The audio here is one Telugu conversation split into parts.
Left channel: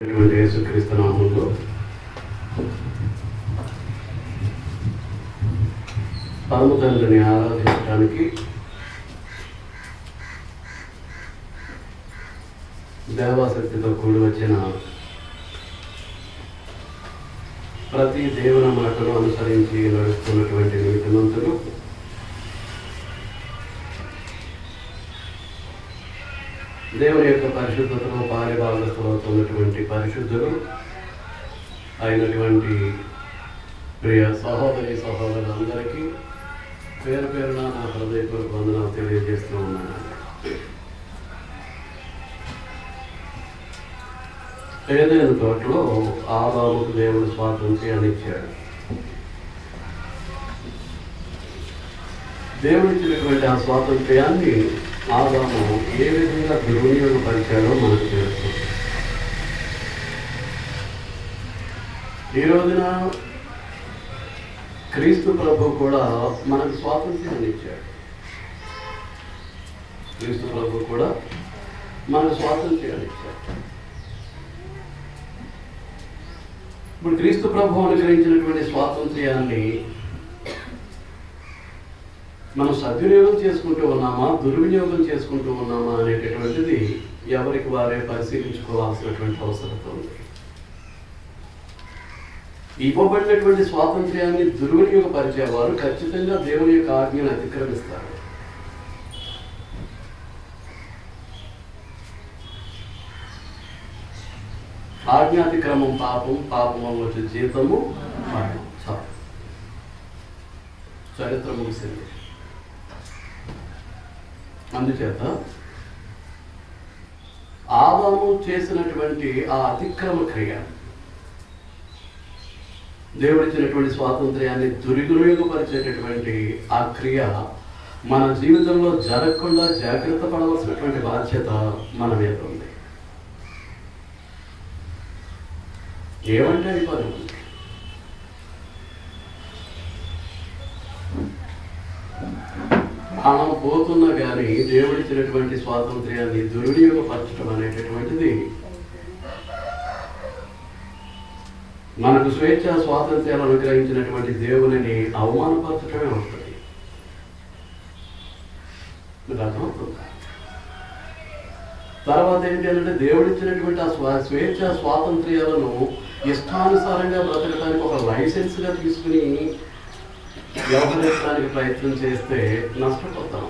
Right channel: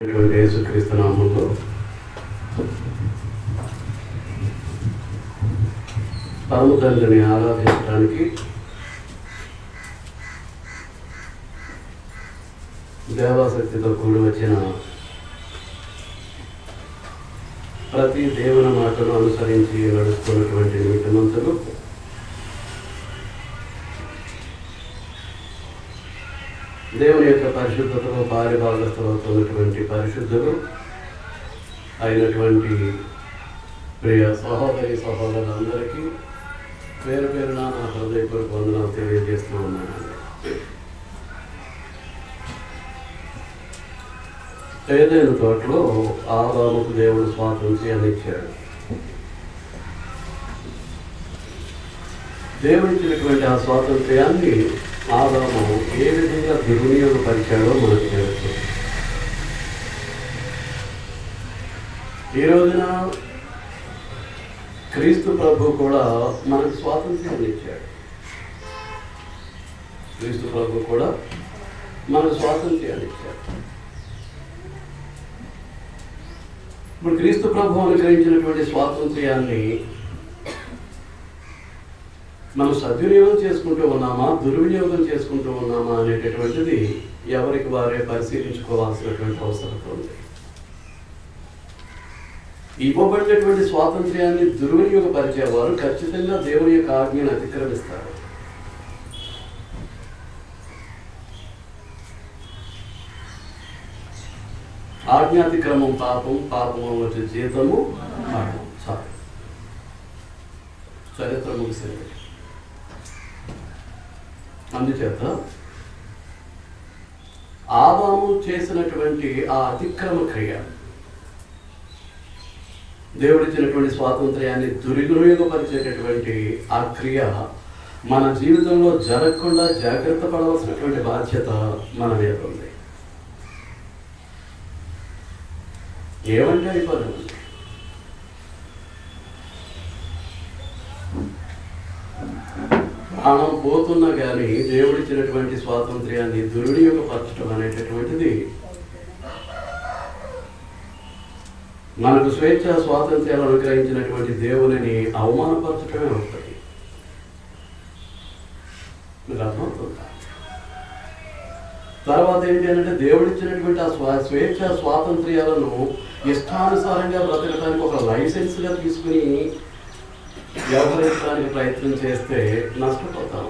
యేసుక్రీస్తు నామములో పరమ తండ్రిని ఆరాధించడానికి దేవాశక్తితో కూడి వచ్చిన ప్రతి దేవుని మాటను అనుసరించి నడుస్తున్నటువంటి నీతిమంతులు దేవుని యొక్క పరిశుద్ధతలో పారిభాగస్తులవుతున్నటువంటి పరిశుద్ధులు అయినటువంటి ప్రియ సహోదరి సహోదరులందరికీ పేరు పేరున నా హృదయపూర్వక వందనాలు తెలియజేస్తూ ఉన్నాను. ఏదైనా తోటలో ఆదాముకు దేవుడు స్వాతంత్ర్యాన్ని ఇచ్చాడు. దేవుడిచ్చినటువంటి ఆ స్వాతంత్ర్యాన్ని ఆదాము ఏ విధంగా దుర్వినియోగపరిచాడో మనకు తెలుసు. ఈ రోజున క్రీస్తు ప్రభు కూడా మనకు స్వాతంత్ర్యాన్ని ఇచ్చాడు. క్రీస్తు ప్రభు కూడా మనకు స్వాతంత్ర్యాన్ని ఇచ్చాడు. ఇప్పుడు క్రీస్తు ప్రభు అనుగ్రహించినటువంటి స్వాతంత్ర్యాన్ని మనం సద్వినియోగం చేసుకుంటూ ఉన్నామా, దుర్వినియోగం చేసుకుంటూ ఉన్నామా అనేటటువంటిది ఎవరికి వారే పరిశీలించుకోవాల్సినటువంటి అవసరం ఉంది. ఇవ్వబడినటువంటి స్వాతంత్ర్యాన్ని దుర్వినియోగపరిచేవారు ఖచ్చితంగా దేవుని యొక్క ఆజ్ఞను అతిక్రమిస్తారు. ఆజ్ఞాతిక్రమం పాపం, పాపం వచ్చే జీతము చాలు. చరిత్ర ముగిసింది. అందుచేత ఆదాము చేసినటువంటి ఆ అతిక్రమ క్రియ, దేవుడిచ్చినటువంటి స్వాతంత్ర్యాన్ని దుర్వినియోగపరిచేటటువంటి ఆ క్రియ మన జీవితంలో జరగకుండా జాగ్రత్త పడవలసినటువంటి బాధ్యత మన మీద ఉంది. ఏమంటే అయిపోయింది. ప్రాణం పోతున్నా కానీ దేవుడిచ్చినటువంటి స్వాతంత్ర్యాన్ని దుర్వినియోగపరచడం అనేటటువంటిది మనకు స్వేచ్ఛ స్వాతంత్ర్యాలు అనుగ్రహించినటువంటి దేవునిని అవమానపరచడమే అవుతుంది. మీకు అర్థమవుతుందా? తర్వాత ఏంటి అంటే దేవుడిచ్చినటువంటి ఆ స్వేచ్ఛ స్వాతంత్ర్యాలను ఇష్టానుసారంగా బ్రతకడానికి ఒక లైసెన్స్గా తీసుకుని వ్యవహరించడానికి ప్రయత్నం చేస్తే నష్టపోతాం.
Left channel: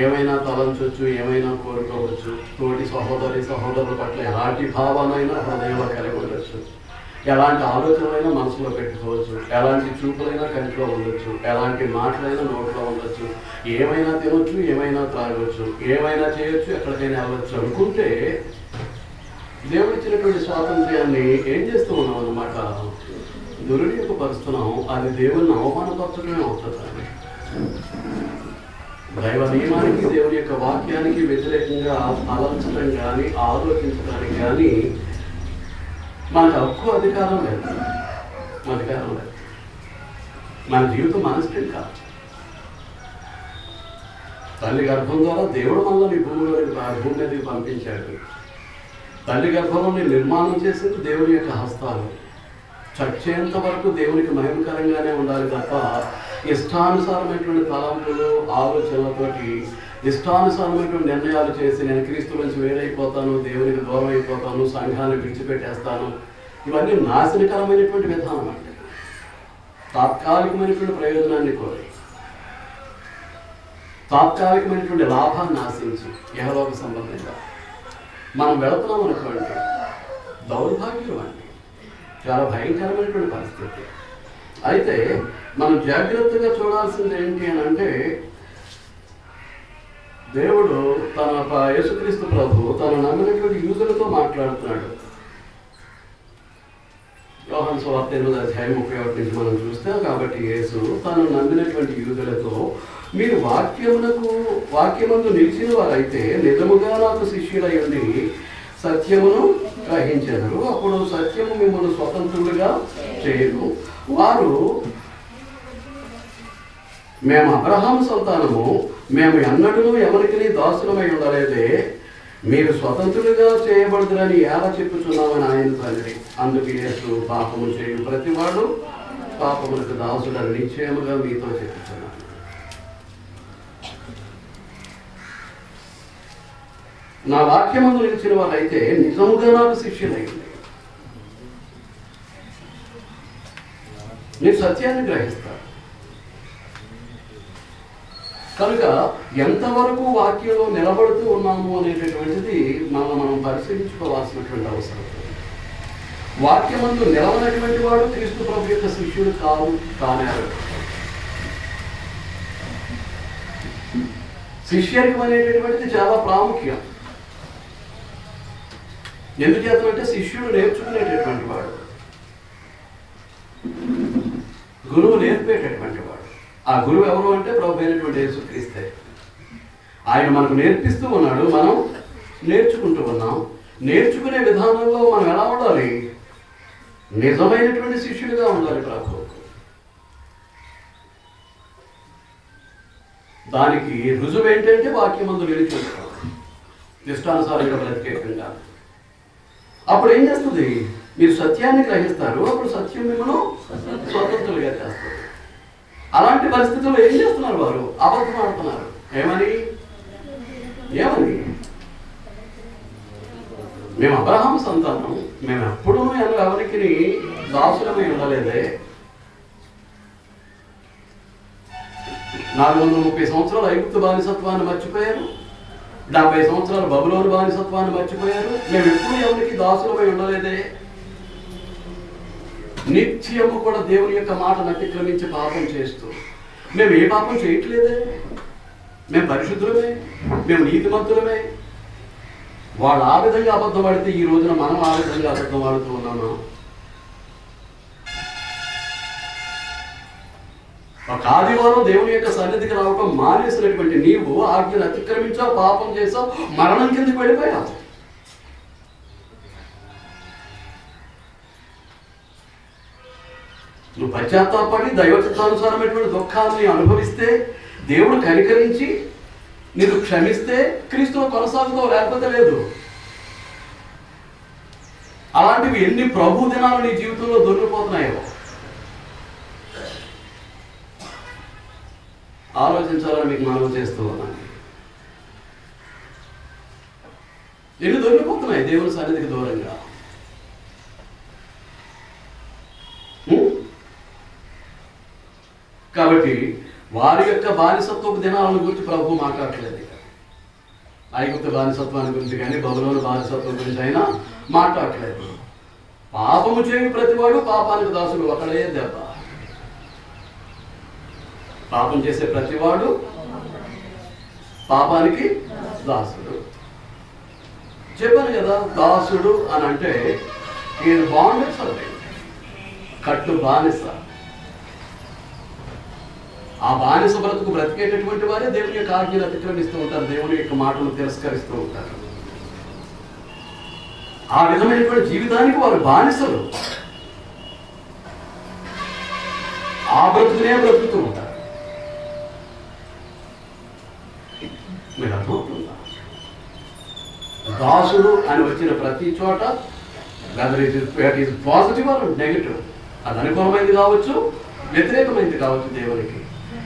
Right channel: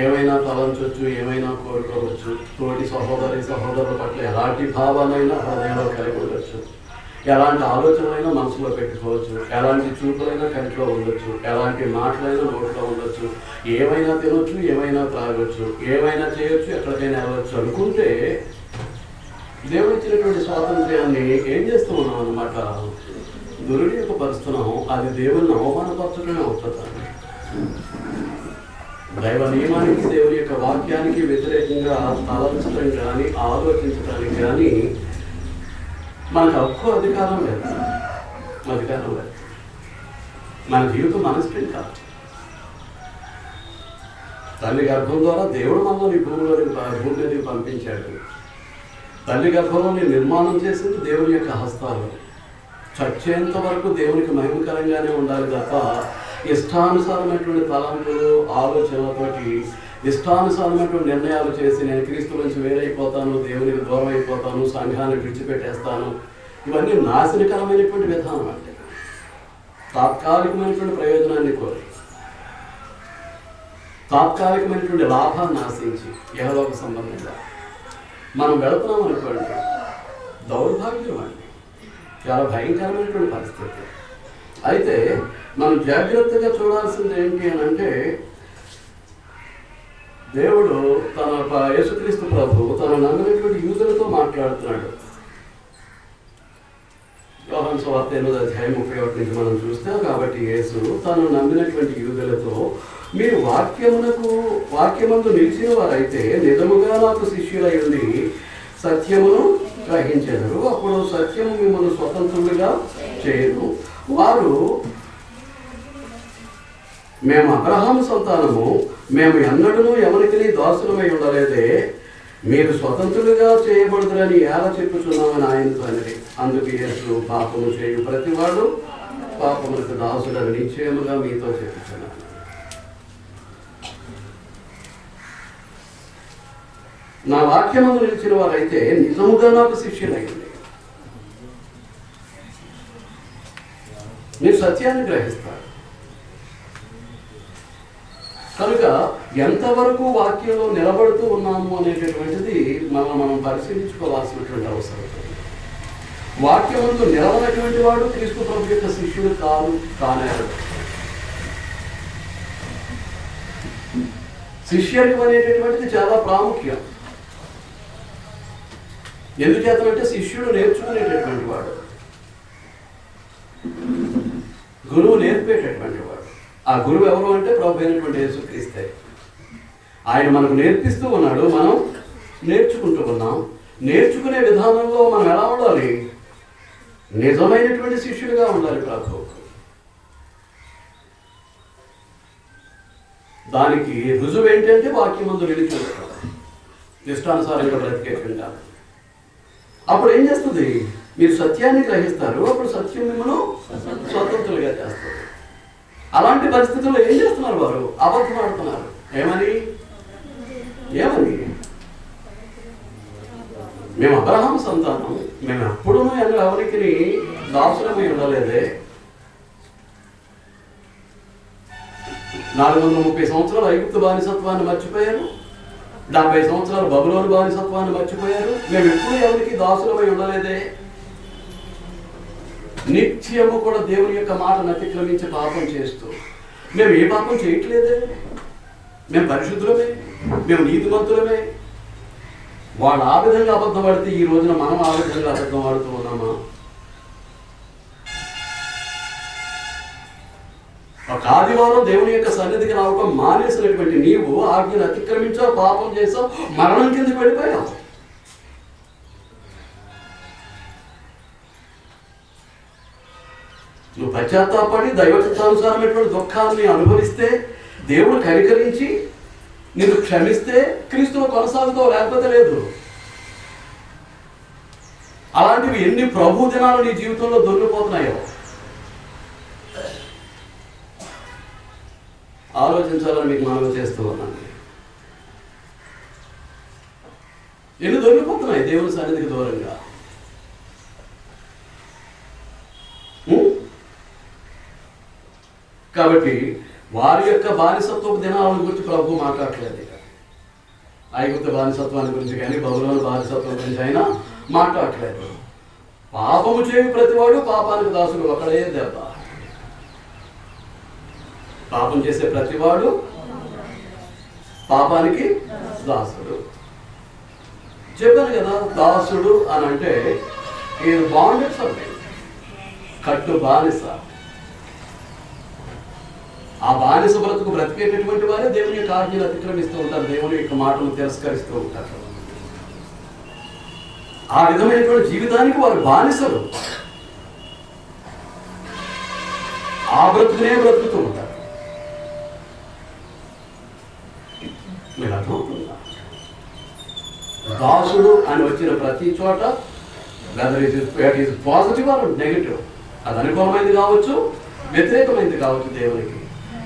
ఏమైనా తలంచవచ్చు, ఏమైనా కోరుకోవచ్చు, తోటి సహోదరుల పట్ల ఎలాంటి భావాలైనా హృదయంలో కలిగి ఉండొచ్చు, ఎలాంటి ఆలోచనలైనా మనసులో పెట్టుకోవచ్చు, ఎలాంటి చూపులైనా కంటిలో ఉండొచ్చు, ఎలాంటి మాటలైనా నోట్లో ఉండొచ్చు, ఏమైనా తినొచ్చు, ఏమైనా త్రాగొచ్చు, ఏమైనా చేయొచ్చు, ఎక్కడికైనా వెళ్ళొచ్చు అనుకుంటే దేవుడిచ్చినటువంటి స్వాతంత్ర్యాన్ని ఏం చేస్తూ ఉన్నాం అన్నమాట, దుర్వినియోగపరుస్తున్నాం. అది దేవుని అవమానపరచడమే అవుతుంది. దైవ నియమానికి, దేవుని యొక్క వాక్యానికి వ్యతిరేకంగా తలంచడం కానీ, ఆలోచించడానికి కానీ మనకు హక్కు అధికారం లేదు. మన జీవితం మన ఇష్టం కాదు. తల్లి గర్భం ద్వారా దేవుడు మనల్ని భూమి మీదకి పంపించాడు. తల్లి గర్భంలోని నిర్మాణం చేసింది దేవుని యొక్క హస్తాలు. చచ్చేంత వరకు దేవునికి మహిమకరంగానే ఉండాలి తప్ప ఇష్టానుసారమైనటువంటి తలంపులు, ఆలోచనలతోటి ఇష్టానుసారమైనటువంటి నిర్ణయాలు చేసి నేను క్రీస్తు నుంచి వేరైపోతాను, దేవునికి దూరం అయిపోతాను, సంఘాన్ని విడిచిపెట్టేస్తాను, ఇవన్నీ నాశనకరమైనటువంటి విధానం. అంటే తాత్కాలికమైనటువంటి ప్రయోజనాన్ని కోరి, తాత్కాలికమైనటువంటి లాభాన్ని ఆశించి యెహోవాకు సంబంధంగా మనం వెళుతున్నాం అనుకోండి, దౌర్భాగ్యం అండి, చాలా భయంకరమైనటువంటి పరిస్థితి. అయితే మనం జాగ్రత్తగా చూడాల్సింది ఏంటి అని అంటే, దేవుడు తన యేసుక్రీస్తు ప్రభు తన నమ్మినటువంటి యూదులతో మాట్లాడుతున్నాడు. యోహాను సువార్త 8:31 నుంచి మనం చూస్తే, కాబట్టి యేసు తను నమ్మినటువంటి యూదులతో, మీరు వాక్యమందు నిలిచిన వారైతే నిజముగా నాకు శిష్యులై ఉండి సత్యమును గ్రహించెదరు. అప్పుడు సత్యము మిమ్మల్ని స్వతంత్రులుగా చేయను. వారు మేము అబ్రహాము సంతానము, మేము ఎన్నడూ ఎవరికి దాసులమై ఉండలేదే, మీరు స్వతంత్రులుగా చేయబడుతురని ఎలా చెప్పుచున్నామని ఆయనతో అనేది. అందుకు యేసు, పాపము చేయు ప్రతివాడు పాపములకు దాసుడని నిశ్చయముగా మీతో చెప్పుచున్నాను. నా వాక్యమందు నిలిచిన వారైతే నిజముగా నాకు శిష్యులైంది. మీరు సత్యాన్ని గ్రహిస్తారు కనుక ఎంతవరకు వాక్యంలో నిలబడుతూ ఉన్నాము అనేటటువంటిది మనం పరిశీలించుకోవాల్సినటువంటి అవసరం. వాక్యమందు నిలవనటువంటి వాడు క్రీస్తు ప్రభు యొక్క శిష్యుడు కానేరు. శిష్యర్గం అనేటటువంటిది చాలా ప్రాముఖ్యం. ఎందుచేతనంటే శిష్యుడు నేర్చుకునేటటువంటి వాడు, గురువు నేర్పేటటువంటి వాడు. ఆ గురువు ఎవరు అంటే ప్రభు అయినటువంటి యేసుక్రీస్తే. ఆయన మనకు నేర్పిస్తూ ఉన్నాడు, మనం నేర్చుకుంటూ ఉన్నాం. నేర్చుకునే విధానంలో మనం ఎలా ఉండాలి? నిజమైనటువంటి శిష్యుడిగా ఉండాలి ప్రభు. దానికి రుజువు ఏంటంటే వాక్యమందు నిలిచి ఉంటాం, ఇష్టానుసారంగా బ్రతికేకుండా. అప్పుడు ఏం చేస్తుంది? మీరు సత్యాన్ని గ్రహిస్తారు, అప్పుడు సత్యం మిమ్మల్ని స్వతంత్రులుగా చేస్తారు. అలాంటి పరిస్థితుల్లో ఏం చేస్తున్నారు? వారు అబద్ధం ఆడుతున్నారు. ఏమని? మేము అబ్రహాము సంతానం, మేము ఎప్పుడూ ఎవరికి దాసులమై ఉండలేదే. 430 సంవత్సరాలు ఐగుప్తు బానిసత్వాన్ని మర్చిపోయారు, 70 సంవత్సరాలు బబులోను బానిసత్వాన్ని మర్చిపోయారు. మేము ఎప్పుడు ఎవరికి దాసులమై ఉండలేదే. నిత్యము కూడా దేవుని యొక్క మాటను అతిక్రమించి పాపం చేస్తూ, మేము ఏ పాపం చేయట్లేదే, మేము పరిశుద్ధులమే, మేము నీతిమంతులమే. వాళ్ళు ఆ విధంగా అబద్ధం ఆడితే ఈ రోజున మనం ఆ విధంగా అబద్ధం ఆడుతూ ఉన్నామా? ఒక ఆదివారం దేవుని యొక్క సన్నిధికి రావటం మానేసినటువంటి నీవు ఆజ్ఞను అతిక్రమించావు, పాపం చేసావు, మరణం కిందకి వెళ్ళిపోయావు. నువ్వు పశ్చాత్తాపడి దైవచిత్తానుసారమైనటువంటి దుఃఖాన్ని అనుభవిస్తే, దేవుడు కనికరించి నిన్ను క్షమిస్తే క్రీస్తులో కొనసాగుతావు, లేకపోతే లేదు. అలాంటివి ఎన్ని ప్రభు దినాలు నీ జీవితంలో దొరికిపోతున్నాయో ఆలోచించాలని మీకు మనవి చేస్తూ ఉన్నాను. ఎన్ని దొరికిపోతున్నాయి దేవుని సన్నిధికి దూరంగా. కాబట్టి వారి యొక్క బానిసత్వపు దినాలను గురించి ప్రభు మాట్లాడలేదు. ఐగుప్తు బానిసత్వాన్ని గురించి కానీ బబులోను బానిసత్వం గురించి అయినా మాట్లాడలేదు. పాపము చేయు ప్రతివాడు పాపానికి దాసుడు, ఒకడే దెబ్బ. పాపం చేసే ప్రతివాడు పాపానికి దాసుడు. చెప్పాను కదా, దాసుడు అని అంటే ఇది బాండెడ్ సర్వెంట్, కట్టు బానిస. ఆ బానిస బ్రతుకు బ్రతికేటటువంటి వారే దేవుని యొక్క ఆజ్ఞలు అతిక్రమిస్తూ ఉంటారు, దేవుని యొక్క మాటను తిరస్కరిస్తూ ఉంటారు. ఆ విధమైనటువంటి జీవితానికి వారు బానిసలు. ఆ బ్రతుకునే బ్రతుకుతూ ఉంటారు. మీరు అర్థమవుతుందా? దాసుడు అని వచ్చిన ప్రతి చోట whether it is positive or negative, అది అనుకూలమైంది కావచ్చు, వ్యతిరేకమైంది కావచ్చు. దేవునికి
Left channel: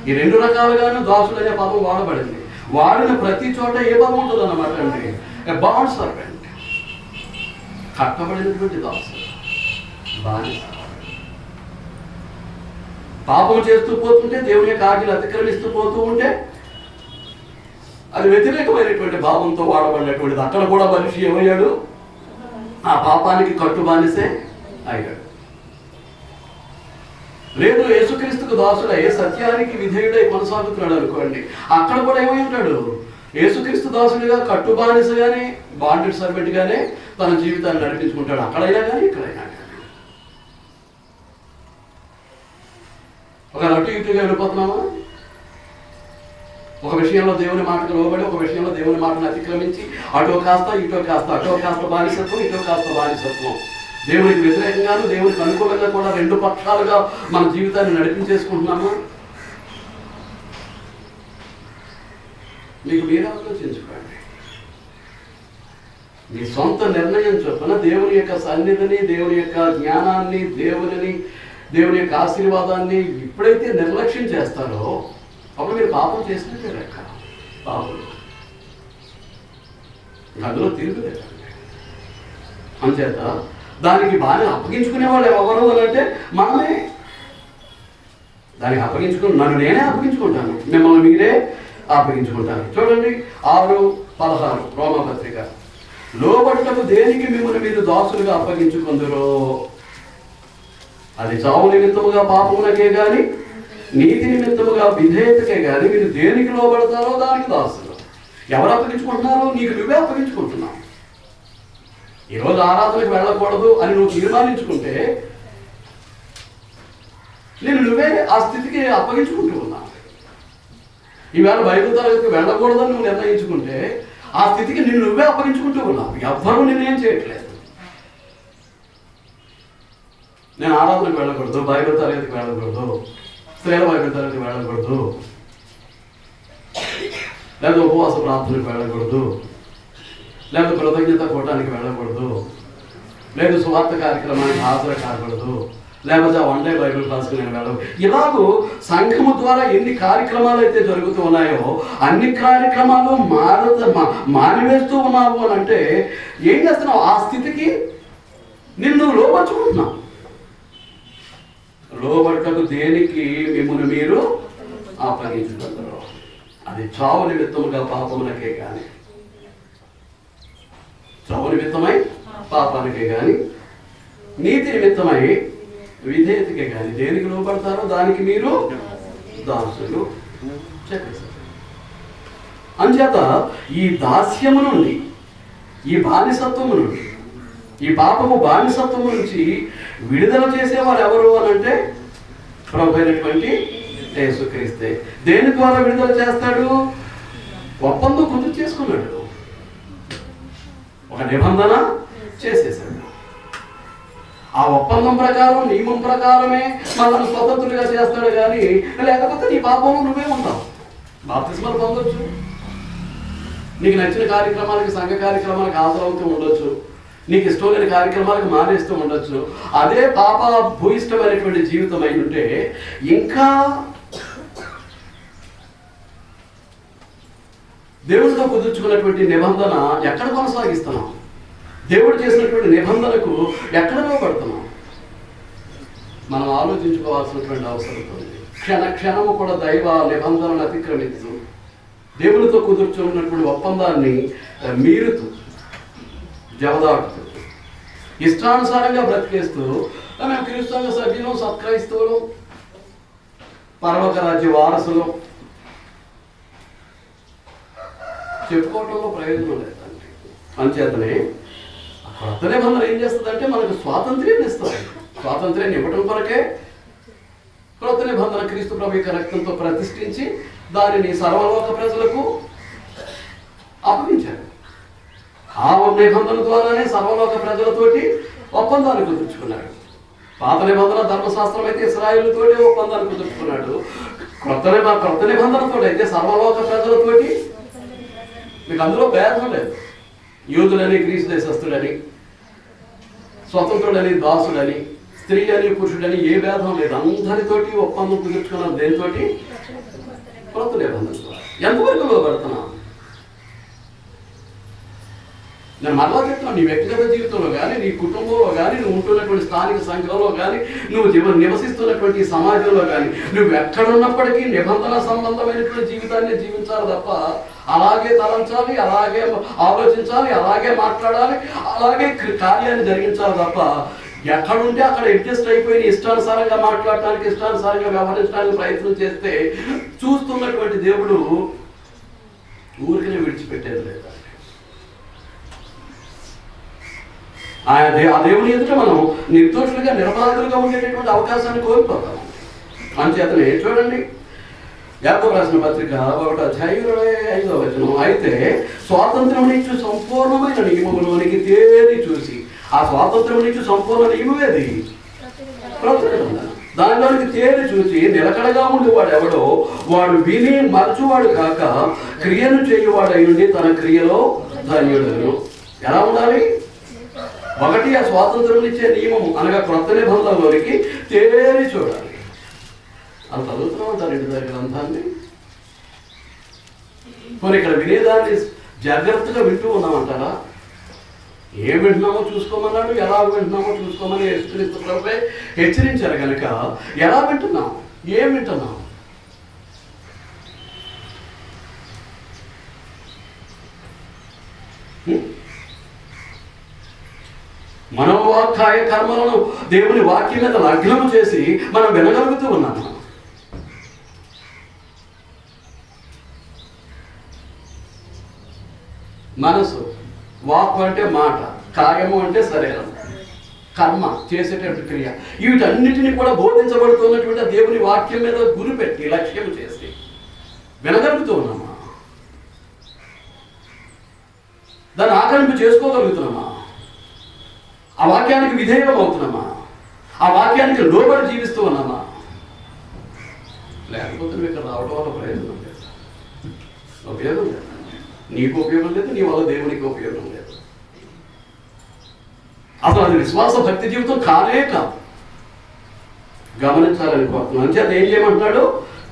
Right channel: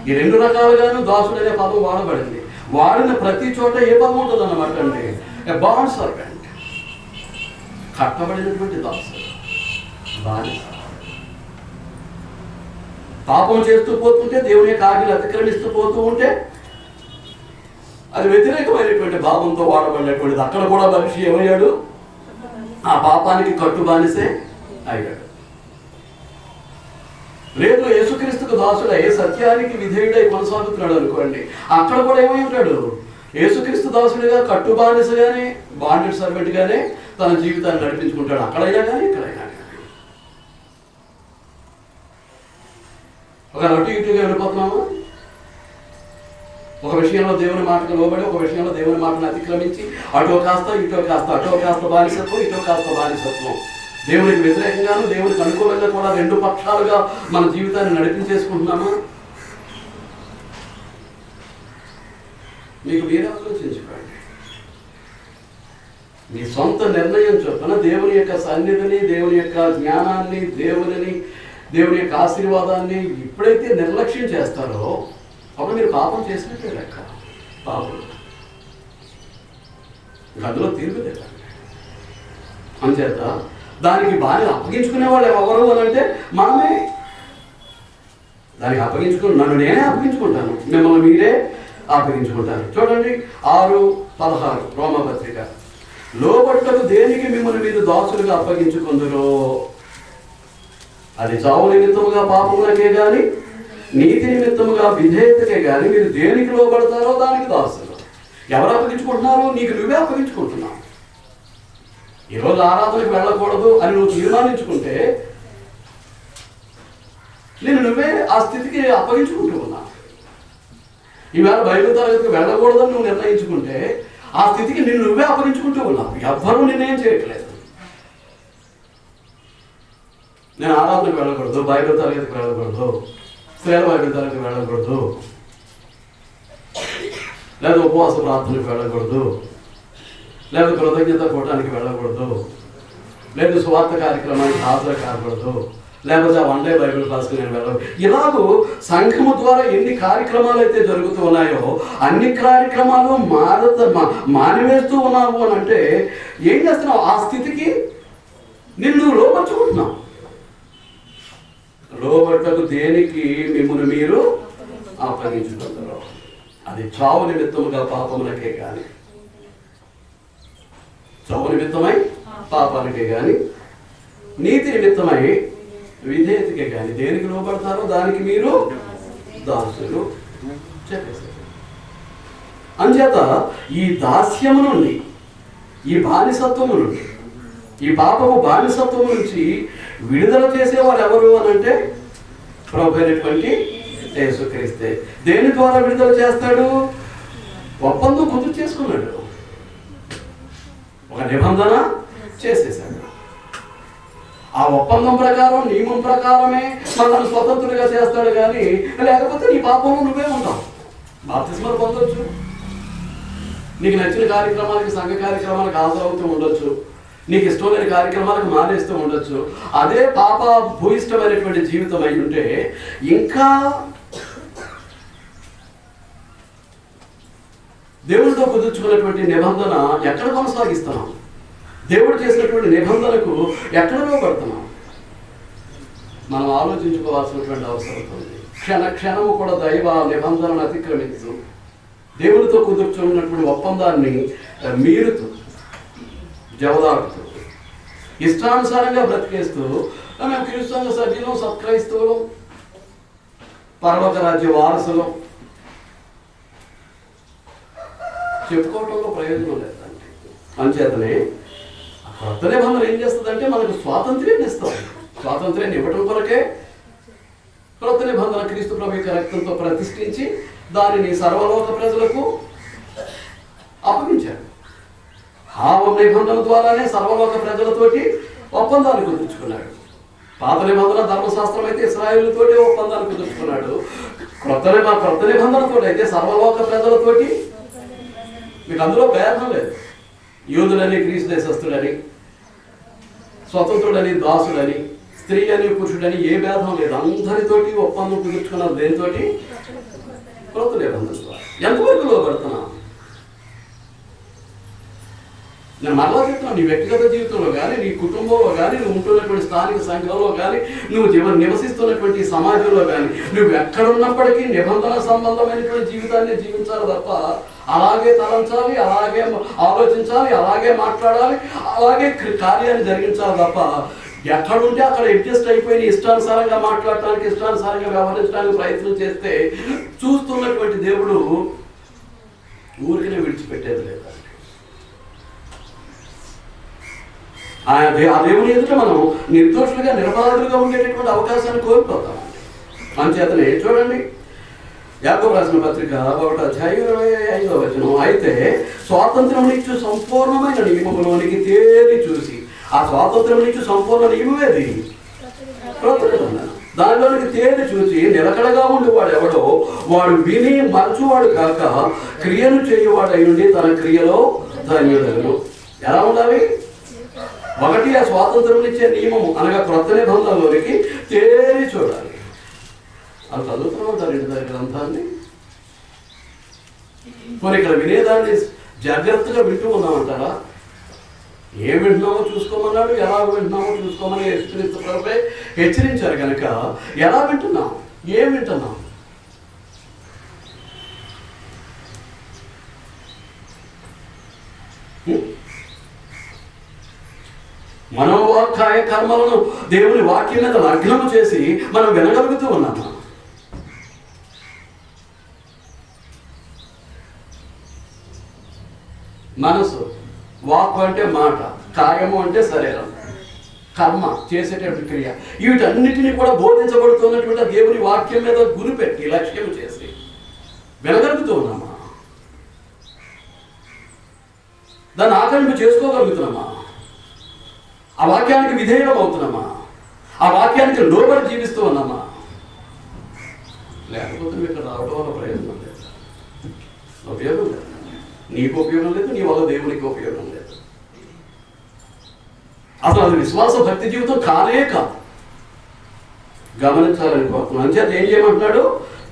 ఈ రెండు రకాలుగాను దాసుడు అనే పదం వాడబడింది. వాడిన ప్రతి చోట ఏ పదం ఉంటుంది అన్నమాట అంటే ఎ బాండ్ సర్వెంట్, కట్టబడినటువంటి దాసుడు, బానిస. పాపం చేస్తూ పోతుంటే, దేవుని యొక్క ఆజ్ఞలు అతిక్రమిస్తూ పోతూ ఉంటే అది వ్యతిరేకమైనటువంటి భావంతో వాడబడినటువంటిది. అక్కడ కూడా మనిషి ఏమయ్యాడు? ఆ పాపానికి కట్టు బానిసే అయ్యాడు. లేదు యేసుక్రీస్తుకు దాసుడై సత్యానికి విధేయుడై కొనసాగుతున్నాడు అనుకోండి, అక్కడ కూడా ఏమై ఉంటాడు? యేసుక్రీస్తు దాసుడిగా, కట్టు బానిసగానే, బాండెడ్ సర్వెంట్ గానే తన జీవితాన్ని నడిపించుకుంటాడు, అక్కడైనా కానీ ఇక్కడైనా కానీ. ఒక అటు ఇటుగా వెళ్ళిపోతున్నామా? ఒక విషయంలో దేవుని మాటకు లోబడి, ఒక విషయంలో దేవుని మాటను అతిక్రమించి, అటో కాస్త ఇటో కాస్త, అటో కాస్త బానిసత్వం, ఇటో కాస్త బానిసత్వం. దేవునికి వ్యతిరేకంగాను దేవునికి అనుకూలంగా కూడా రెండు పక్షాలుగా మన జీవితాన్ని నడిపించేసుకుంటున్నామా? మీకు మీరు ఆలోచించుకోండి. మీ సొంత నిర్ణయం చొప్పున దేవుని యొక్క సన్నిధిని, దేవుని యొక్క జ్ఞానాన్ని, దేవుని యొక్క ఆశీర్వాదాన్ని ఎప్పుడైతే నిర్లక్ష్యం చేస్తారో అప్పుడు మీరు పాపం చేసినట్టే లెక్క. పాపం అందులో తిరుగులేదు. అంచేత దానికి బాగా అప్పగించుకునే వాళ్ళు ఎవరు అని అంటే మనమే. దానికి నన్ను నేనే అప్పగించుకుంటాను, మిమ్మల్ని మీరే అప్పగించుకుంటాను. చూడండి 6:16 రోమపత్రిక. లోబడుటకు దేనికి మిమ్మల్ని మీరు దాసులుగా అప్పగించుకుందరో అది చావు నిమిత్తముగా పాపములకే గాని నీతి నిమిత్తముగా విధేయతకే గాని మీరు దేనికి లోబడతారో దానికి దాసులు. ఎవరు అప్పగించుకుంటున్నారు? నీకు నువ్వే అప్పగించుకుంటున్నావు. ఈరోజు ఆరాధనకు వెళ్ళకూడదు అని నువ్వు తీర్మానించుకుంటే నువ్వే ఆ స్థితికి అప్పగించుకుంటూ ఉన్నావు. ఈవేళ బైబిల్ తరగతికి వెళ్ళకూడదని నువ్వు నిర్ణయించుకుంటే ఆ స్థితికి నువ్వే అప్పగించుకుంటూ ఉన్నావు. ఎవ్వరూ నిన్నేం చేయట్లేదు. నేను ఆరాధనకు వెళ్ళకూడదు, బైబిల్ తరగతికి వెళ్ళకూడదు, స్త్రీల బైబిల్ తరగతికి వెళ్ళకూడదు, లేదా ఉపవాస ప్రార్థనకు వెళ్ళకూడదు, లేదా కృతజ్ఞత కూటానికి వెళ్ళకూడదు, లేదా సువార్త కార్యక్రమానికి హాజరు కాకూడదు, లేకపోతే వన్ డే బైబిల్ క్లాస్కి నేను వెళ్ళదు. ఇలాగూ సంఘము ద్వారా ఎన్ని కార్యక్రమాలు అయితే జరుగుతూ ఉన్నాయో అన్ని కార్యక్రమాలు మానివేస్తూ ఉన్నావు అని అంటే ఏం చేస్తున్నావు? ఆ స్థితికి నిన్ను లోపరుచుకుంటున్నావు. లోబడటకు దేనికి మిమ్మల్ని మీరు అప్పగించుకుంటారు? అది చావు నిమిత్తముగా పాపమునకే కానీ, చావు నిమిత్తమై పాపానికే కానీ, నీతి నిమిత్తమై విధేయతకే కానీ దేనికి లోబడతారో దానికి మీరు దాసులు చెప్పేశారు. అంచేత ఈ దాస్యము నుండి, ఈ బానిసత్వము నుండి, ఈ పాపము బానిసత్వం నుంచి విడుదల చేసేవారు ఎవరు అని అంటే ప్రభు అయినటువంటి యేసుక్రీస్తే. దేని ద్వారా విడుదల చేస్తాడు? ఒప్పందం కుదురు చేసుకున్నాడు, ఒక నిబంధన చేసేసాడు. ఆ ఒప్పందం ప్రకారం, నియమం ప్రకారమే మనల్ని స్వతంత్రుడిగా చేస్తాడు. కానీ లేకపోతే నీ పాపంలో నువ్వే ఉంటావు. బాప్తిస్మాలు పొందొచ్చు, నీకు నచ్చిన కార్యక్రమాలకి, సంఘ కార్యక్రమాలకు హాజరవుతూ ఉండొచ్చు, నీకు ఇష్టం లేని కార్యక్రమాలకు మానేస్తూ ఉండొచ్చు. అదే పాప భూయిష్టమైనటువంటి జీవితం అయి ఉంటే ఇంకా దేవుడితో కుదుర్చుకున్నటువంటి నిబంధన ఎక్కడ కొనసాగిస్తున్నాం? దేవుడు చేసినటువంటి నిబంధనకు ఎక్కడ లోబడుతున్నాం? మనం ఆలోచించుకోవాల్సినటువంటి అవసరం ఉంది. క్షణము కూడా దైవ నిబంధనను అతిక్రమిస్తూ దేవునితో కుదుర్చుకున్నటువంటి ఒప్పందాన్ని మీరుతూ, జవదాటుతూ, ఇష్టానుసారంగా బ్రతికేస్తూ మేము క్రీస్తు సభ్యులు, సత్క్రైస్తవులు, పరలోక రాజ్య వారసులు చెప్పుకోవటంలో ప్రయోజనం లేదండి. అంచేతనే కొత్త నిబంధన ఏం చేస్తుందంటే మనకు స్వాతంత్ర్యాన్ని ఇస్తుంది. స్వాతంత్ర్యాన్ని ఇవ్వటం కొరకే కొత్త నిబంధన క్రీస్తు ప్రభు యొక్క రక్తంతో ప్రతిష్ఠించి దానిని సర్వలోక ప్రజలకు అప్పగించారు. ఆ నిబంధన ద్వారానే సర్వలోక ప్రజలతోటి ఒప్పందాన్ని కుదుర్చుకున్నాడు. పాత నిబంధన ధర్మశాస్త్రం అయితే ఇశ్రాయేలుతోటి ఒప్పందాన్ని కుదుర్చుకున్నాడు. కొత్త నిబంధనతో అయితే సర్వలోక ప్రజలతోటి. మీకు అందులో భేదం లేదు. యూదులని, గ్రీసు దేశస్తుడని, స్వతంత్రుడని, దాసుడని, స్త్రీ అని, పురుషుడని ఏ భేదం లేదు. అందరితోటి ఒప్పందం కుదుర్చుకున్నారు. దేనితోటి? కొత్త నిబంధనతో. ఎంతవరకు లోబడుతున్నావు? నేను మరలా చెప్తున్నాను, నీ వ్యక్తిగత జీవితంలో కానీ, నీ కుటుంబంలో కానీ, నువ్వు ఉంటున్నటువంటి స్థానిక సంఘంలో కానీ, నువ్వు నివసిస్తున్నటువంటి సమాజంలో కానీ, నువ్వు ఎక్కడున్నప్పటికీ నిబంధన సంబంధమైనటువంటి జీవితాన్ని జీవించాలి తప్ప అలాగే తలంచాలి, అలాగే ఆలోచించాలి, అలాగే మాట్లాడాలి, అలాగే కార్యాన్ని జరిగించాలి తప్ప ఎక్కడుంటే అక్కడ అడ్జస్ట్ అయిపోయి ఇష్టానుసారంగా మాట్లాడటానికి, ఇష్టానుసారంగా వ్యవహరించడానికి ప్రయత్నం చేస్తే చూస్తున్నటువంటి దేవుడు ఊరికనే విడిచిపెట్టేది లేదండి. ఆ దేవుని ఎదుట మనం నిర్దోషులుగా, నిరపరాధులుగా ఉండేటటువంటి అవకాశాన్ని కోల్పోతామండి. అంచేతనే చూడండి, యాకోబు రాసిన పత్రిక 1:25 అయితే స్వాతంత్రం నుంచి సంపూర్ణమైన నియమములోనికి తేలి చూసి, ఆ స్వాతంత్రం నుంచి సంపూర్ణ నియమమేది దానిలోనికి తేలి చూసి నిలకడగా ఉండేవాడు ఎవడో వాడు విని మరచువాడు కాక క్రియను చేయువాడై ఉండి తన క్రియలో ధన్యుడను. ఎలా ఉండాలి? ఒకటి, ఆ స్వాతంత్రం ఇచ్చే నియమము అనగా క్రొత్త నిబంధనలోనికి తేరి చూడాలి. అది చదువుతున్నాం దాని ఇంటి దగ్గర గ్రంథాన్ని. పోనీ ఇక్కడ వినేదాన్ని జాగ్రత్తగా వింటూ ఉన్నామంటారా? ఏం వింటున్నామో చూసుకోమన్నాడు, ఎలా వింటున్నామో చూసుకోమని యేసుక్రీస్తు ప్రభువే హెచ్చరించారు కనుక ఎలా వింటున్నాం, ఏం వింటున్నాం? మనోవాక్కాయ కర్మలను దేవుని వాక్యం మీద లగ్నము చేసి మనం వినగలుగుతూ ఉన్నాము. మనసు, వాక్కు అంటే మాట, కాయము అంటే శరీరం, కర్మ చేసేటువంటి క్రియ, వీటన్నిటిని కూడా బోధించబడుతున్నటువంటి దేవుని వాక్యం మీద గురిపెట్టి లక్ష్యం చేసి వినగలుగుతూ ఉన్నామా? దాన్ని ఆకలింపు చేసుకోగలుగుతున్నామా? ఆ వాక్యానికి విధేయం అవుతున్నామా? ఆ వాక్యానికి లోబడి జీవిస్తూ ఉన్నామా? లేకపోతే నువ్వు ఇక్కడ రావడం వల్ల ప్రయోజనం లేదు, ఉపయోగం లేదు. నీకు ఉపయోగం లేదు, నీ వల్ల దేవునికి ఉపయోగం లేదు. అసలు అది విశ్వాస భక్తి జీవితం కానే కాదు. గమనించాలని కోరుతున్నాను. అంచేత ఏం చేయమంటున్నాడు?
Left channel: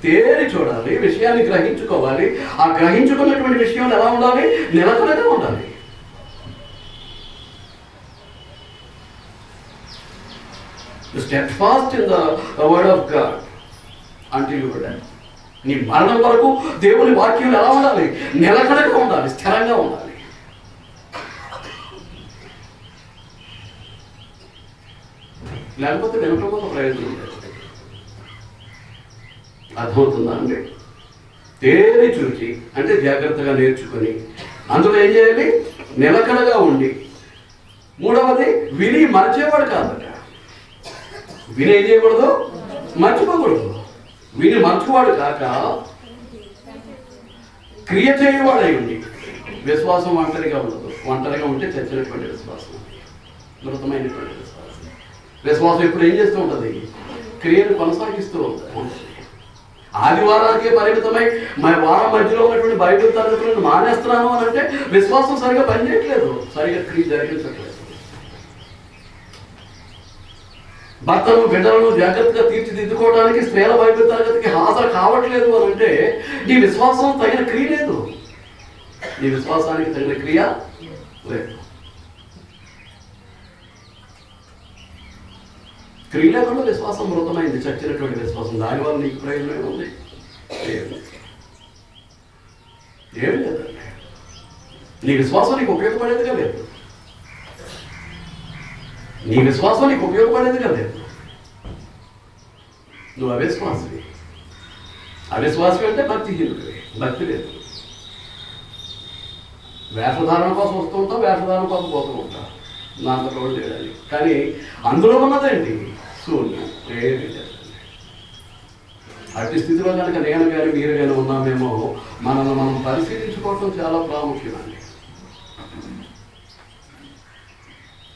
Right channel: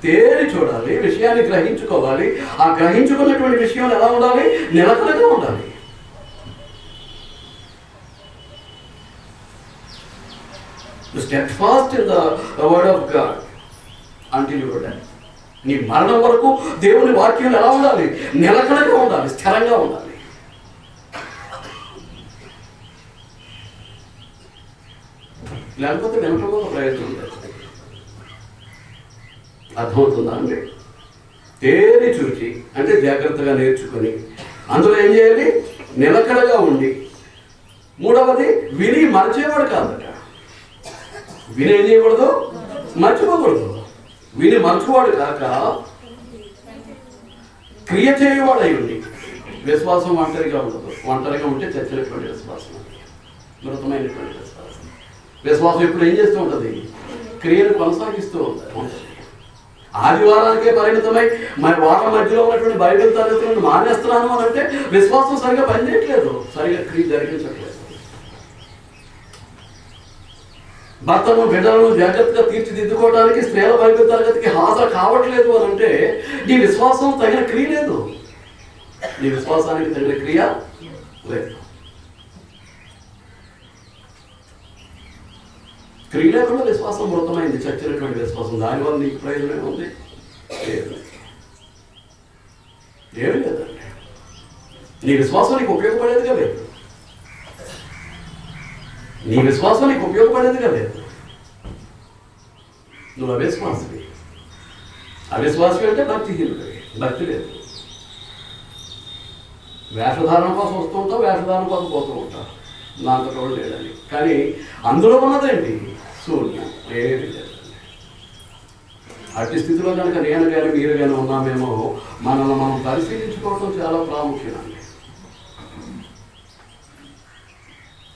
తేరి చూడాలి, విషయాన్ని గ్రహించుకోవాలి. ఆ గ్రహించుకున్నటువంటి విషయం ఎలా ఉండాలి? నిలకడగా ఉండాలి. Steadfast in the word of God until you die. నీ మరణం వరకు దేవుని వాక్యం ఎలా ఉండాలి? నిలకడగా ఉండాలి, స్థిరంగా ఉండాలి. లేకపోతే వినకపోతే ప్రయోజనం లేదు. అర్థమవుతుందా అండి? తేరి చూచి అంటే జాగ్రత్తగా నేర్చుకొని అందులో ఏం చేయాలి? నిలకడగా ఉండి. మూడవది, విని మర్చేవాడు కాదట. విని ఏం చేయకూడదు? మర్చిపోకూడదు. విని మర్చువాడు కాక క్రియ చేయవాడై ఉండి. విశ్వాసం ఒంటరిగా ఉండదు. ఒంటరిగా ఉంటే చచ్చినటువంటి విశ్వాసం, మృతమైనటువంటి విశ్వాసం. విశ్వాసం ఇప్పుడు ఏం చేస్తూ ఉంటుంది? క్రియను కొనసాగిస్తూ ఉంటుంది. ఆదివారానికే పరిమితమై వారం మధ్యలో ఉన్నటువంటి బైబిల్ తరగతులను మానేస్తున్నాను అని అంటే విశ్వాసం సరిగా పనిచేయట్లేదు, సరిగా క్రియ జరిగించట్లేదు. భర్తను బిడ్డలను జాగ్రత్తగా తీర్చిదిద్దుకోవడానికి స్త్రీల బైబిల్ తరగతికి హాజరు కావట్లేదు అని అంటే నీ విశ్వాసం తగిన క్రియ లేదు, నీ విశ్వాసానికి తగిన క్రియ లేదు. క్రియ లేకుండా విశ్వాసం మృతమైంది, చచ్చినటువంటి విశ్వాసం. దానివల్ల నీకు ప్రయోజనం ఉంది? లేదు, ఏం లేదండి. నీ విశ్వాసం నీకు ఉపయోగపడేదిగా లేదు, నీ విశ్వాసం నీకు ఉపయోగపడేదిగా లేదు. నువ్వు అవిశ్వాసవి. అవిశ్వాసవి అంటే భక్తిహీనుడివి, భక్తి లేదు. వేషధారణ కోసం వస్తూ ఉంటావు, వేషధారణ కోసం పోతూ ఉంటావు, నాకు రోడ్డు లేదని. కానీ అందులో ఉన్నదండి శూన్యం, ఏమీ లేదండి. అట్టి స్థితిలో కనుక నేను కానీ మీరు కానీ ఉన్నామేమో మనల్ని మనం పరిశీలించుకోవటం చాలా ప్రాముఖ్యమండి.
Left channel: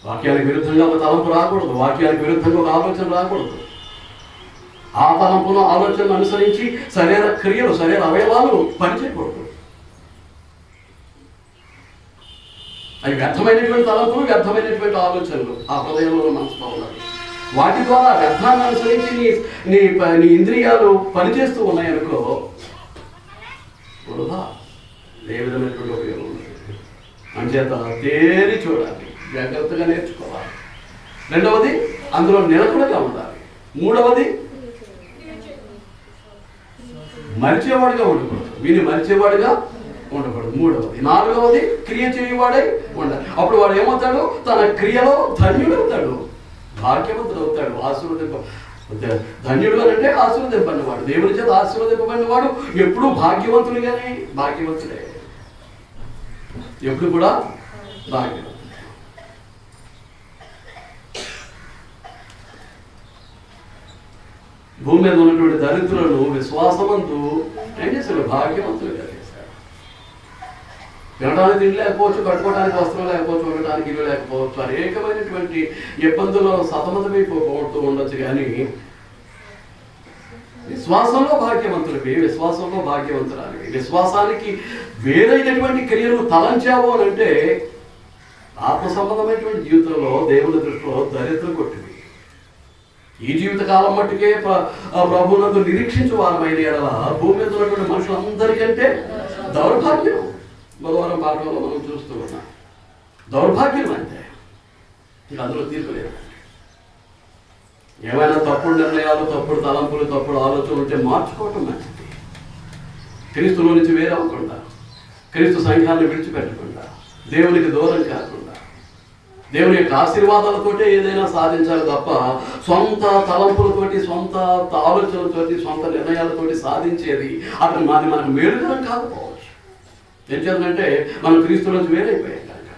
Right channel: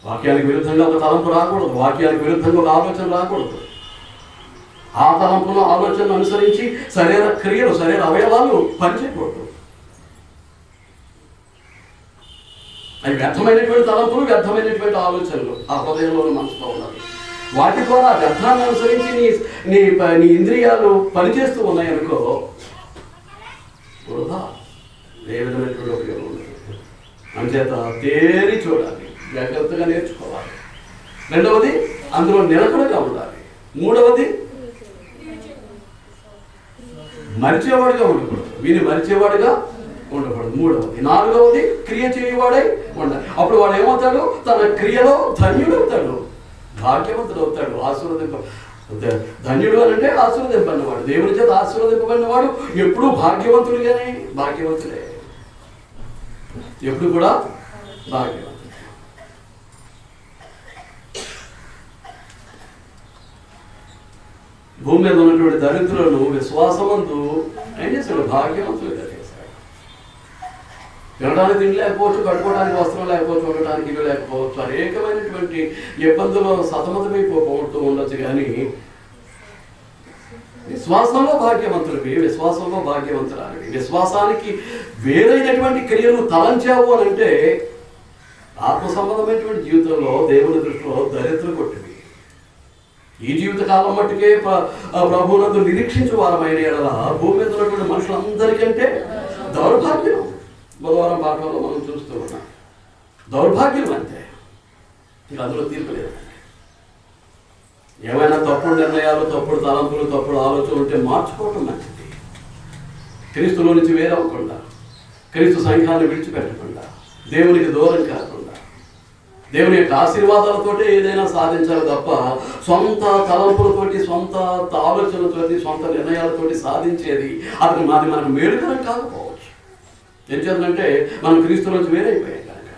వాక్యానికి విరుద్ధంగా ఒక తలంపు రాకూడదు, వాక్యానికి విరుద్ధంగా ఒక ఆలోచన రాకూడదు. ఆ తలంపును ఆలోచనను అనుసరించి శరీర క్రియలు, శరీర అవయవాలు పనిచేయకూడదు. అవి వ్యర్థమైనటువంటి తలంపులు, వ్యర్థమైనటువంటి ఆలోచనలు ఆ హృదయంలో మనసులో ఉన్నాయి. వాటి ద్వారా వ్యర్థాన్ని అనుసరించి నీ నీ ఇంద్రియాలు పనిచేస్తూ ఉన్నాయనుకో, వృధా, ఏ విధమైనటువంటి ఉపయోగం ఉంది. అంచేత తేరి చూడాలి, జాగ్రత్తగా నేర్చుకోవాలి. రెండవది, అందులో నిలకడగా ఉండాలి. మూడవది, మరిచేవాడుగా ఉండకూడదు, వీని మరిచేవాడుగా ఉండకూడదు. మూడవది. నాలుగవది, క్రియ చేయవాడై ఉండాలి. అప్పుడు వాడు ఏమవుతాడు? తన క్రియలో ధన్యుడవుతాడు, భాగ్యవంతుడు అవుతాడు. ధన్యుడు అని అంటే ఆశీర్వదింపబడినవాడు, దేవుని చేత ఆశీర్వదింపబడినవాడు ఎప్పుడూ భాగ్యవంతుడిగానే, భాగ్యవంతుడే, ఎప్పుడు కూడా భాగ్యవంతుడు. భూమి మీద ఉన్నటువంటి దరిద్రులను విశ్వాసమందు ఏం చేశాడు? భాగ్యవంతులుగా చేశాడు. తినడానికి తిండి లేకపోవచ్చు, కట్టుకోవడానికి వస్త్రం లేకపోవచ్చు, ఉండటానికి ఇల్లు లేకపోవచ్చు, అనేకమైనటువంటి ఇబ్బందుల్లో సతమతమైపోతూ ఉండొచ్చు. కానీ విశ్వాసంలో భాగ్యవంతులవి, విశ్వాసంలో భాగ్యవంతురాలివి. విశ్వాసానికి వేరైనటువంటి క్రియలు తలంచావు అని అంటే ఆత్మ సంబంధమైనటువంటి జీవితంలో దేవుని దృష్టిలో దరిద్రం కొట్టింది. ఈ జీవితకాలం మట్టుకే ప్రభువునందు నిరీక్షించు వారమైన ఎడల భూమి మీద ఉన్నటువంటి మనుషులందరికంటే దౌర్భాగ్యం. బుధవారం పాఠంలో మనం చూస్తూ ఉన్నాం. దౌర్భాగ్యం అంతే, ఇక అందులో తీర్పు లేదండి. ఏమైనా తప్పుడు నిర్ణయాలు, తప్పుడు తలంపులు, తప్పుడు ఆలోచనలు ఉంటే మార్చుకోవటం మంచిది. క్రీస్తులో నుంచి వేరవ్వకుండా, క్రీస్తు సంఘాన్ని విడిచిపెట్టకుండా, దేవునికి దూరం కాకుండా, దేవుని యొక్క ఆశీర్వాదాలతోటే ఏదైనా సాధించాలి తప్ప సొంత తలంపులతోటి, సొంత ఆలోచనలతోటి, సొంత నిర్ణయాలతోటి సాధించేది అది మనకు మేలుకరం కాకపోవచ్చు. ఏం చేద్దంటే మనం క్రీస్తు నుంచి వేరైపోయాం కనుక.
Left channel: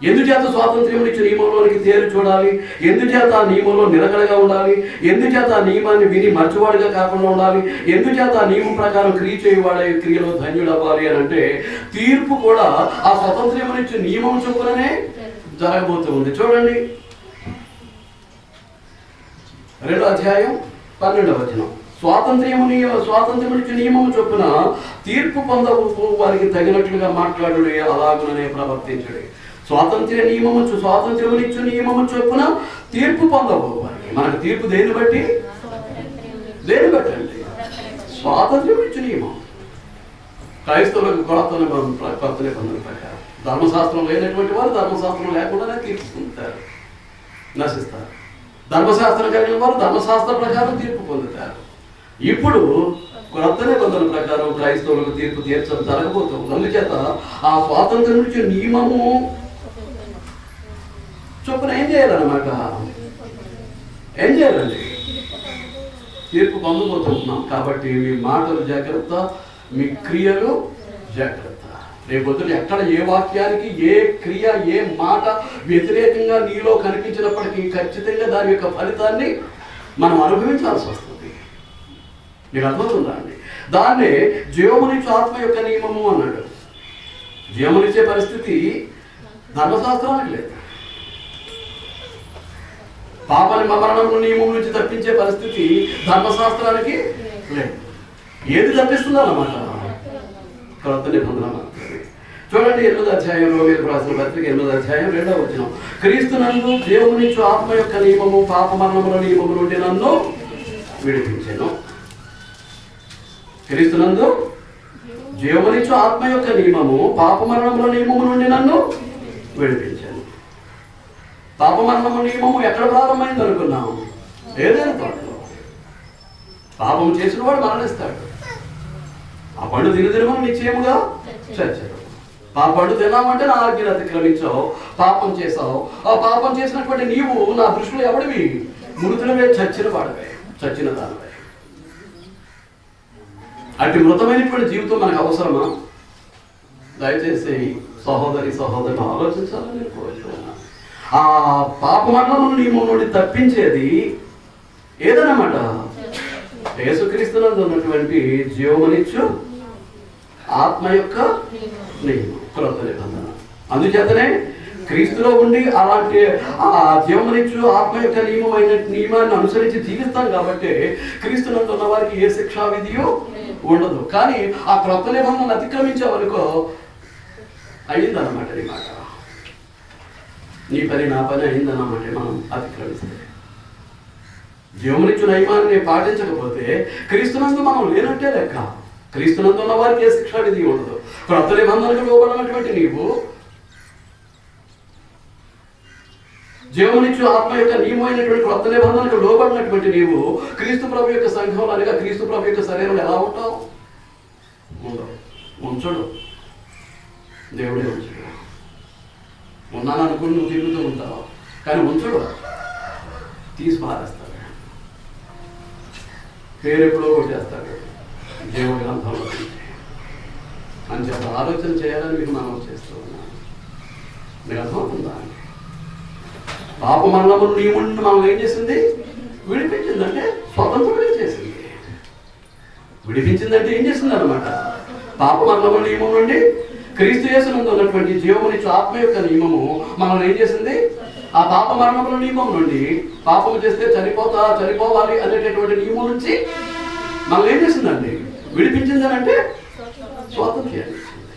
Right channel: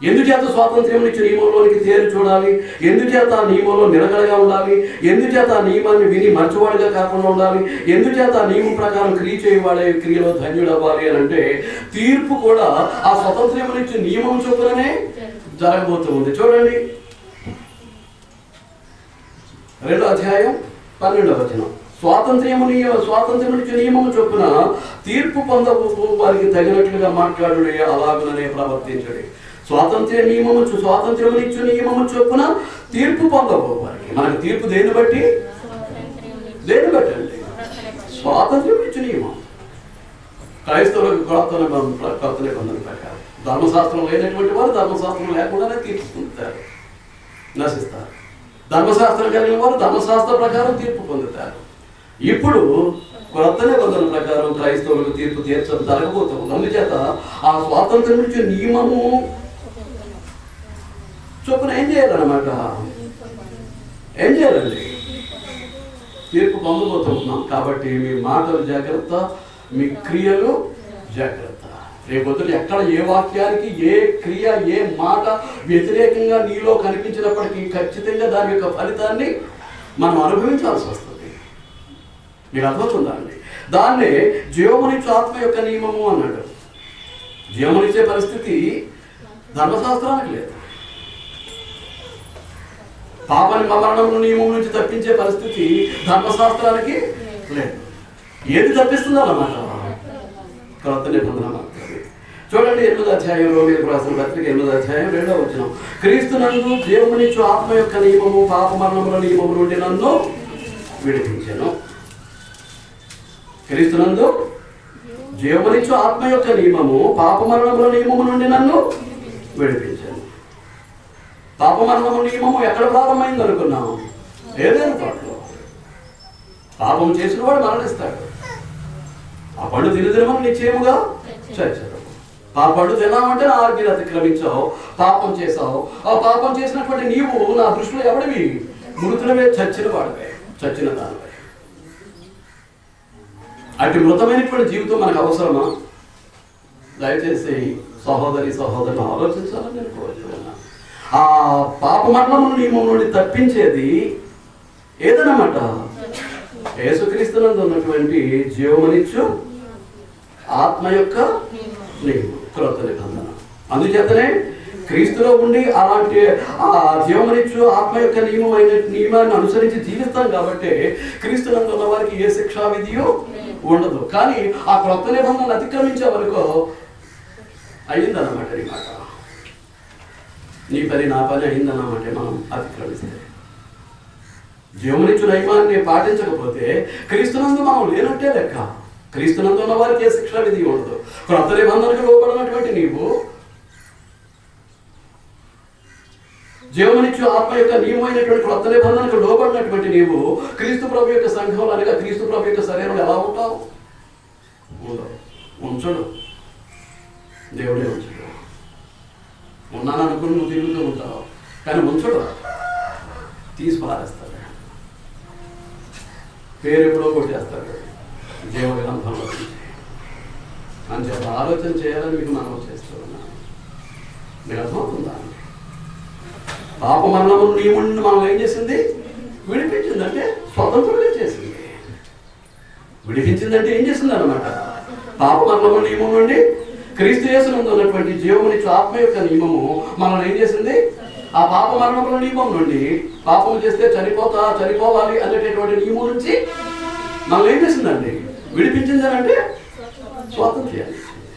ఎందుచేత స్వాతంత్ర్యం ఇచ్చిన నియమంలోనికి తేరు చూడాలి, ఎందుచేత ఆ నియమంలో నిలకడగా ఉండాలి, ఎందుచేత ఆ నియమాన్ని విని మర్చివాడిగా కాకుండా ఉండాలి, ఎందుచేత ఆ నియమం ప్రకారం క్రియ చేయవాడే క్రియలో ధన్యుడవ్వాలి అని అంటే తీర్పు కూడా ఆ స్వతంత్ర్యం ఇచ్చిన నియమం చొప్పుననే జరగబోతూ ఉంది. చూడండి 2వ అధ్యాయం 12వ వచనం. స్వాతంత్ర్యం నుంచి నియమము చొప్పున తీర్పు పొందవు వారికి తగినట్లుగా మాట్లాడు, అలాగుననే ప్రవర్తించడు. స్వాతంత్ర్యం ఇచ్చు నియమము చొప్పున తీర్పు పొందవు వారికి. మనకు తీర్పు దేని బట్టి అండి? స్వాతంత్ర్యం ఇచ్చు నియమం. క్రైస్తవులకు కొత్త నిబంధన ప్రకారం ధర్మశాస్త్రం లేనటువంటి వారు ధర్మశాస్త్రం లేకుండానే తీర్పు పొందుతారు, నశిస్తారు. ధర్మశాస్త్రం కలిగిన వారు ధర్మశాస్త్ర ప్రకారం తీర్పు పొందుతారు. ఇప్పుడు కొత్త నిబంధన ప్రకారం క్రైస్తవులకు తీర్పు తీర్చడం జరగబోతుంది. అందుచేత ఆ స్వాతంత్రం నుంచి నియమము చొప్పున ఏం చేయాలన్నమాట? ఏం చేయాలండి? తీర్పు పొందబోతున్నాం. కాబట్టి మీ మాటలు జాగ్రత్త, మీ క్రియలు జాగ్రత్త. రేపొద్దున ఎక్కడ ఏ వాక్యానికి, ఏ క్రియ, ఏ మాట వ్యతిరేకంగా నీలో కనిపించినప్పటికీ ఖచ్చితంగా దాని యొక్క ఫలితాన్ని మనం అనుభవించాల్సి వస్తుంది. మీకు అర్థమవుతుందా అండి? దాన్నే జీవమునిచ్చే ఆత్మ యొక్క నియమము అన్నాడు. జీవమునిచ్చే పరిస్థితి ధర్మశాస్త్రానికి లేదు. పాపని మరణం నియమం నుంచి తప్పించే పరిస్థితి ధర్మశాస్త్రానికి లేదు. ఏది తప్పిస్తుందన్నమాట? కొత్త నిబంధన మాత్రమే. చూడండి 8వ అధ్యాయం, రోమీయులకు రాసిన పత్రిక 8వ అధ్యాయం 2వ వచనం. క్రీస్తునందు జీవమునిచ్చు ఆత్మ యొక్క నియమము పాప మరణముల నియమము నుండి నన్ను విడిపించెను. క్రీస్తునందు జీవమునిచ్చు ఆత్మ యొక్క నియమము పాప మరణముల నియమము నుండి నన్ను విడిపించాను. పాప మరణము నియమము ఎక్కడ ప్రారంభమైంది అనుకున్నాము? ఏదైనా తోటలో. పాపం చేసిన వాడు మరణిస్తాడు. ఆ పండు తినదినమని నిశ్చయముగా చచ్చారు. ఆ పండు తినామంటే నా ఆజ్ఞను అతిక్రమించావు, పాపం చేసావు. ఆ పాపం చేసినటువంటి నీవు నా దృష్టిలో ఎవడివి? మృతులవే, చచ్చిన వాడివే, చచ్చిన దానివే. అటు మృతమైనటువంటి జీవితం మనకు అవసరమా? దయచేసి సహోదరులు ఆలోచించాలని నేను కోరుతున్నాను. ఆ పాప మరణము నియమం నుండి తప్పించేది ఏదన్నమాట? యేసుక్రీస్తునందు ఉన్నటువంటి జీవమునిచ్చు ఆత్మ యొక్క నియమం, క్రొత్త నిబంధన. అందుచేతనే క్రీస్తులో ఉండి అలాంటి ఆ జీవమునిచ్చు ఆత్మ యొక్క నియమాన్ని అనుసరించి జీవిస్తాం. కాబట్టి క్రీస్తునందు ఉన్న వారికి ఏ శిక్షా విధియో ఉండదు. కానీ ఆ క్రొత్త నిబంధనలు అతిక్రమించే వరకు అయిందన్నమాట. నీ మాట, నీ పని, నా పని అయిందన్నమాట. మనం అతిక్రమిస్తే, జీవమునిచ్చు నియమాన్ని పాటించకపోతే క్రీస్తునందు మనం లేనట్టే లెక్క. క్రీస్తునందు ఉన్న వారికి ఏ శిక్షా విధి ఉండదు. క్రొత్త నిబంధనకు లోబడినటువంటి నీవు, జీవమునిచ్చు ఆత్మ యొక్క నియమైనటువంటి క్రొత్త నిబంధనకు లోబడినటువంటి నీవు క్రీస్తు ప్రభు యొక్క సంఘంలో అనగా క్రీస్తు ప్రభు యొక్క శరీరంలో ఎలా ఉంటావు? ఉంచడు, దేవుడే ఉంచడు. ఉన్నాను అనుకుని నువ్వు తిరుగుతూ ఉంటావు, కానీ ఉంచడు, తీసి పారేస్తాడు. పేరు ఎప్పుడో కొట్టేస్తాడు జీవ గ్రంథంలో. అని చెప్పి ఆలోచన చేయాలని మీకు మనం చేస్తూ ఉన్నాను. మీకు అర్థమవుతుందా? పాప మరణము నియముని మనం ఏం చేసింది? విడిపించిందంటే స్వతంత్రంగా చేసింది. విడిపించిందంటే ఏం చేసింది అన్నమాట? పాప మరణము నియమం నుండి క్రీస్తు యేసునందు ఉన్నటువంటి జీవమునిచ్చు ఆత్మ యొక్క నియమము మనల్ని ఏం చేసింది? ఆ పాప మరణముల నియమం నుండి, పాపం చేస్తే చనిపోవాలి అనేటటువంటి నియమం నుంచి మనల్ని ఏం చేసిందండి? విడిపించిందనంటే స్వాతంత్ర్యాన్ని ఇచ్చింది.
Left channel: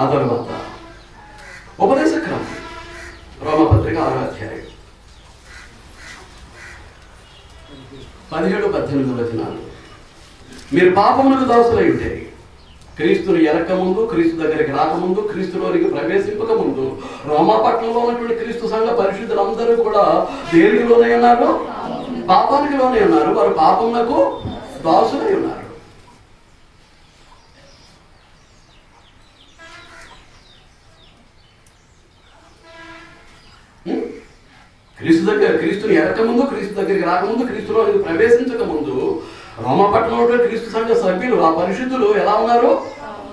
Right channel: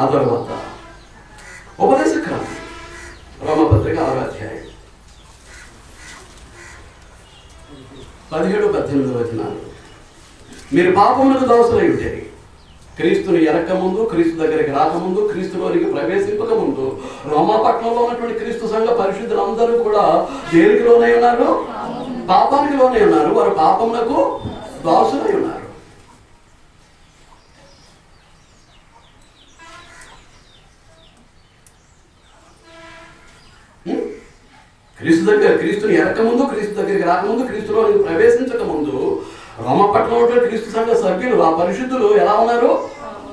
ఆ తర్వాత ఉపదేశ క్రమం రోమపత్రిక 6వ అధ్యాయం 17-18 వచనాలు. మీరు పాపమునకు దాసులై ఉంటే క్రీస్తుని ఎరకముందు, క్రీస్తు దగ్గరికి రాకముందు, క్రీస్తులోనికి ప్రవేశింపక ముందు రోమాపట్నంలో ఉన్నటువంటి క్రీస్తు సంఘ పరిశుద్ధులందరూ కూడా దేనికి లోనై ఉన్నారు? పాపానికి లోనై ఉన్నారు. వారు పాపమునకు దాసులై ఉన్నారు. క్రీస్తుని ఎరకముందు, క్రీస్తు దగ్గరికి రాకముందు, క్రీస్తులోనికి ప్రవేశించక ముందు రోమపట్నంలో క్రీస్తు సంఘ సభ్యులు, ఆ పరిశుద్ధులు ఎలా ఉన్నారు?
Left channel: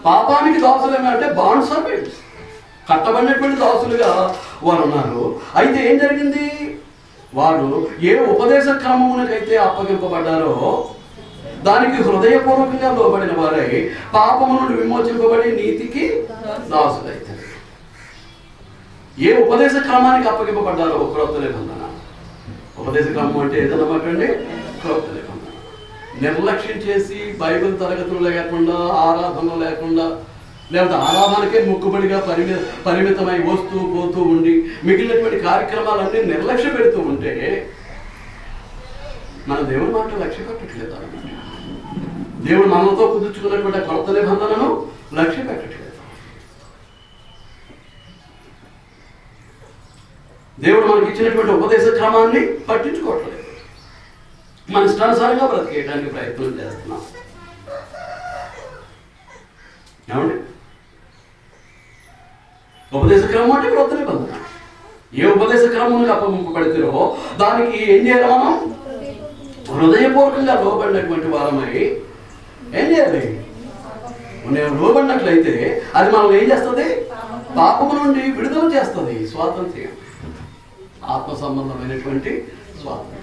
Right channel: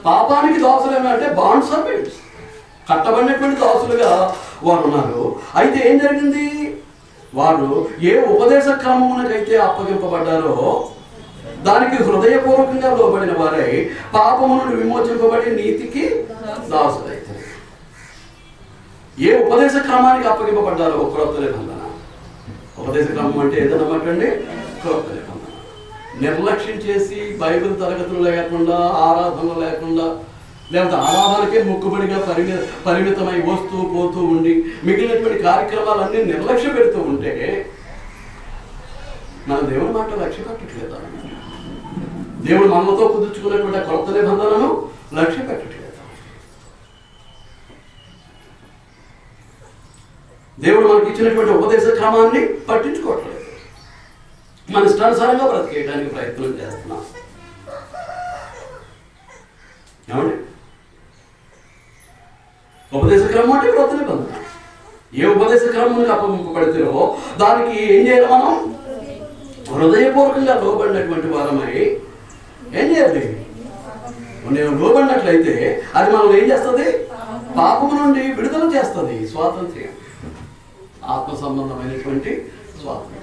పాపానికి దాసులు అంటే బాండ్ సర్వెంట్స్, కట్టబడినటువంటి దాసులుగా వారు ఉన్నారు. అయితే ఏం జరిగింది? వారు ఏ ఉపదేశ క్రమమునకైతే అప్పగింపబడ్డారో దానికి హృదయపూర్వకంగా లోబడిన వారై పాపము నుండి విమోచింపబడి నీతికి దాసులైతే. ఏ ఉపదేశ క్రమానికి అప్పగింపబడ్డారో క్రొత్త నిబంధన. ఉపదేశ క్రమం అంటే ఏదన్నమాటండి? క్రొత్త నిబంధన. నిర్లక్ష్యం చేసి బైబిల్ తరగతులు లేకుండా, ఆరాధనలు లేకుండా, లేకపోతే ఆరాధనకే మొక్కుబడిగా పరిమితమై వస్తూ పోతూ ఉండి మిగిలినటువంటి కార్యక్రమాలన్నీ నిర్లక్ష్య పెడుతూ ఉంటే మన దేవుని మాట లక్ష్య పెట్టట్లేదు. దేవుడు మనతో కుదుర్చుకున్నటువంటి కొత్త నిబంధనను లక్ష్య పెట్టట్లేదు. దేవుడు మనకి ఇచ్చినటువంటి ఉపదేశ క్రమాన్ని పట్టించుకోవట్లేదు. మన ఇష్టానుసారంగా బ్రతికేయడానికి ప్రయత్నం చేస్తున్నాం. ఏమండి? ఉపదేశ క్రమం అంటే క్రొత్త నిబంధన. ఏ ఉపదేశ క్రమం అప్పగింపబడితేనో దానికి ఏం చేయాలి? మనం హృదయపూర్వకంగా లోబడినటువంటి వారమై ఏం చేయాలి? నేను లోబడినట్లయితే అది మనం ఏం చేస్తుంది? పాపము నుండి విడుదల చేస్తుంది. స్వాతంత్ర్యం, ఆత్మ సంబంధమైనటువంటి స్వాతంత్ర్యం.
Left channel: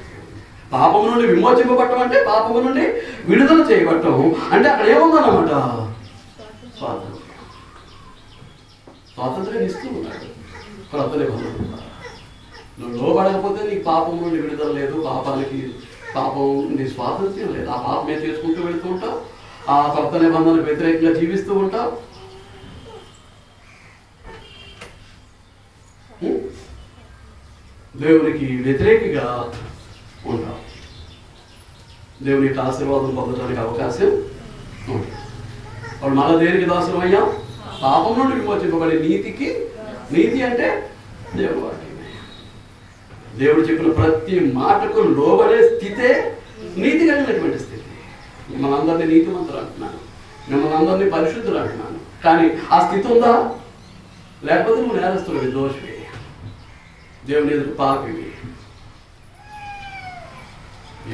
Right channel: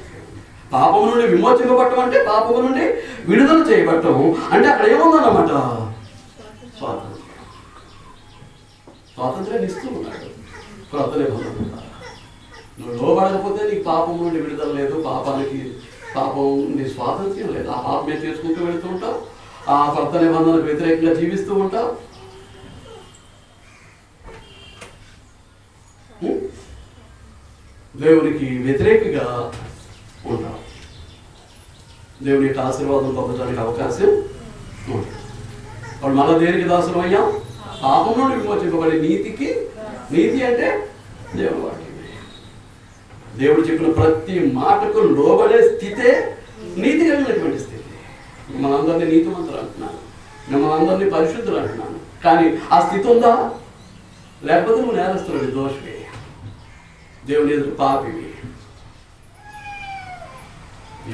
పాపము నుండి విమోచింపబట్టం అంటే పాపము నుండి విడుదల చేయబట్టం అంటే అక్కడ ఏముందన్నమాట? స్వాతంత్ర్యం. స్వాతంత్ర్యాన్ని ఇస్తూ ఉన్నాడు క్రొత్త నిబంధన. నువ్వు లోబడకపోతే నీకు పాపం నుండి విడుదల లేదు, పాపం నీ స్వాతంత్ర్యం లేదు. ఆ పాపమే చేసుకుంటూ వెళుతూ ఉంటావు, ఆ క్రొత్త నిబంధనకు వ్యతిరేకంగా జీవిస్తూ ఉంటావు. దేవునికి వ్యతిరేకంగా ఉంటావు. దేవుని యొక్క ఆశీర్వాదం పొందడానికి అవకాశం ఉంటుంది. వాళ్ళు మళ్ళీ దేనికి దాసులు అయ్యాం? పాపం నుండి విమోచింపబడే నీతికి. నీతి అంటే దేవుడు వాక్యమే. దేవుడు చెప్పిన ప్రతి మాటకు లోబడే స్థితే నీతి కలిగినటువంటి స్థితి. మనందరినీ నీతిమంతులు అంటున్నాను, మిమ్మల్ని అందరినీ పరిశుద్ధులు అంటున్నాను. కానీ ఆ స్థితి ఉందా? లేకపోతే నువ్వు నేరస్తుడివి, దోషివి, దేవుని ఎదురు పాపివి.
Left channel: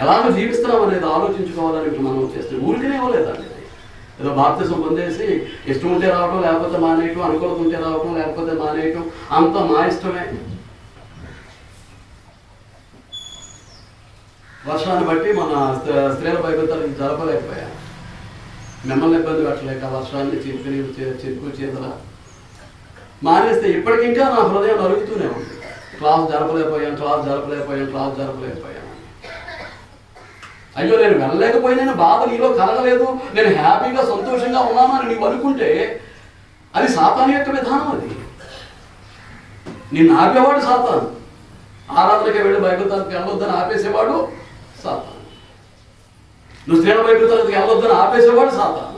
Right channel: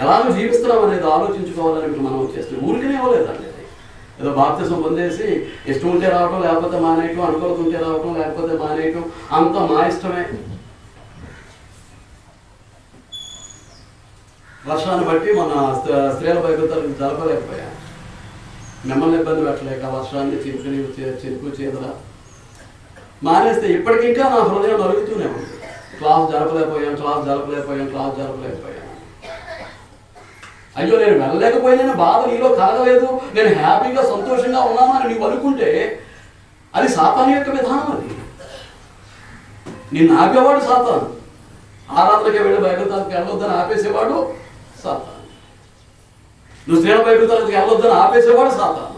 ఎలాగో జీవిస్తున్నాం అనేది ఆలోచించుకోవాలని మనం చేస్తున్నాం. ఊరికనే ఇవ్వలేదండి. ఏదో బాప్తిసం పొందేసి ఇష్టం ఉంటే రావటం, లేకపోతే మానేయటం, అనుకూలత ఉంటే రావటం, లేకపోతే మానేయటం, అంత మా ఇష్టమే. వర్షాన్ని బట్టి మన స్త్రీల బైబిల్ తరగతి జరపలేకపోయా. మిమ్మల్ని ఇబ్బంది పెట్టలేక వర్షాన్ని చిరుకు చేతుల మానేస్తే ఇప్పటికింకా నా హృదయం నలుగుతూనే ఉంది. క్లాస్ జరపలేకపోయాను. అయ్యో నేను వెళ్ళలేకపోయినా బాధ నీలో కలగలేదు, నేను హ్యాపీగా సంతోషంగా ఉన్నాను అని నీవు అనుకుంటే అది సాతాను యొక్క విధానం. అది నిన్ను ఆపేవాడు సాతాను. ఆరాధనకి వెళ్ళి బైబిల్ తరగతికి వెళ్ళొద్దని ఆపేసేవాడు సాతాను. నువ్వు స్త్రీల బైబిల్ తరగతికి వెళ్ళొద్దని ఆపేసేవాడు సాతాను.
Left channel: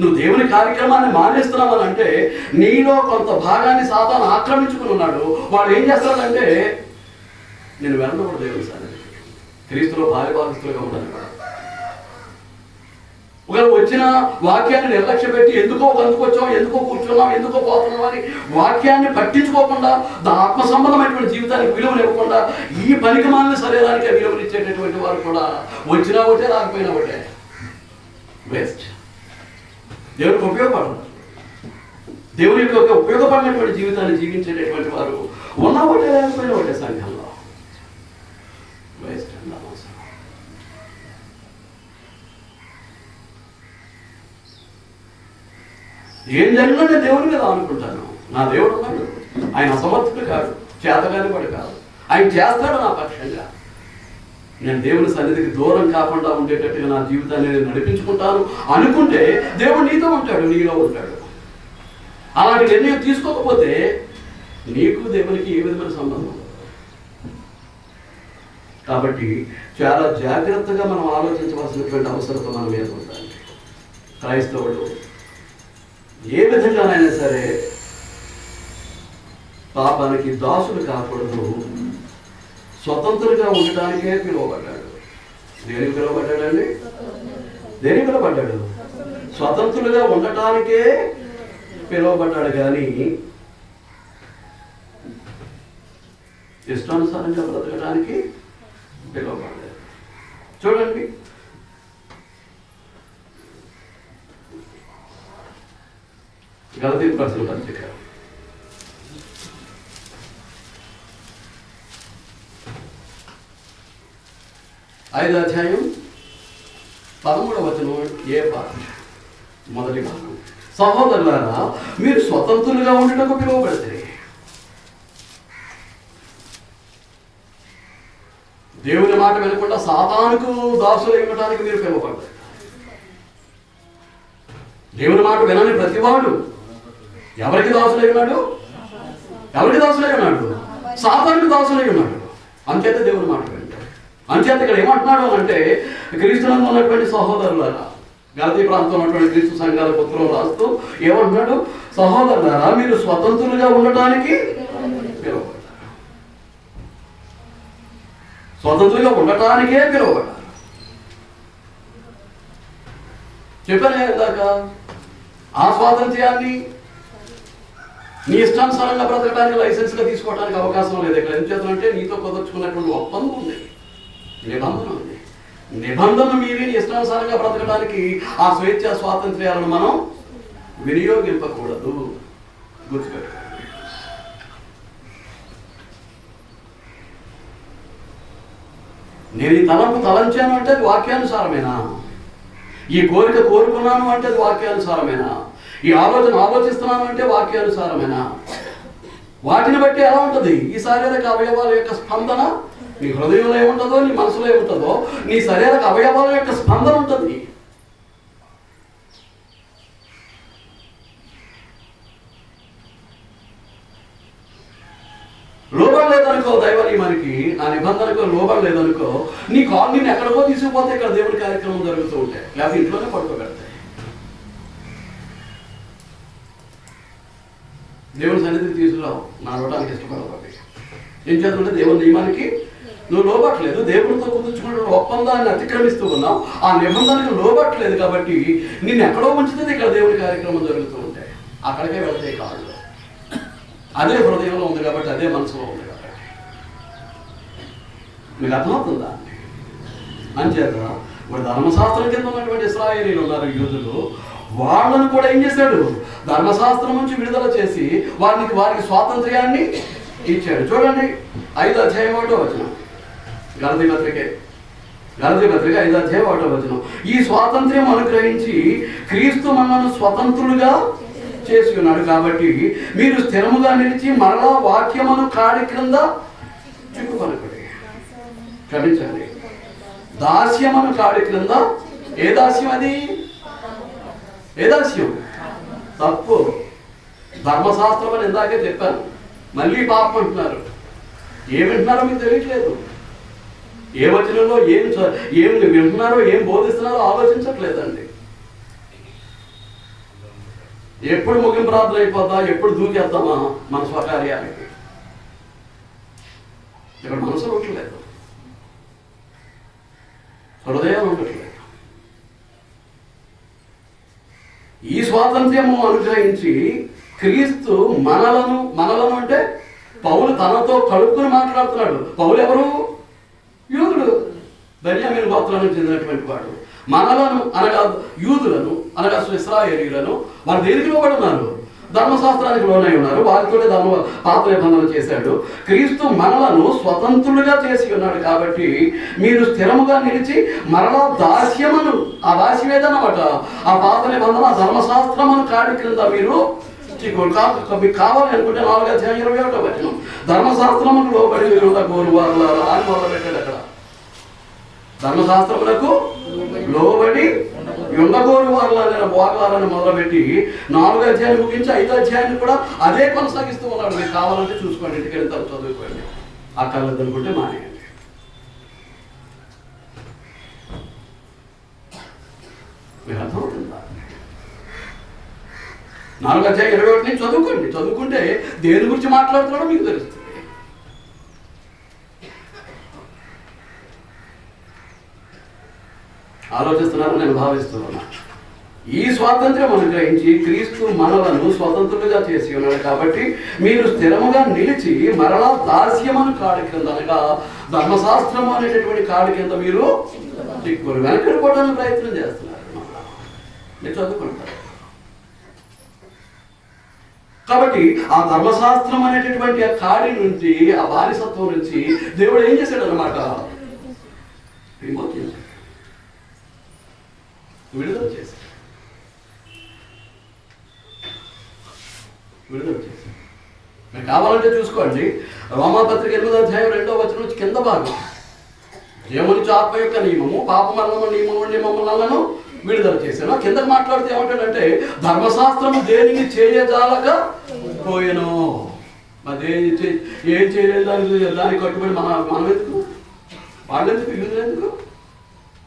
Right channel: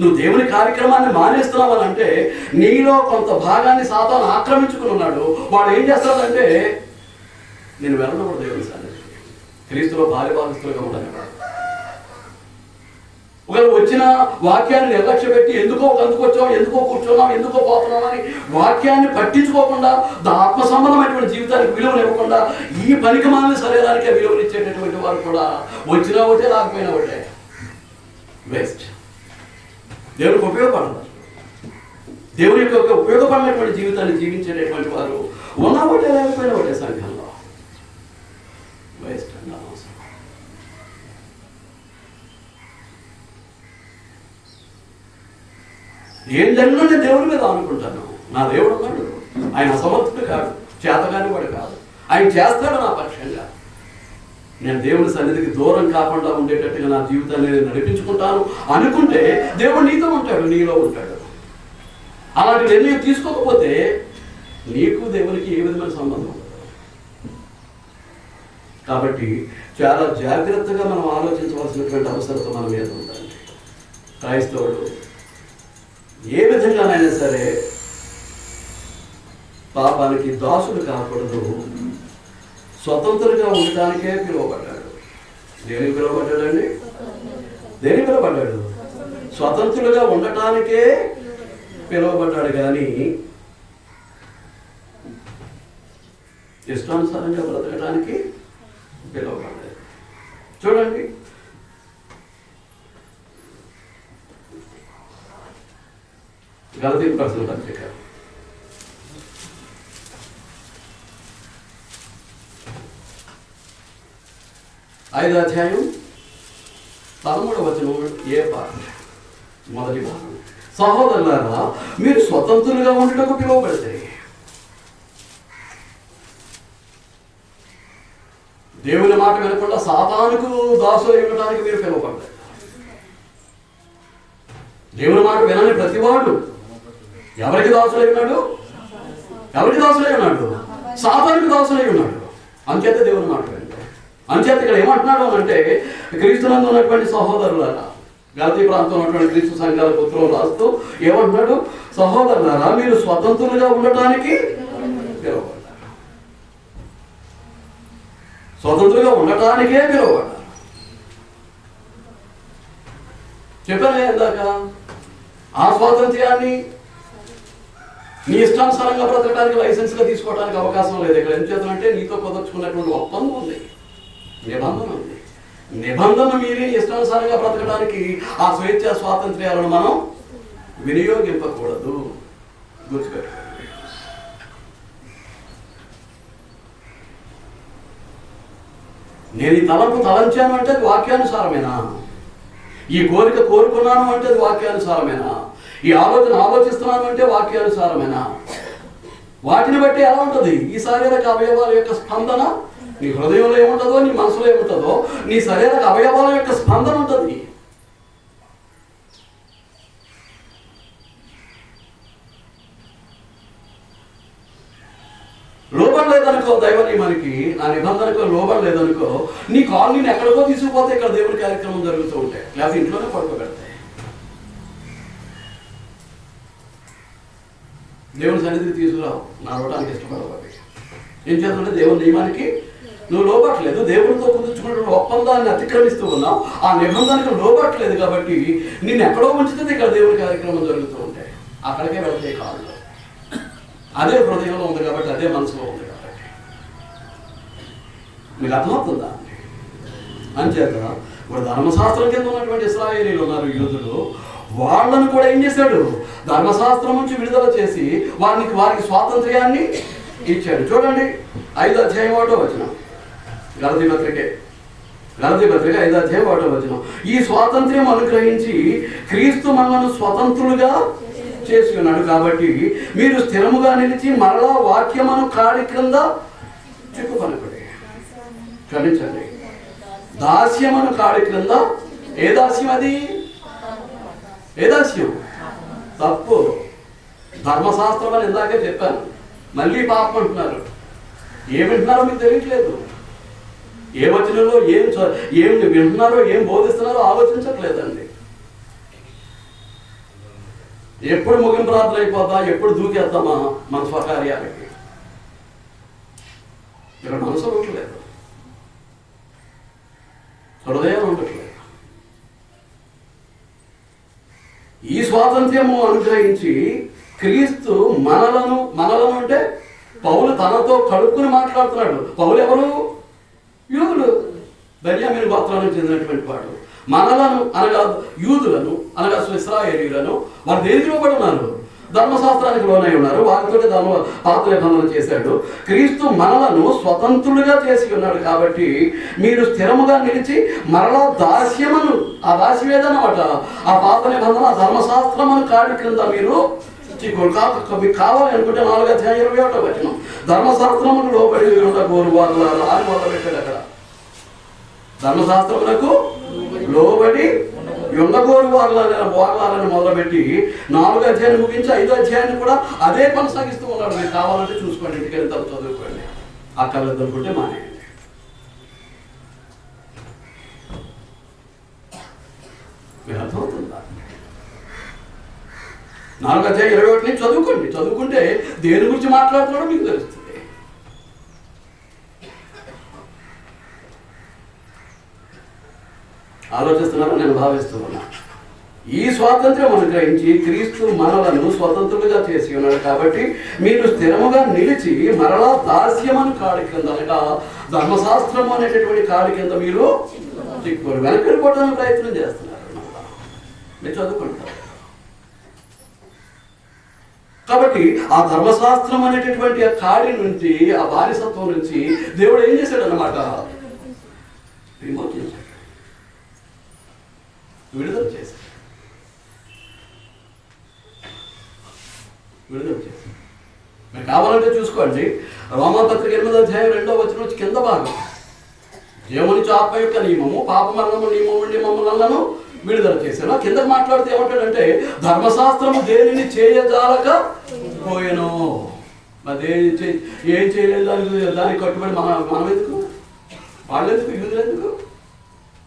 నువ్వు దేవుని కార్యక్రమాన్ని మానేస్తున్నావు అని అంటే నీలో కొంత భాగాన్ని సాతాను ఆక్రమించుకుని ఉన్నాడు. వాడు ఏం చేస్తాడంటే నేను వెళ్ళకూడదు దేవుని సన్నిధికి, క్రీస్తులో భార్యాభాగస్తులుగా ఉండను. ఒకవేళ వచ్చిన వాక్యాన్ని నిర్లక్ష్య పెట్టి ఎందుకో వచ్చాం, ఎందుకో కూర్చున్నాం, ఎందుకో పోతున్నాం అని వాక్యాన్ని పట్టించుకోకుండా, ఆత్మ సంబంధమైనటువంటి జీవితానికి విలువనివ్వకుండా ఈ పనికిమాలిన శరీరానికే విలువనిచ్చేటటువంటి వారు కూడా వచ్చినా ఒకటే, రాకపోయినా ఒకటే, వేస్ట్. దేవునికి ఉపయోగపడదు. దేవుని యొక్క ఉపయోగపడినటువంటి జీవితాన్ని జీవించేటటువంటి వారు ఉన్నా ఒకటే, లేకపోయినా ఒకటే సంఘంలో వేస్ట్ అన్న అవసరం. ఏం జరిగినా నేను దేవుని మీద అనుకుంటాను. నా దేవుడు ఉన్నాడు, ఆయన అసమర్థుడు కాదు, చేతగాని వాడు కాదు, ఆయన చేస్తాడు నా పక్షంగా. నేను దేవుని సన్నిధికి దూరం కాకుండా ఉండేటట్టుగా నా జీవితాన్ని నేను నడిపించుకుంటాను అనుకుంటే దేవుడు నీతో ఉంటాడు, నీలో ఉంటాడు. అలాంటి నిర్ణయం తీసుకోకపోతే నీకు దేవునికి ఏ విధమైన సంబంధం? కాబట్టి చాలా జాగ్రత్తగా మనం ఆలోచించవలసినటువంటి అవసరం మన మీద ఉందండి. క్రైస్తవుడు ఏ విధంగానైనా సరే పాపానికి దాసుడు కాకూడదు. స్వతంత్రంగా ఉండటానికే పిలువబడ్డాడు. దేనికి పిలువబడ్డాడండి? దేనికి పిలువబడ్డాడు? స్వతంత్రులుగా ఉండటానికే పిలువబడ్డాడు, కానీ ఇష్టానుసారంగా బ్రతకడానికి పిలువబడ్డాడు. చూడండి, గలతీ ప్రశ్న పత్రిక 5వ అధ్యాయం 13వ వచనం ఏ పార్ట్? మొదటి భాగం. సహోదరులారా, మీరు స్వతంత్రులుగా ఉండటకు పిలువబడితే, దేవుని మాట వినకుండా సాతానుకు దాసులై ఉండటానికి మీరు పిలువబడ్డారు. దేవుని మాట వినని ప్రతివాడు ఎవరికి దాసులై ఉన్నాడు? ఎవరికి దాసులై ఉన్నాడు? సాతానుకు దాసులై ఉన్నాడు. అంచేత దేవుని మాట వినండి. అంచేత ఇక్కడ ఏమంటున్నాడు అంటే, క్రీస్తునందు ఉన్నటువంటి సహోదరులారా, గలతీ ప్రాంతంలో ఉన్నటువంటి క్రీస్తు సంఘాల పుత్రులు రాస్తూ ఏమంటున్నాడు? సహోదరులారా, మీరు స్వతంత్రులుగా ఉండటానికి పిలువబడ్డారు. స్వతంత్రులుగా ఉండటానికే పిలువబడ్డారు. చెప్పాను ఇందాక, ఆ స్వాతంత్ర్యాన్ని నీ ఇష్టానుసారంగా బ్రతకడానికి లైసెన్స్గా తీసుకోవడానికి అవకాశం లేదు. ఇక్కడ ఏం చేద్దామంటే, నీతో కుదుర్చుకున్నటువంటి ఒప్పందం ఉంది, నిబంధన ఉంది. నిబంధన మీరి ఇష్టానుసారంగా బ్రతకడానికి ఆ స్వేచ్ఛ స్వాతంత్ర్యాలను మనం వినియోగింపకూడదు. గుర్తుపెట్టుకోండి. నేను ఈ తలంపు తలంచాను అంటే అది వాక్యానుసారమేనా? ఈ కోరిక కోరుకున్నాను అంటే అది వాక్యానుసారమేనా? ఈ ఆలోచన ఆలోచిస్తున్నాను అంటే వాక్యానుసారమేనా? వాటిని బట్టి ఎలా ఉంటుంది ఈ శారీరక అవయవాల యొక్క స్పందన? నీ హృదయంలో ఏముంటుందో, నీ మనసులో ఏముంటుందో, నీ శారీరక అవయవాల యొక్క స్పందన ఉంటుంది. లోబడలేదనుకో దైవ నియమానికి, ఆ నిబంధనకు లోబడలేదనుకో, నీ కాల్ నేను ఎక్కడికో తీసుకుపోతే ఇక్కడ దేవుని కార్యక్రమం జరుగుతూ ఉంటాయి, లేకపోతే ఇంట్లోనే పడుకోబెడతాయి. దేవుని సన్నిధికి తీసుకురావు, నడవడానికి ఇష్టపడవు. ఏం చేస్తుంటే దేవుని నియమానికి నువ్వు లోబట్టలేదు, దేవుడితో కుదుర్చుకున్న ఒప్పందాన్ని అతిక్రమిస్తూ ఉన్నావు, ఆ నిబంధనకు లోబట్టలేదు. కాబట్టి నిన్ను ఎక్కడో ఉంచుతుంది ఇక్కడ దేవుని కార్యక్రమం జరుగుతూ ఉంటాయి, అక్కడికే వెళ్తాయి కాళ్ళు. అదే హృదయంలో ఉంది కాబట్టి, అదే మనసులో ఉంది కాబట్టి. మీకు అర్థమవుతుందా? అంచేత ఇప్పుడు ధర్మశాస్త్రం కింద ఉన్నటువంటి ఇశ్రాయేలీలు ఉన్నారు, యూదులు. వాళ్ళను కూడా ఏం చేశాడు? ధర్మశాస్త్రం నుంచి విడుదల చేసి వారికి స్వాతంత్ర్యాన్ని ఇచ్చాడు. చూడండి, 5వ అధ్యాయం 1వ వచనం. గలతీ పత్రిక 5వ అధ్యాయం 1వ వచనం. ఈ స్వాతంత్ర్యం అనుగ్రహించి క్రీస్తు మనల్ని స్వతంత్రులుగా చేసి ఉన్నాడు. కాబట్టి మీరు స్థిరముగా నిలిచి మరలా వాక్యమును కాడి క్రింద చిక్కుకొనకుడి. క్షమించండి, దాస్యమును కాడి క్రింద. ఏ దాస్యం అది? ఏ దాస్యం? తప్పు. ధర్మశాస్త్రం అని ఇందాకే చెప్పాను, మళ్ళీ పాపం అంటున్నారు. ఏం వింటున్నారో మీకు తెలియట్లేదు. ఏ వచనంలో ఏం వింటున్నారో, ఏం బోధిస్తున్నారో ఆలోచించట్లేదండి. ఎప్పుడు ముగింపు ప్రార్థన అయిపోతా, ఎప్పుడు దూకేద్దామా మన స్వకార్యానికి? ఇక్కడ మనసు ఉండట్లేదు, హృదయం ఉండట్లేదు. ఈ స్వాతంత్ర్యము అనుగ్రహించి క్రీస్తు మనలను అంటే పౌలు తనతో కలుపుకుని మాట్లాడుతున్నాడు. పౌలు ఎవరు? యూదుడు, బెన్యామీను గోత్రానికి చెందినటువంటి వాడు. మనలను అనగా యూదులను అనగా ఇశ్రాయేలీయులను వారు దేనికి లోబడి ఉన్నారు? ధర్మశాస్త్రానికి లోనై ఉన్నారు. వారితో పాత నిబంధన చేశాడు. క్రీస్తు మనలను స్వతంత్రులుగా చేసి ఉన్నాడు. కాబట్టి మీరు స్థిరముగా నిలిచి మరలా దాస్యమును, ఆ దాస్యం ఏదన్నమాట, ఆ పాత నిబంధన, ఆ ధర్మశాస్త్రమును కాడి క్రింద మీరు మీకు కావాలి అనుకుంటే 4వ అధ్యాయం 21వ వచనం. ధర్మశాస్త్రముకు లోబడి ఉండగోరు వాళ్ళ అని మొదలుపెట్టాడు. అక్కడ ధర్మశాస్త్రములకు లోబడి యుంగగోరు వారలాలని మొదలుపెట్టి 4వ అధ్యాయాన్ని ముగించి 5వ అధ్యాయాన్ని కూడా అదే కొనసాగిస్తూ ఉన్నాడు. మీకు కావాలంటే చూసుకోండి, ఇంటికి వెళ్ళిన తర్వాత చదువుకోండి. ఆ కళ్ళది అనుకుంటే మానేయండి. మీకు అర్థమవుతుందా? 4వ అధ్యాయం 21 నుంచి చదువుకోండి. చదువుకుంటే దేని గురించి మాట్లాడుతున్నాడో మీకు తెలుస్తుంది. ఆలోచిస్తున్నారని నేను భావిస్తున్నాను. ఈ స్వాతంత్ర్యం అనుగ్రహించి క్రీస్తు మనలను స్వతంత్రులుగా చేసి ఉన్నాడు. కాబట్టి మీరు స్థిరముగా నిలిచి మరలా దాస్యమను కాడి కింద అనగా ధర్మశాస్త్రం అనేటటువంటి కాడి కింద మీరు చిక్కుకొని వెనకడిపోవడానికి ప్రయత్నం చేస్తున్నారు. మీరు చదువుకుంటారు. కాబట్టి ఆ ధర్మశాస్త్రం అనేటటువంటి ఆ కాడి నుంచి, ఆ బానిసత్వం నుంచి దేవుడు ఏం చేశాడు అన్నమాట? విమోచన చేశాడు, విడుదల చేశాడు. మీరు కావాలంటే చూసుకోండి. రోమాపత్రిక 8వ అధ్యాయం 2వ వచనం నుంచి కింద భాగం, దేవుని ఆత్మ యొక్క నియమము పాప మరణము నియమము నుండి మమ్మల్ని విడుదల చేశాను. కిందకు మాట్లాడితే ఏమంటాడంటే ధర్మశాస్త్రము దేనిని చేయజాలక పోయాను. మరి ఏం చేయలేదు దానికి కట్టుబడి మనం ఎందుకు, వాళ్ళు ఎందుకు, యూదులు ఎందుకు?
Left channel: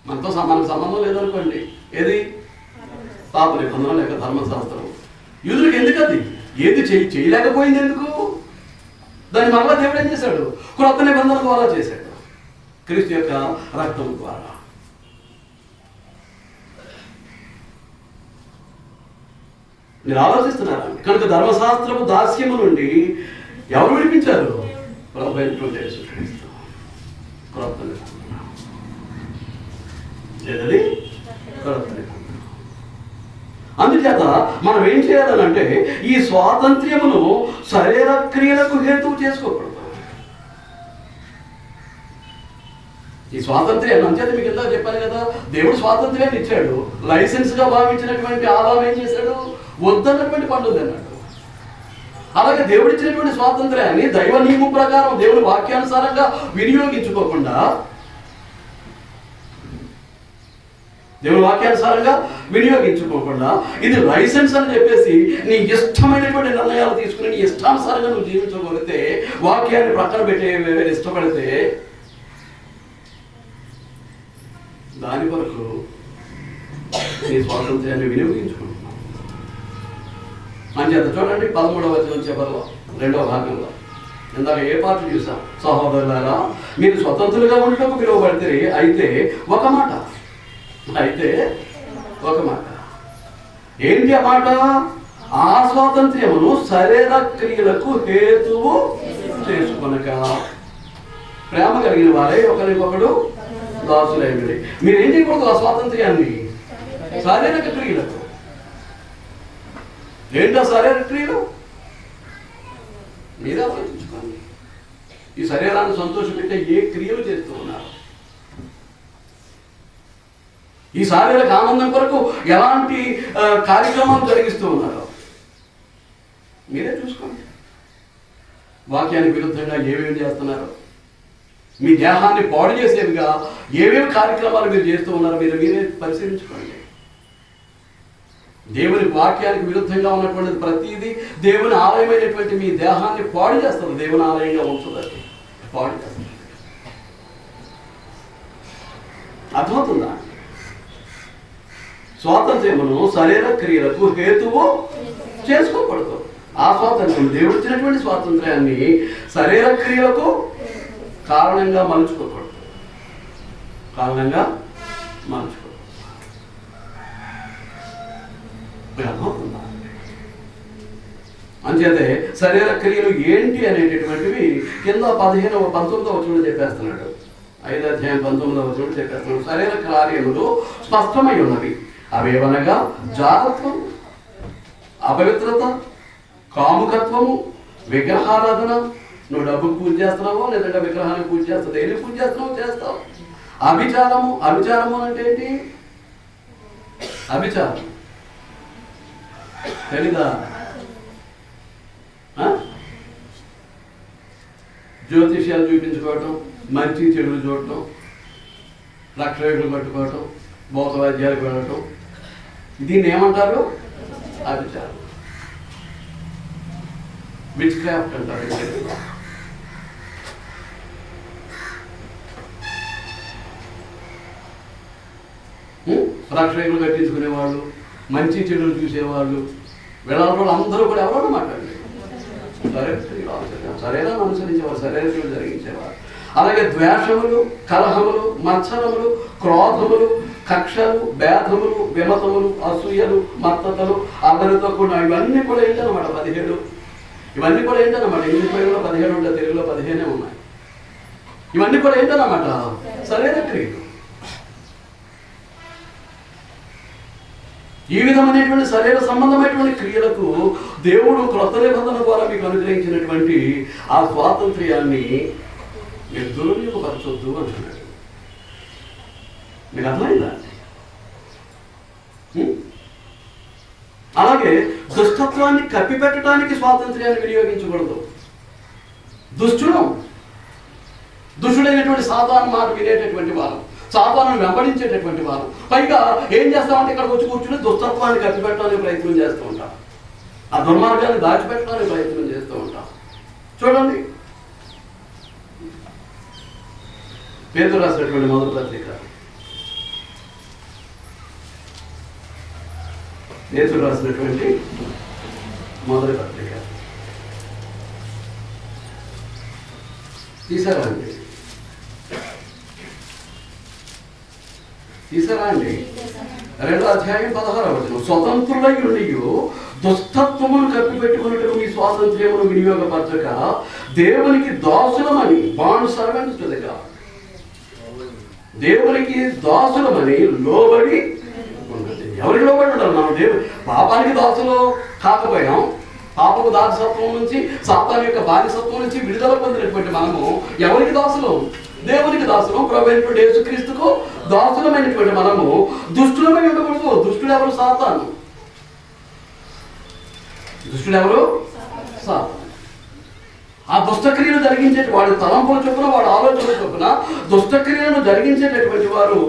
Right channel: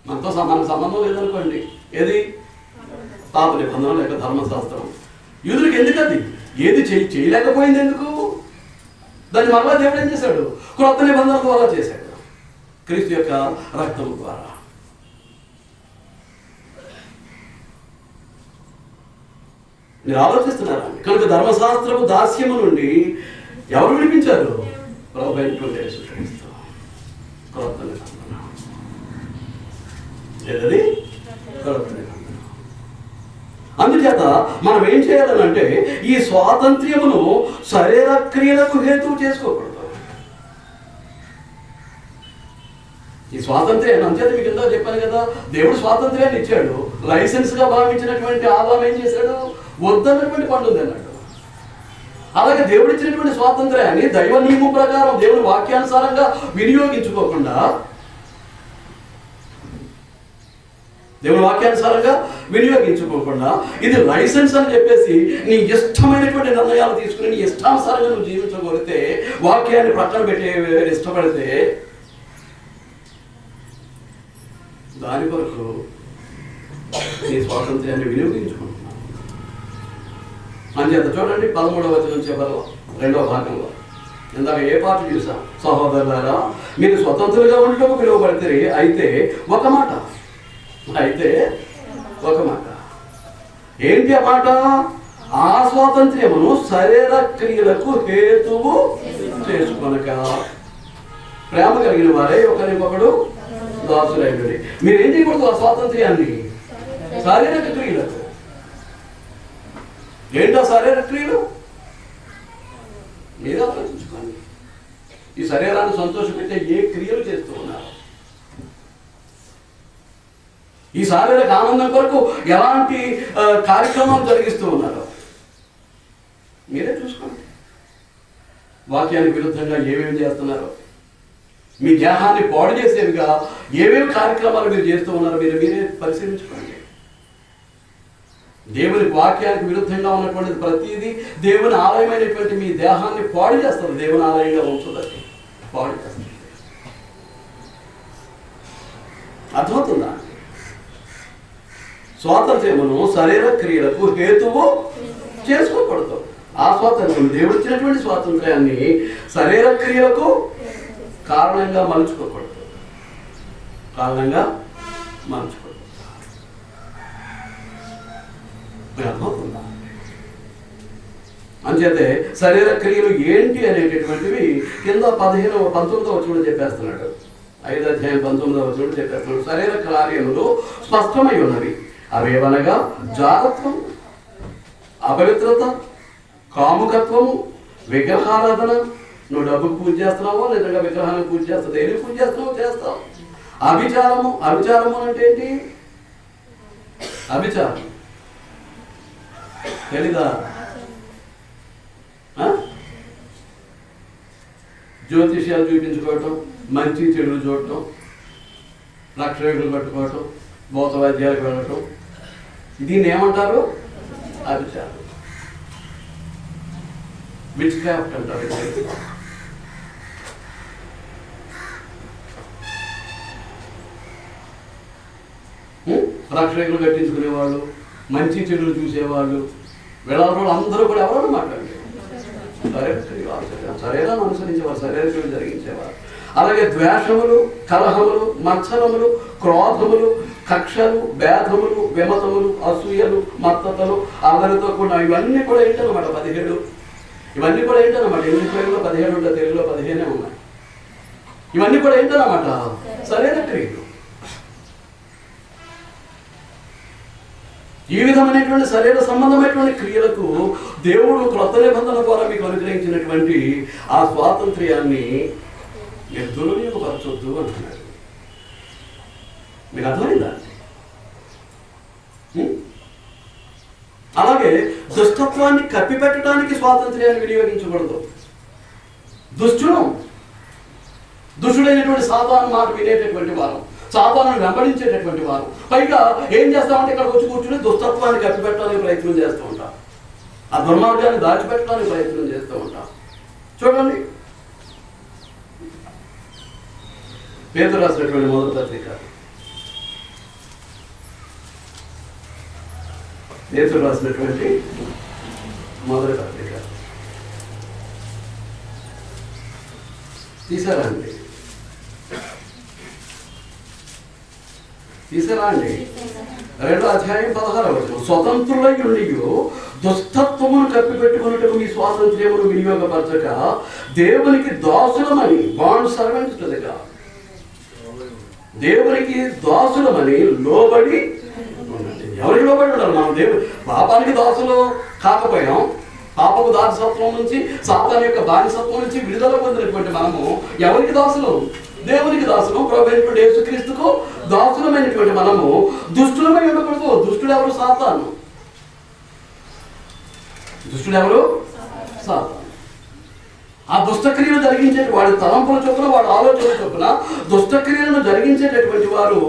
మనతో మనకు సంబంధం లేదనుకోండి. ఏది పాత నిబంధన లేక ధర్మశాస్త్రం యూదులకు ఎందుకు? అది ఏది చేయలేకపోయింది ఎందుకు? దాన్ని మరలా దేవుడు ఏం చేశాడు? క్రొత్త నిబంధన ద్వారా చేశాడు, క్రీస్తు యొక్క రక్తం ద్వారా. మీరు ఆలోచిస్తున్నారా? కనుక ధర్మశాస్త్రము దాస్యము నుండి ఎవరు విడిపించారు? ప్రభువైన యేసుక్రీస్తు. క్రొత్త నిబంధన ఏదది? క్రొత్త నిబంధన. అందుచేత మనం ఏం చేయాలంటే ఈ స్వాతంత్ర్యమును శరీర క్రియలకు హేతువు చేసుకోకూడదు. ఈ స్వాతంత్ర్యాన్ని అంచేత మీకు ఇందాక చెప్పాను కదా, దేవుడు స్వాతంత్ర్యాన్ని ఇచ్చాడు. లైసెన్స్గా భావించినటువంటి ఆదాం ఏం చేశాడు? వద్దన్నటువంటి పండు అన్నాడు. అలాగే దేవుడు ఇచ్చినటువంటి స్వాతంత్ర్యాన్ని దైవ నియమం ప్రకారం దేవుడి వాక్యానుసారంగా వినియోగించుకోకుండా, దేవుడి వాక్యానుసారంగా వినియోగించుకోకుండా ఇది లైసెన్స్ అని చెప్పేసి నీ ఇష్టమైనటువంటి నిర్ణయాలు తీసుకుని నీ ఇష్టానుసారంగా నువ్వు జీవించగలిగితే, వాక్యాన్ని ప్రక్కన పెట్టే ఇష్టపడితే, దాని కొరకు నీ స్వాతంత్ర్యాన్ని వినియోగించుకుంటున్నావు. అంచేత చూడండి 13వ వచనం చివరిలో 2వ భాగంలో ఇందాక ఏ పాట చూసాం? సహోదరులారా మీరు స్వతంత్రులుగా ఉండటకు పిలువబడితే అయితే ఒక మాట ఏంటి ఆ మాట? ఆ స్వాతంత్ర్యమును శరీర క్రియలకు హేతువు చేసుకొనక ప్రేమ కలిగిన వారే ఒకరికొకడు దాసులైనది. మీరేం చేయకూడదు? ఆ స్వాతంత్ర్యాన్ని శారీరక క్రియలకు. ఏంటో శారీరక క్రియలు? మీరే ఆలోచించుకోండి. ఈ శరీరాన్ని సంతోషపెట్టే ఏ క్రియలు చేస్తూ ఉన్నారు? ఈ శారీరక ఆనందం కొరకు ఎలాంటి కార్యక్రమాలు జరిగిస్తూ ఉన్నారు? మీరే చూసుకోండి. వాక్యానికి విరుద్ధంగా ఏమేమి చేస్తున్నారు? మీ దేహాన్ని పాడు చేసేవిగా ఏమేమి కార్యక్రమాలు మీరు చేస్తూ ఉన్నారో మీరే పరిశీలించుకోండి. దేవుని వాక్యానికి విరుద్ధంగా ఉన్నటువంటిది ప్రతిదీ దేవుని ఆలయమైనటువంటి మీ దేహాన్ని పాడు చేస్తుంది. దేవుని ఆలయంగా ఉంటుందని పాడు చేస్తుంది. అర్థమవుతుందా? స్వాతంత్ర్యమును శరీర క్రియలకు హేతువు చేసుకోకూడదు. ఆ స్వాతంత్ర్యం దేవుడు ఇచ్చినటువంటి స్వాతంత్ర్యాన్ని శరీర క్రియలకు కారణంగా మలుచుకోకూడదు. అర్థమవుతుందా? అంచేతే శరీర క్రియలు ఏంటి అనేటటువంటివి కింద 19వ వచనంలో చెప్పేస్తున్నాడు. 5వ అధ్యాయం 19వ వచనంలో చెప్పేస్తున్నాడు. శరీర కార్యములు స్పష్టమై ఉన్నవి. అవేవనగా జారత్వం, అపవిత్రత, కాముకత్వము, విగ్రహారాధన. నువ్వు డబ్బుకు పూజ చేస్తున్నావో లేదంటే విగ్రహానికి పూజ చేస్తావు, దేనికి పూజ చేస్తున్నావో చేస్తావు. అభిచారము అంటే ఏంటి? అభిచారం తెలీదా? జ్యోతిష్యాలు చూపించుకోవటం, మంచి చెడులు చూడటం, లక్ష వేగులు కట్టుకోవటం, భౌత వైద్యాలకు వెళ్ళటం, దీన్ని ఏమంటారు? అభిచారం, విచ్ క్రాఫ్ట్ అంటారు. రక్షకులు కట్టించుకునేవాళ్ళు, మంచి చెడులు చూసేవాళ్ళు, వెళ్ళాలి అందరూ కూడా ఎవరన్నా మాట్లాడండి సరైన అనుసరించేవారు, సరైన చెడు జరిగించేవారు. అలాగే ద్వేషములు, కలహములు, మత్సరములు, క్రోధములు, కక్షలు, భేదములు, విమతములు, అసూయలు, మత్తతలు, అల్లరితో కూడా ఇవన్నీ కూడా ఏంటన్నమాట 17. ఇవన్నీ కూడా ఏంటన్నమాట ఇంగ్లీష్ మీడియంలో 17 ఉంటాయి, తెలుగులో 15 ఉన్నాయి. ఇవన్నీ కూడా ఏంటన్నమాట సరైన క్రియలు. ఈ విధమైనటువంటి సరైన సంబంధమైనటువంటి క్రియలకు దేవుడు క్రొత్త నిబంధన ద్వారా మీకు అనుగ్రహించినటువంటి ఆ స్వాతంత్ర్యాన్ని మీరు దుర్వినియోగపరచొద్దు అంటున్నాడు. మీకు అర్థమైందా? అలాగే దుష్టత్వాన్ని కప్పిపెట్టడానికి స్వాతంత్ర్యాన్ని వినియోగించకూడదు. దుష్టుడైనటువంటి సాతాను మాట వినేటటువంటి వారు, సాతాను వెంబడించేటటువంటి వారు, పైగా ఏం చేస్తామంటే ఇక్కడికి వచ్చి కూర్చుని దుష్టత్వాన్ని కప్పిపెట్టడానికి ప్రయత్నం చేస్తూ ఉంటాం, ఆ దుర్మార్గాన్ని దాచిపెట్టడానికి ప్రయత్నం చేస్తూ ఉంటాం. చూడండి, పేతురు రాసినటువంటి మొదటి పత్రిక, పేతురు రాసినటువంటి మొదటి పత్రిక తీసారా అండి? 2వ అధ్యాయం 16వ వచనం. స్వతంత్రులై ఉండి దుష్టత్వమును కప్పిపెట్టుకున్నట్టు మీ స్వాతంత్ర్యమును వినియోగపరచక దేవునికి దాసులమని, bond servants to the God, దేవునికి దాసులమని లోబడి ఉండండి. ఎవరికి లోబడి ఉండాలి? మనం పాపానికి దాసులు కాకపోయాం. పాపపు దాసత్వం నుంచి, సాతాను యొక్క బానిసత్వం నుంచి విడుదల పొందినటువంటి మనము ఎవరికి దాసులు? దేవునికి దాసులు, ప్రభువైనటువంటి యేసుక్రీస్తుకు దాసులమైనటువంటి మనము దుష్టులమై ఉండకూడదు. దుష్టుడు ఎవరు? సాతాను. దుష్టుడు ఎవరు? సాతాను. ఆ దుష్టక్రియలు జరిగించే వాడు తలంపుల చొప్పున, వాడు ఆలోచన చొప్పున దుష్టక్రియలను జరిగించేటటువంటి వారు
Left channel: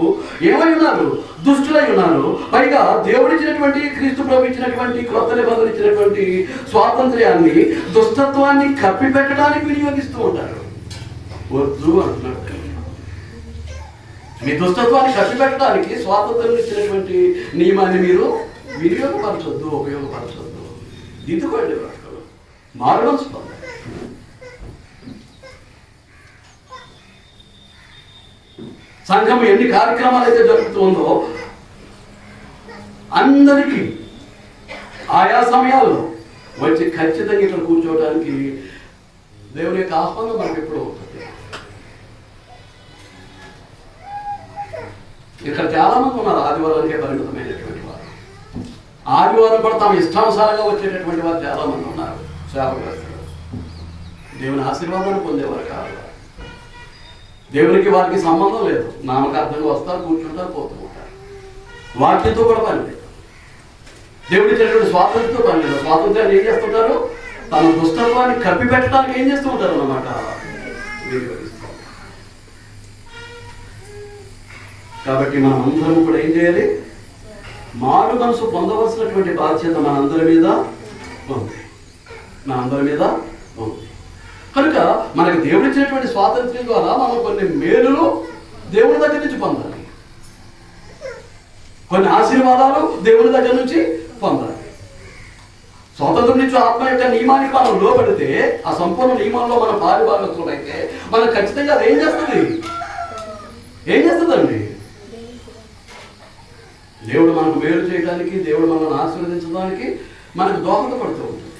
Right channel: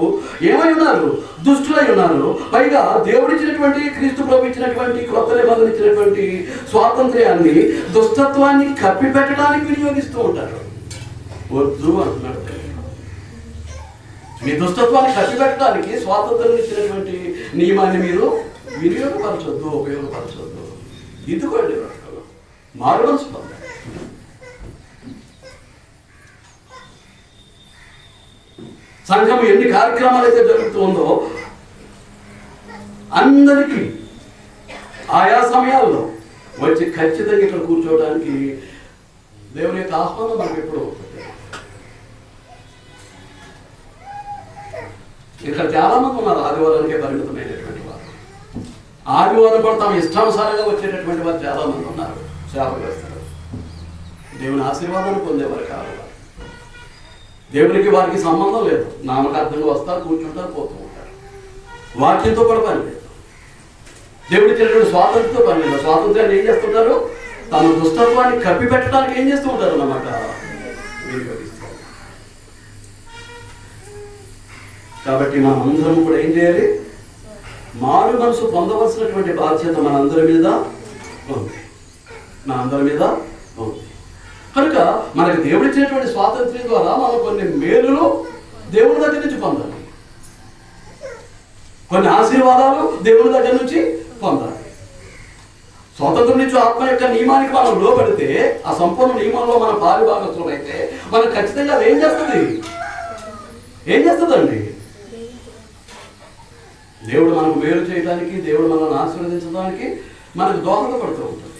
ఏమై ఉన్నారు? దుష్టులై ఉన్నారు. పైగా దేవుడిచ్చినటువంటి, క్రీస్తు ప్రభు ఇచ్చినటువంటి, క్రొత్త నిబంధన ఇచ్చినటువంటి స్వాతంత్ర్యాన్ని దుష్టత్వాన్ని కప్పిపెట్టడానికి వినియోగిస్తూ ఉంటారు. వద్దు అంటున్నాడు. మీ దుష్టత్వాన్ని కప్పిపెట్టడానికి స్వాతంత్రం ఇచ్చినటువంటి నియమాన్ని మీరు వినియోగపరచొద్దు, ఉపయోగపరచొద్దు. దిద్దుకోండి, మారవలసి పొందాలి. సంఘం ఎన్ని కార్యక్రమాలు అయితే జరుగుతుందో అందరికీ ఆయా సమయాల్లో వచ్చి ఖచ్చితంగా ఇక్కడ కూర్చోవడానికి దేవుని యొక్క ఆహ్వానం మనకు ఎప్పుడూ ఉంటుంది. ఇక్కడ చాలా మంది ఉన్నారు ఆదివారానికే పరిమితమైనటువంటి వారు. ఆదివారం కూడా తమ ఇష్టానుసారంగా వచ్చేటటువంటి వారు చాలా మంది ఉన్నారు. శాపగ్రస్తులు, దేవుని ఆశీర్వాదాన్ని పొందేవారు కాదు. దేవునికి వారికి సంబంధం లేదు. నామకార్థంగా వస్తారు, కూర్చుంటారు, పోతూ ఉంటారు. వాక్యంతో కూడా పని లేదు. దేవుడి ఇచ్చినటువంటి స్వాతంత్రంతో పని లేదు. స్వాతంత్ర్యాన్ని ఏం చేస్తుంటారు? తమ దుష్టత్వాన్ని కప్పిపెట్టడానికి ఏం చేస్తూ ఉంటారు అన్నమాట, వినియోగిస్తారు. కాబట్టి మనందరం కూడా ఏం చేయాలి? మారు మనసు పొందవలసినటువంటి బాధ్యత మనందరి మీద ఉంది. కనుక మనకు దేవుడు ఇచ్చినటువంటి స్వాతంత్ర్యం ద్వారా మనం కొన్ని మేలులు దేవుని దగ్గర నుంచి పొందాలి, కొన్ని ఆశీర్వాదాలు దేవుని దగ్గర నుంచి పొందాలి. స్వాతంత్రం నుంచి ఆత్మ యొక్క నియమానికి మనం లోబడితే, ఆ సంపూర్ణ నియమంలో మనం పాలుభాగస్తులం అయితే, మనం ఖచ్చితంగా అది ఏం చేస్తుందండి? దేవుడు మనకు మేలు చేయడానికి, దేవుడు మనల్ని ఆశీర్వదించడానికి మనకు దోహదపడుతూ ఉంటుంది.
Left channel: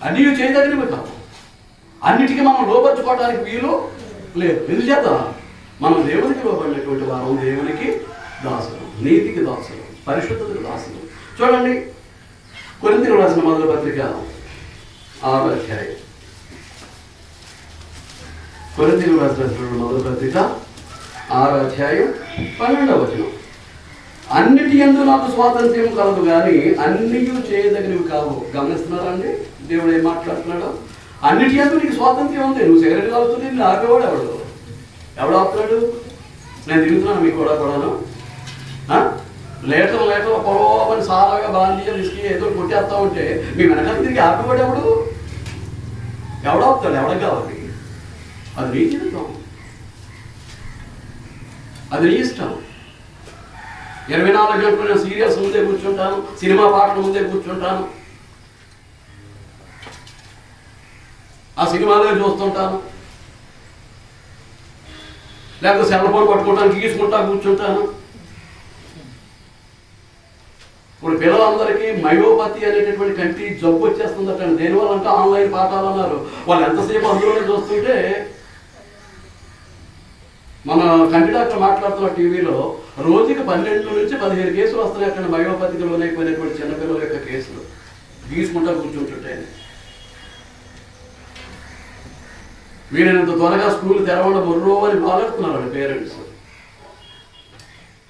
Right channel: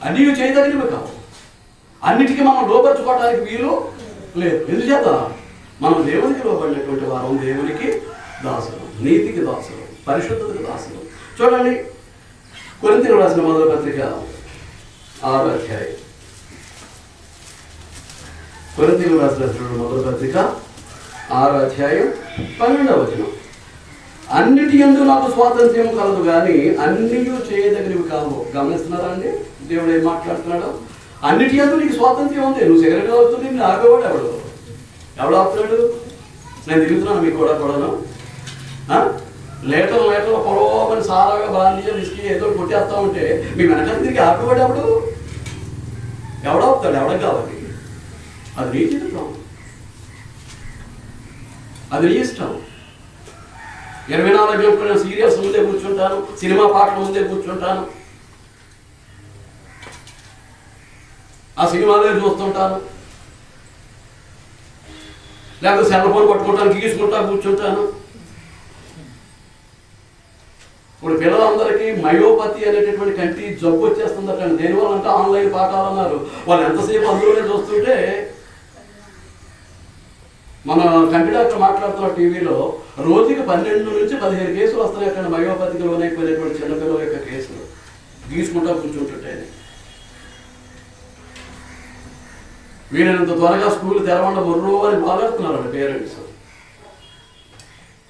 అన్నీ చేయదగినవి కాదు, అన్నిటికీ మనం లోపరుచుకోవడానికి వీలు లేదు. ఎందుచేత మనం దేవునికి లోబడినటువంటి వారం, దేవునికి దాసులు, నీతికి దాసులు, పరిశుద్ధతకు దాసులు. చూడండి, కొరింథీయులకు రాసిన మొదటి పత్రిక 6వ అధ్యాయం. కొరింథీయులకు రాసిన మొదటి పత్రిక 6వ అధ్యాయం 12వ వచనం. అన్నిటి యందు నాకు స్వాతంత్ర్యం కలదు కానీ అన్నీ చేయదగినవి కావు. గమనిస్తున్నారా అండి దేవుడు ఏం మాట్లాడుతున్నాడు? అన్నిటి యందు నీకు స్వాతంత్ర్యం ఉంది. నువ్వు సిగరెట్ తాగుతుంది, నేను ఆపేవాడు ఎవడు ఆపుతున్నాడు? నేను తిరుగుతున్నాను మీకు కూడాను. లీటర్లు పొలవని సారాగా బాంధీ విసికి ఏదో కొట్టేస్తా ఉంటే మీ వెనకాల తిరిగి ఆపేవాడు ఎవడవుతాడు? ఎవడకు కావాలి? అది నీ జీవితం, అది నీ ఇష్టం. 24 గంటలు నేను సీరియల్స్ ముందే కూర్చుంటాను, సినిమా పాటల ముందే కూర్చుంటాను, ఆ సినిమాలే చూస్తుంటాను, లేకపోతే సెల్ ఫోన్ పట్టుకుంటాను, గీసుకుంటా కూర్చుంటాను. ఇప్పుడు పిల్లలందరికీ మయోపతి అనేటటువంటి కంటి జబ్బు వచ్చేస్తుందట. దేనివల్ల అంటే ఆన్లైన్ పాఠాలు అన్నారు. వాళ్ళు ఎంతసేపు అందులోనే చూస్తుంటే, మన కంటి డాక్టర్ మాట్లాడుతున్న టీవీలో రోజుకి 12 నుంచి 15 కేసులు వస్తున్నాయి అక్కడ మయోపతికి లోనైపోయినటువంటి చిన్నపిల్లల యొక్క కేసులు గీసుకుంటా కూర్చుంటుంటే. వీళ్ళంత త్వరగా స్కూల్ తెరవండ మొర్రో అని బాధపడుతున్నారు వాళ్ళ పేరెంట్స్.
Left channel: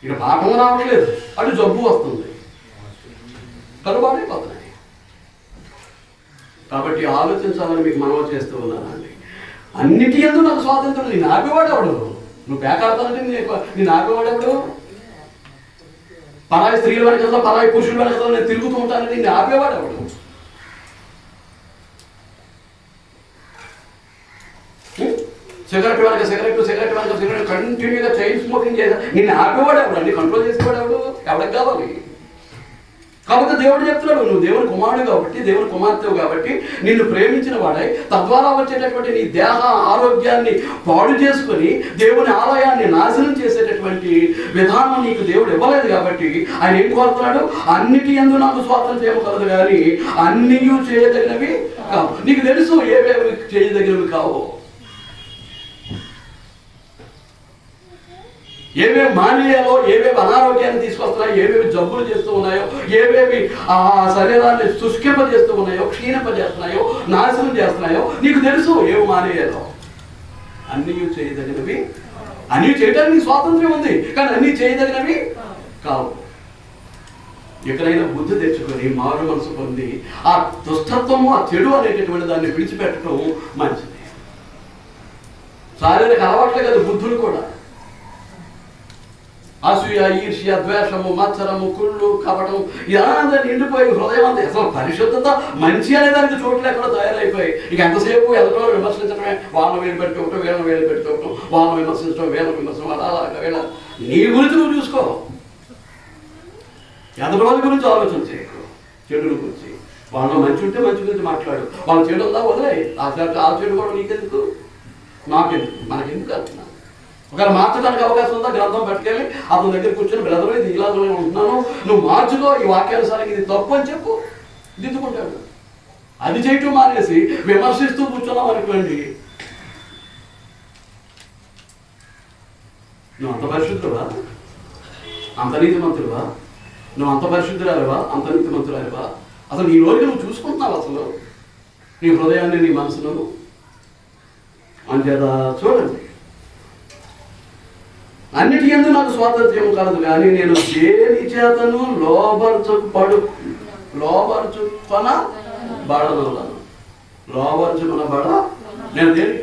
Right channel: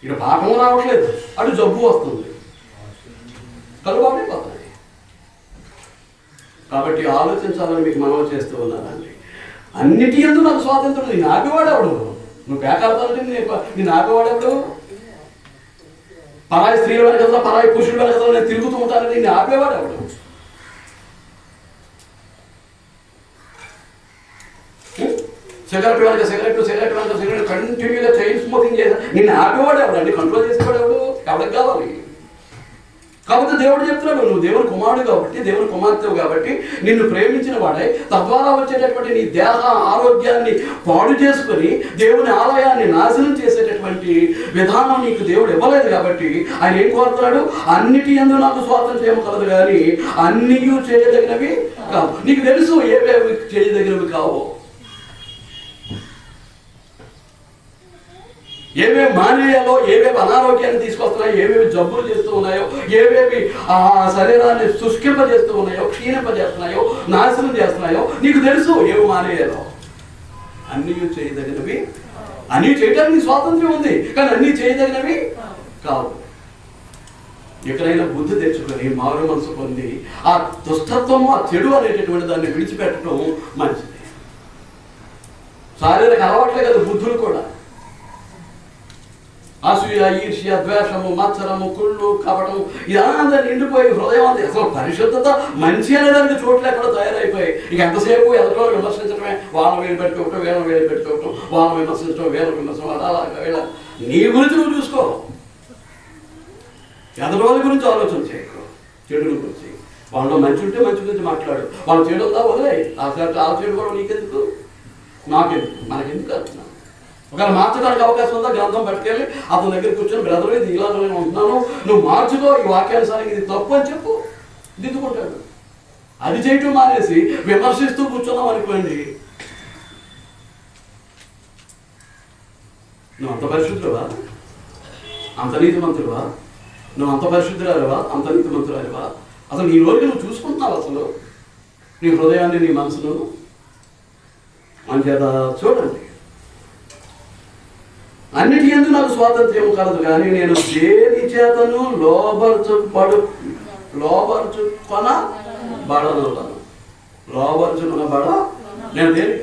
ఇక్కడ పాఠం రావట్లేదు, అటు జబ్బు వస్తుంది, కలుబాటైపోతున్నాయి. కాబట్టి ఆలోచించాలని మీకు మనవి చేస్తూ ఉన్నానండి. అన్నిటి యందు నాకు స్వాతంత్రం. నేను ఆపేవాడెవడు? నువ్వు పేకాడతానంటే నేను ఆపేవాడెవడు? పరాయి స్త్రీల వెనకల్లో, పరాయి పురుషుల వెనకల్లో నేను తిరుగుతూ ఉంటానంటే నేను ఆపేవాడెవడు? సిగరెట్ వెనక కంటిన్యూగా చైన్ స్మోకింగ్ చేసా నిన్ను ఆపేవాడెవడు అండి? కంట్రోల్ చేసేవాడెవడు? ఎవరికి కావాలి? కాబట్టి దేవుడు చెప్తున్నాడు, నువ్వు దేవుని కుమారుడు కాబట్టి, దేవుని కుమార్తెవు కాబట్టి, నిన్ను ప్రేమించిన వాడై తద్వారా వచ్చేటటువంటి నీ దేహ ఆరోగ్యాన్ని పాడు చేసుకొని దేవుని ఆలయాన్ని నాశనం చేసేటటువంటి విధానం నీకు దేవుడు ఇవ్వలేదు. కాబట్టి ఆయన ఏం కోరుతున్నాడు? అన్నిటి యందు నాకు స్వాతంత్ర్యం కలదు కానీ అన్నీ చేయదగినవి కావు. నీకు తెలుసు ఏవేవి చేయదగినవి కావు, ఏవేవి మానేయాలో, ఏవేవి అనారోగ్యాన్ని తీసుకొస్తున్నాయో, ఏవేవి జబ్బులు చేస్తూ ఉన్నాయో, ఏవేవి ఆ శరీరాన్ని శుష్కింపజేస్తూ ఉన్నాయో, క్షీణింపజేస్తున్నాయో, నాశనం చేస్తున్నాయో నీకు తెలుసు. ఏవి మానేయాలో అన్నీ చేయదగినవి. అన్నీ చేయడానికి స్వాతంత్ర్యం ఉంది, కానీ అన్నీ చేయదగినవి కావు. ఎక్కడైనా బుద్ధి తెచ్చుకొని మారు మనసు పొంది ఆ దుష్టత్వము, ఆ చెడు అనేటటువంటి దాన్ని విడిచిపెట్టడం మంచిది. శారీరక అలవాట్లే కదా బుద్ధులు కూడా. అసూయ, ఈర్ష్య, ద్వేషము, మత్సరము, కుళ్ళు, కపటం ఇదంతా నిండిపోయి హృదయం అంతా అసలు పరిశుద్ధత మంచి అనేదానికి చోట్లు ఎక్కడ తయారైపోయి ఇక ఎంతసేపు ఎదుటో విమర్శించడమే. వాళ్ళని వేలు పెట్టుకోవటం, వీళ్ళని వేలు పెట్టుకోవటం, వాళ్ళని విమర్శించడం, వీళ్ళని విమర్శించడం, అలాగా వీళ్ళ నీ గురించి నువ్వు చూసుకో. ఎదటి గురించి ఆలోచన చేయకు, చెడుల గురించి. వాళ్ళు మంచి ఉంటే మంచి గురించి మాట్లాడు, వాళ్ళు చెడు ఉందా వదిలే. ఆ చెడు కూడా నీకెందుకు, నాకెందుకు, మనకెందుకు అంటున్నా. ఒకవేళ మార్చడానికి అవకాశం ఉందా గ్రంథం పట్టుకెళ్ళి అతని దగ్గర కూర్చొని బ్రదర్ ఇది ఇలా ఉంటున్నాను, నువ్వు మార్చుకో, ఈ వాక్యానుసారంగా ఇది తప్పు అని చెప్పు, దిద్దుకుంటాడు. అది చేయటం మానేసి విమర్శిస్తూ కూర్చున్నాం అనుకోండి, నువ్వు అంత పరిశుద్ధుడువా, అంత నీతిమంతుడువా, నువ్వు అంత పరిశుద్ధురాలివా, అంత నీతిమంతురాలివా? అసలు నీ రోజుకి నువ్వు చూసుకుంటున్నావు అసలు నీ హృదయాన్ని, నీ మనసును? అంచేత చూడండి, అన్నిటి యందు నాకు స్వాతంత్ర్యం కలదు కానీ నేను దేని చేతను లోబరుచుకొనబడ నేను దేని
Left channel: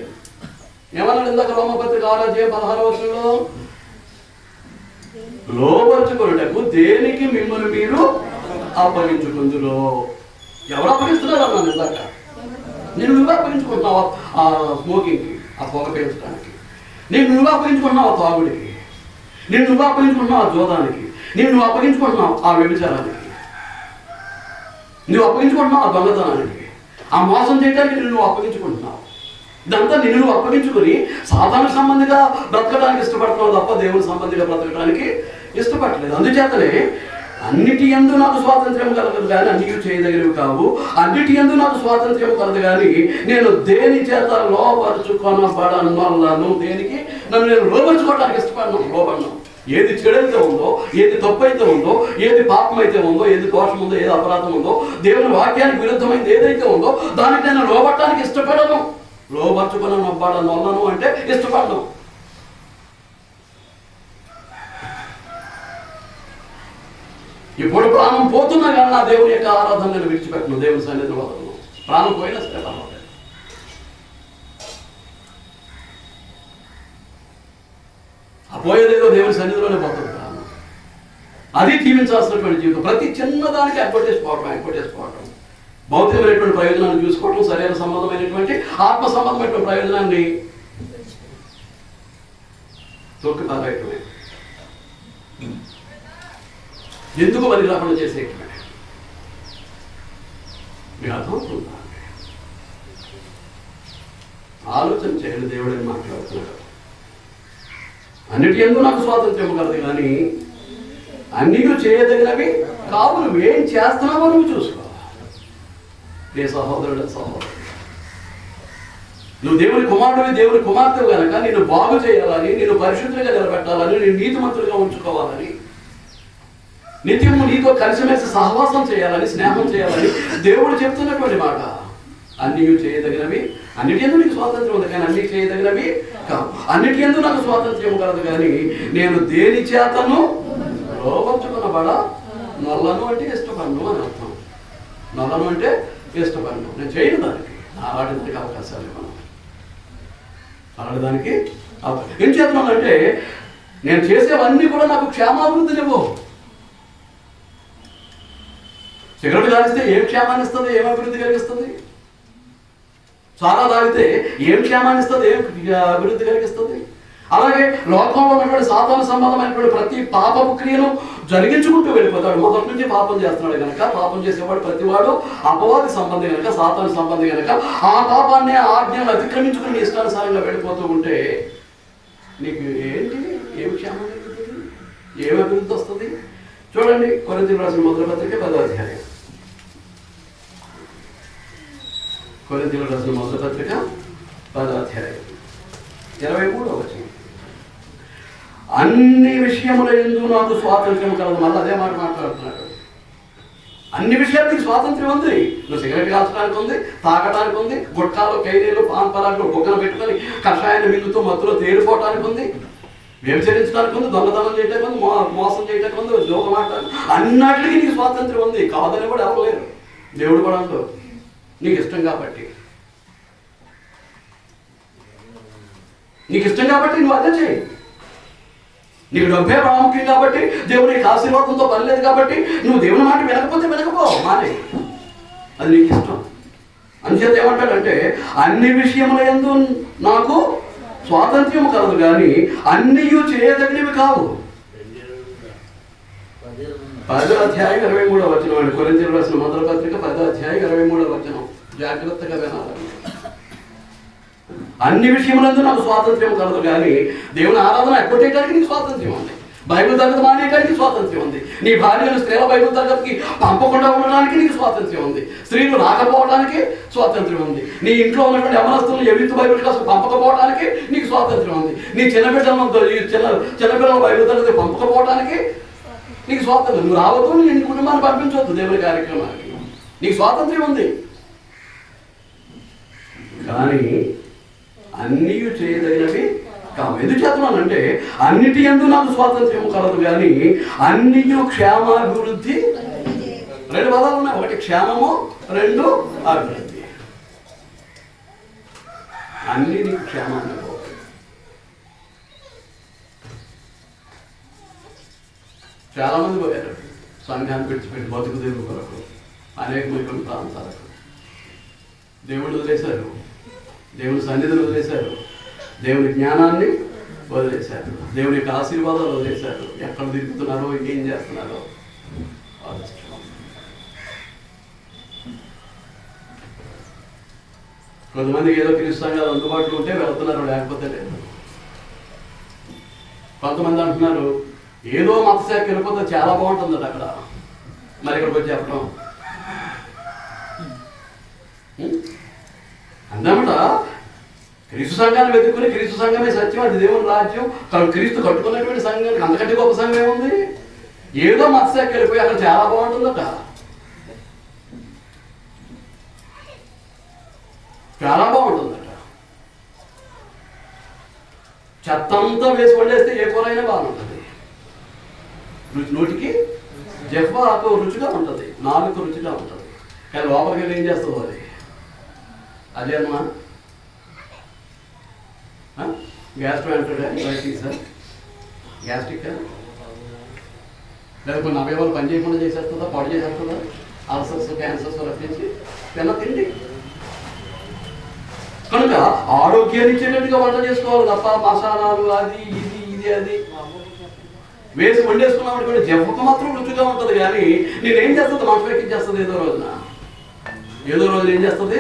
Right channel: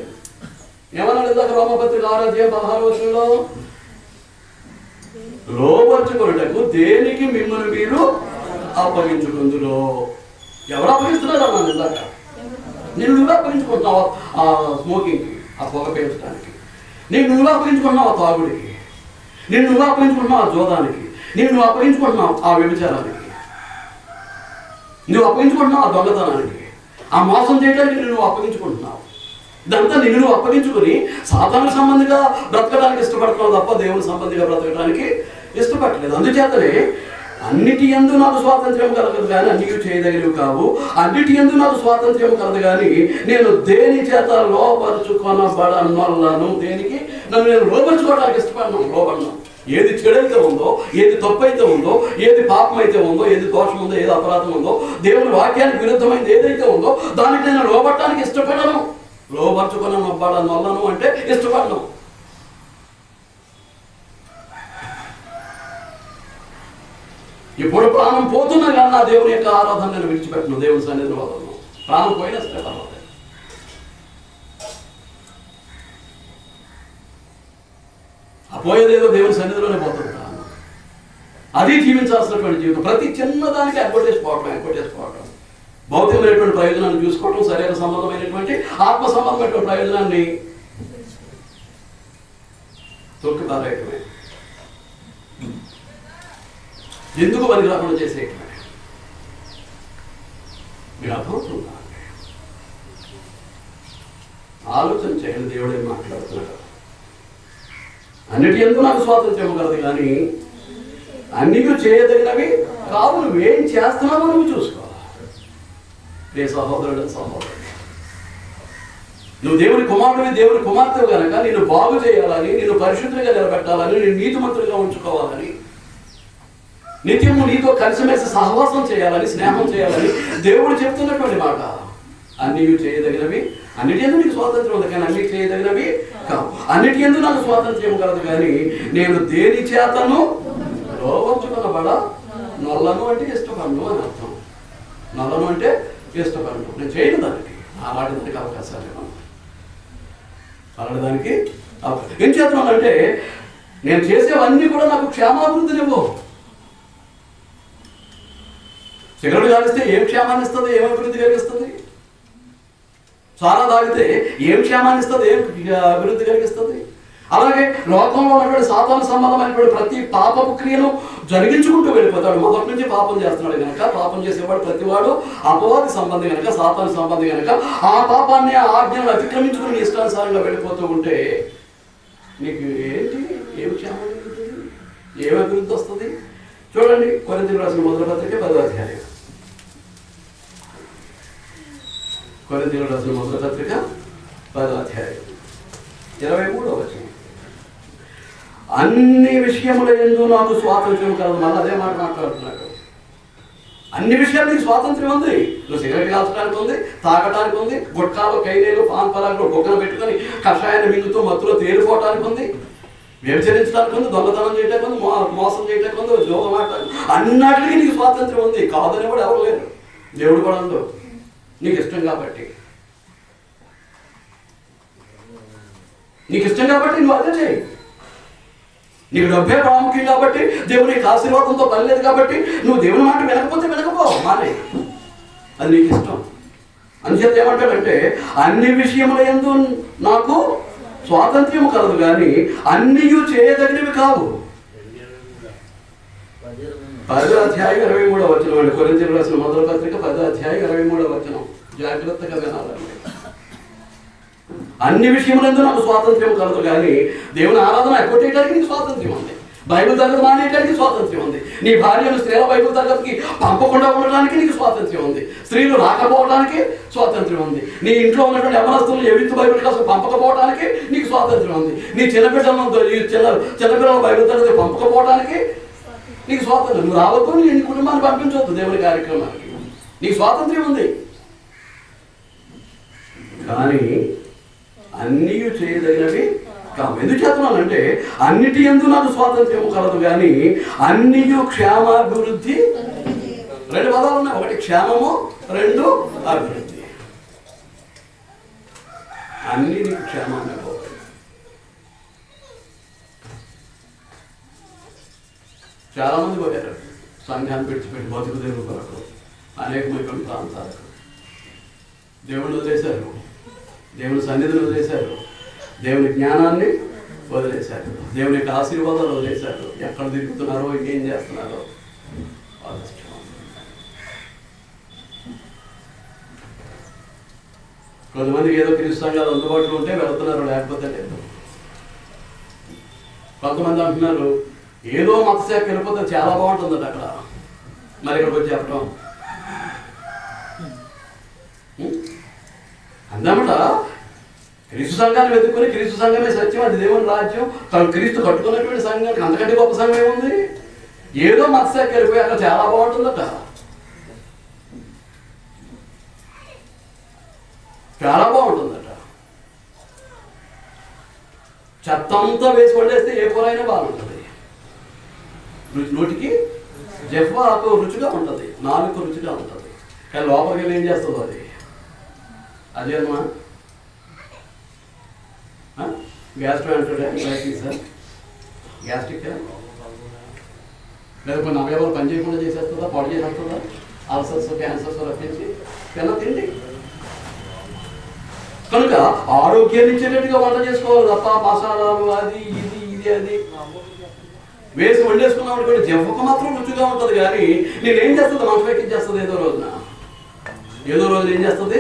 ఏమన్నాడు ఇందాక రోమపత్రిక 6:16 లోబరుచుకొనుటకు దేనికి మిమ్మల్ని మీరు అప్పగించుకుందురో. ఎవరు అప్పగిస్తున్నారు అన్నాను ఇందాక? నువ్వు అప్పగించుకుంటున్నావా ఆ స్మోకింగ్కి, ఆ పొగ పీల్చడానికి? నువ్వు అప్పగించుకుంటున్నావు ఆ తాగుడికి, నువ్వు అప్పగించుకుంటున్నావు ఆ జోదానికి, నువ్వు అప్పగించుకుంటున్నావు ఆ వ్యభిచారానికి, నువ్వు అప్పగించుకుంటున్నావు ఆ దొంగతనానికి, ఆ మోసం చేయడానికి నువ్వు అప్పగించుకుంటున్నావు. ఇదంతా నువ్వు అప్పగించుకొని సాధారణ సంబంధిగా బ్రతకడానికి ఇష్టపడుతున్నావు తప్ప దేవుని సంబంధిగా బ్రతకడానికి ఇష్టపడలేదు. అందుచేతనే అన్నిటి యందు నాకు స్వాతంత్ర్యం కలగదు కానీ అన్నీ చేయదగినవి కావు. అన్నిటి యందు నాకు స్వాతంత్ర్యం కలదు కానీ నేను దేని చేత లోపరుచుకొనబడను. దేనికి నన్ను నేను లోపరుచుకోవడానికి ఇష్టపడను, లోపడను. ఏది చెడైతే ఉందో, ఏది తప్పు అయితే ఉందో, ఏది పాపం అయితే ఉందో, ఏది దోషం ఉందో, ఏది అపరాధం ఉందో, దేవుని వాక్యానికి విరుద్ధమైనది ఏదైతే ఉందో దానికి నేను లోబట్టడానికి ఇష్టపడను. లోబరుచుకొనబడను అంటే ఇష్టపడను. ఇప్పుడు ప్రాణం పోతున్నా కానీ నా దేవుని యొక్క ఆరాధన నేను విడిచిపెట్టను, దేవుని సన్నిధిని వదలను. ప్రాణం పోయినా సరే ఆ పోయేదేదో దేవుని సన్నిధిలోనే పోతుంది ప్రాణం. అది జీవించాల్సినటువంటి జీవితం. ప్రతి చిన్నదానికి ఎగ్గొట్టేసిపోవటం, భౌతికమైనటువంటి ప్రయోజనాన్ని చూసుకోవటం, శరీర సంబంధమైనటువంటి ఆత్మ సంబంధమైనటువంటి ప్రయోజనాన్ని తొక్కి పారేయటమే, ఎందుకు పని రాకుండా చేసేయటమే. మీరు అర్థమవుతుందా? ఆలోచన చేయండి. దేవుడు ఏం మాట్లాడుతున్నాడు? అన్నిటి యందు నాకు స్వాతంత్ర్యం కలదు, కానీ అన్నీ చేయదగినవి కావు. నువ్వేం చేస్తున్నావో నువ్వు చూసుకోవాలి. ఏ సహోదరుడు, నువ్వు దేవుని కుమారుడివి, దేవుని కుమార్తెవు కనుక నిన్ను బాగు చేయాలని, నిన్ను పరిశుద్ధంగా నిలబెట్టాలని, నేను నీతిమంతులుగా ఉంచుకోవాలని, నిత్యము నీతో కలిసిమెలిసి సహవాసం చేయాలని, స్నేహం చేయాలని దేవుడు చెప్తున్నటువంటి మాట. అన్నీ చేయదగినవి, అన్నిటి యందు నీకు స్వాతంత్రం ఉంది, కానీ అన్నీ చేయదగినవి కావు. అన్నిటి యందు నాకు స్వాతంత్ర్యం కలదు, కానీ నేను దేని చేతను లోవంచుకున్నవాడా? నొల్లను అంటే ఇష్టపడను అని అర్థం. నొల్లను అంటే ఇష్టపడను, నేను చేయను దానికి. అలాంటి అవకాశాలు ఇవ్వను. అలాంటి ఏం చేస్తున్నానంటే నేను చేసేవన్నీ కూడా నాకు క్షేమాభివృద్ధినివ్వు. సిగరెట్ కాలిస్తే ఏం క్షేమాన్ని ఇస్తుంది, ఏం అభివృద్ధి కలిగిస్తుంది? సారా తాగితే ఏం క్షేమాన్ని ఇస్తుంది, ఏం అభివృద్ధి కలిగిస్తుంది? అలాగే లోకంలో ఉన్నటువంటి సాతాను సంబంధమైనటువంటి ప్రతి పాపపు క్రియను జరిగించుకుంటూ వెళ్ళిపోతాడు. మొదటి నుంచి పాపం చేస్తున్నాడు కనుక, పాపం చేసేవాడు ప్రతివాడు అపవాది సంబంధి కనుక, సాతాను సంబంధి కనుక, ఆ పాపాన్ని, ఆ ఆజ్ఞలను అతిక్రమించుకుని ఇష్టానుసారంగా వెళ్ళిపోతూ ఉంటే నీకు ఏంటి, ఏమి క్షేమం కలుగుతుంది, ఏమి అభివృద్ధి వస్తుంది? చూడండి, కొరింథీయులకు రాసిన మొదటి పత్రిక 10వ అధ్యాయం. కొరింథీయులకు రాసిన మొదటి పత్రిక 10వ అధ్యాయం 23వ వచనం. అన్ని విషయముల యందు నాకు స్వాతంత్ర్యం కలదు. మళ్ళీ అదే మాట మాట్లాడుతున్నాడు. అన్ని విషయాలు నీకు స్వాతంత్ర్యం ఉంది. నువ్వు సిగరెట్ కాల్చడానికి ఉంది, తాగడానికి ఉంది, గుట్కాలు, కైలీలు, పాన్ పరాకులు బొగ్గలు పెట్టుకొని కషాయాన్ని మింగుతూ మత్తులో తేలిపోవటానికి ఉంది, వ్యభిచరించడానికి ఉంది, దొంగతనం చేయడానికి ఉంది, మోసం చేయడానికి ఉంది, జోగ మాట్లాడాలి, అన్నిటికీ నీకు స్వాతంత్ర్యం ఉంది. కాదని కూడా ఎవరు లేరు. దేవుడు కూడా అంటూ నీకు ఇష్టం కాబట్టి, నీకు ఇష్టం కాబట్టి నువ్వు అదే చేయి. నీకు డబ్బే ప్రాముఖ్యం కాబట్టి, దేవుని ఆశీర్వాదంతో పని లేదు కాబట్టి నువ్వు దేవుని మాట వినకపోతే వినకపో, మానే, అది నీకు ఇష్టం. అందుచేత ఏమంటాడంటే అన్ని విషయముల యందు నాకు స్వాతంత్ర్యం కలదు, కానీ అన్నీ చేయదగినవి కావు. 10వ అధ్యాయం 23వ వచనం అండి. కొరింథీయులకు రాసిన మొదటి పత్రిక 10వ అధ్యాయం 23వ వచనం. జాగ్రత్తగా వినాలండి. అన్ని విషయములందు నాకు స్వాతంత్ర్యం కలదు, కానీ దేవుని ఆరాధన ఎగ్గొట్టేయడానికి నీకు స్వాతంత్ర్యం ఉంది. బైబిల్ తరగతి మానేయడానికి స్వాతంత్ర్యం ఉంది. నీ భార్యను స్త్రీల బైబిల్ తరగతికి పంపకుండా ఉండడానికి నీకు స్వాతంత్ర్యం ఉంది. స్త్రీలు రాకపోవడానికి స్వాతంత్ర్యం ఉంది. నీ ఇంట్లో ఉన్నటువంటి యవనస్తులను ఎవిత్తు బైబిల్ క్లాసు పంపకపోవడానికి నీకు స్వాతంత్ర్యం ఉంది. నీ చిన్నపిల్లల బైబిల్ తరగతి పంపకపోవడానికి నీకు స్వాతంత్రం. నువ్వు రావద్దు, నీ కుటుంబాన్ని పంపించవద్దు దేవుని కార్యక్రమానికి, నీకు స్వాతంత్ర్యం ఉంది. కానీ అన్నీ చేయదగినవి కావు. ఎందుకు చేస్తున్నానంటే అన్నిటి యందు నాకు స్వాతంత్ర్యం కలదు, కానీ అన్నీ క్షేమాభివృద్ధి. 2 పదాలు ఉన్నాయి. ఒకటి క్షేమము, 2 అభివృద్ధి. అన్నీ నీకు క్షేమాన్ని పోతాయి. చాలామంది పోయారు సంఘాన్ని విడిచిపెట్టి బతుకు దేవుడు కొరకు అనేకమైన ప్రాంతాలకు. దేవుడు వదిలేశారు, దేవుని సన్నిధిని వదిలేశారు, దేవుని జ్ఞానాన్ని వదిలేశారు, దేవుని యొక్క ఆశీర్వాదాలు వదిలేశారు. ఎక్కడ తిరుగుతున్నారో, ఏం చేస్తున్నారో ఆలోచించుకోండి. కొంతమందికి ఏదో క్రీస్తు సంఘాలు అందుబాటులో ఉంటే వెళ్తున్నారు, లేకపోతే లేదు. కొంతమంది అంటున్నారు ఏదో మతశాఖకి వెళ్ళిపోతే చాలా బాగుంటుంది అక్కడ, మరి ఇక్కడికి వచ్చి చెప్పడం అందమాట. క్రీస్తు సంఘాన్ని వెతుక్కుని క్రీస్తు సంఘమే సత్యం, అది దేవుని రాజ్యం, క్రీస్తు కట్టుకున్నటువంటి సంఘానికి అంతకంటే గొప్ప సంఘం ఏముంది? ఏదో మతశాఖకి వెళ్ళిపోయి అక్కడ చాలా బాగుంటుందట, చాలా బాగుంటుందట. చెత్తంతా వేసి పడేస్తే ఏ కూర అయినా బాగుంటుంది. నోటికి జెఫ్ఫ ఆకు రుచిగా ఉంటుంది, నాలుగు రుచిగా ఉంటుంది, కానీ లోపలికి వెళ్ళి ఏం చేస్తుంది అది? అజీర్ణమా, గ్యాస్ట్రోఎంటరైటిస్, గ్యాస్ట్రిక్, లేదా కొన్ని అవయవాలు పని చేయకుండా చేసేస్తుందా, పాడు చేసేస్తుందా? అల్సర్స్, క్యాన్సర్స్ రప్పించి తిండి. కనుక ఆరోగ్యాన్ని ఇచ్చేటట్టుగా వంట చేసుకోవాలి తప్ప మసాలాలు అది ఇది అది వేసి వండేసుకున్నాం అనుకోండి, జవ్వకు మాత్రం రుచిగా ఉంటుంది. కానీ నేనేం చేస్తుంది, మంచం ఎక్కించేస్తుంది. ఏదో రోజున ఏం చేస్తుంది,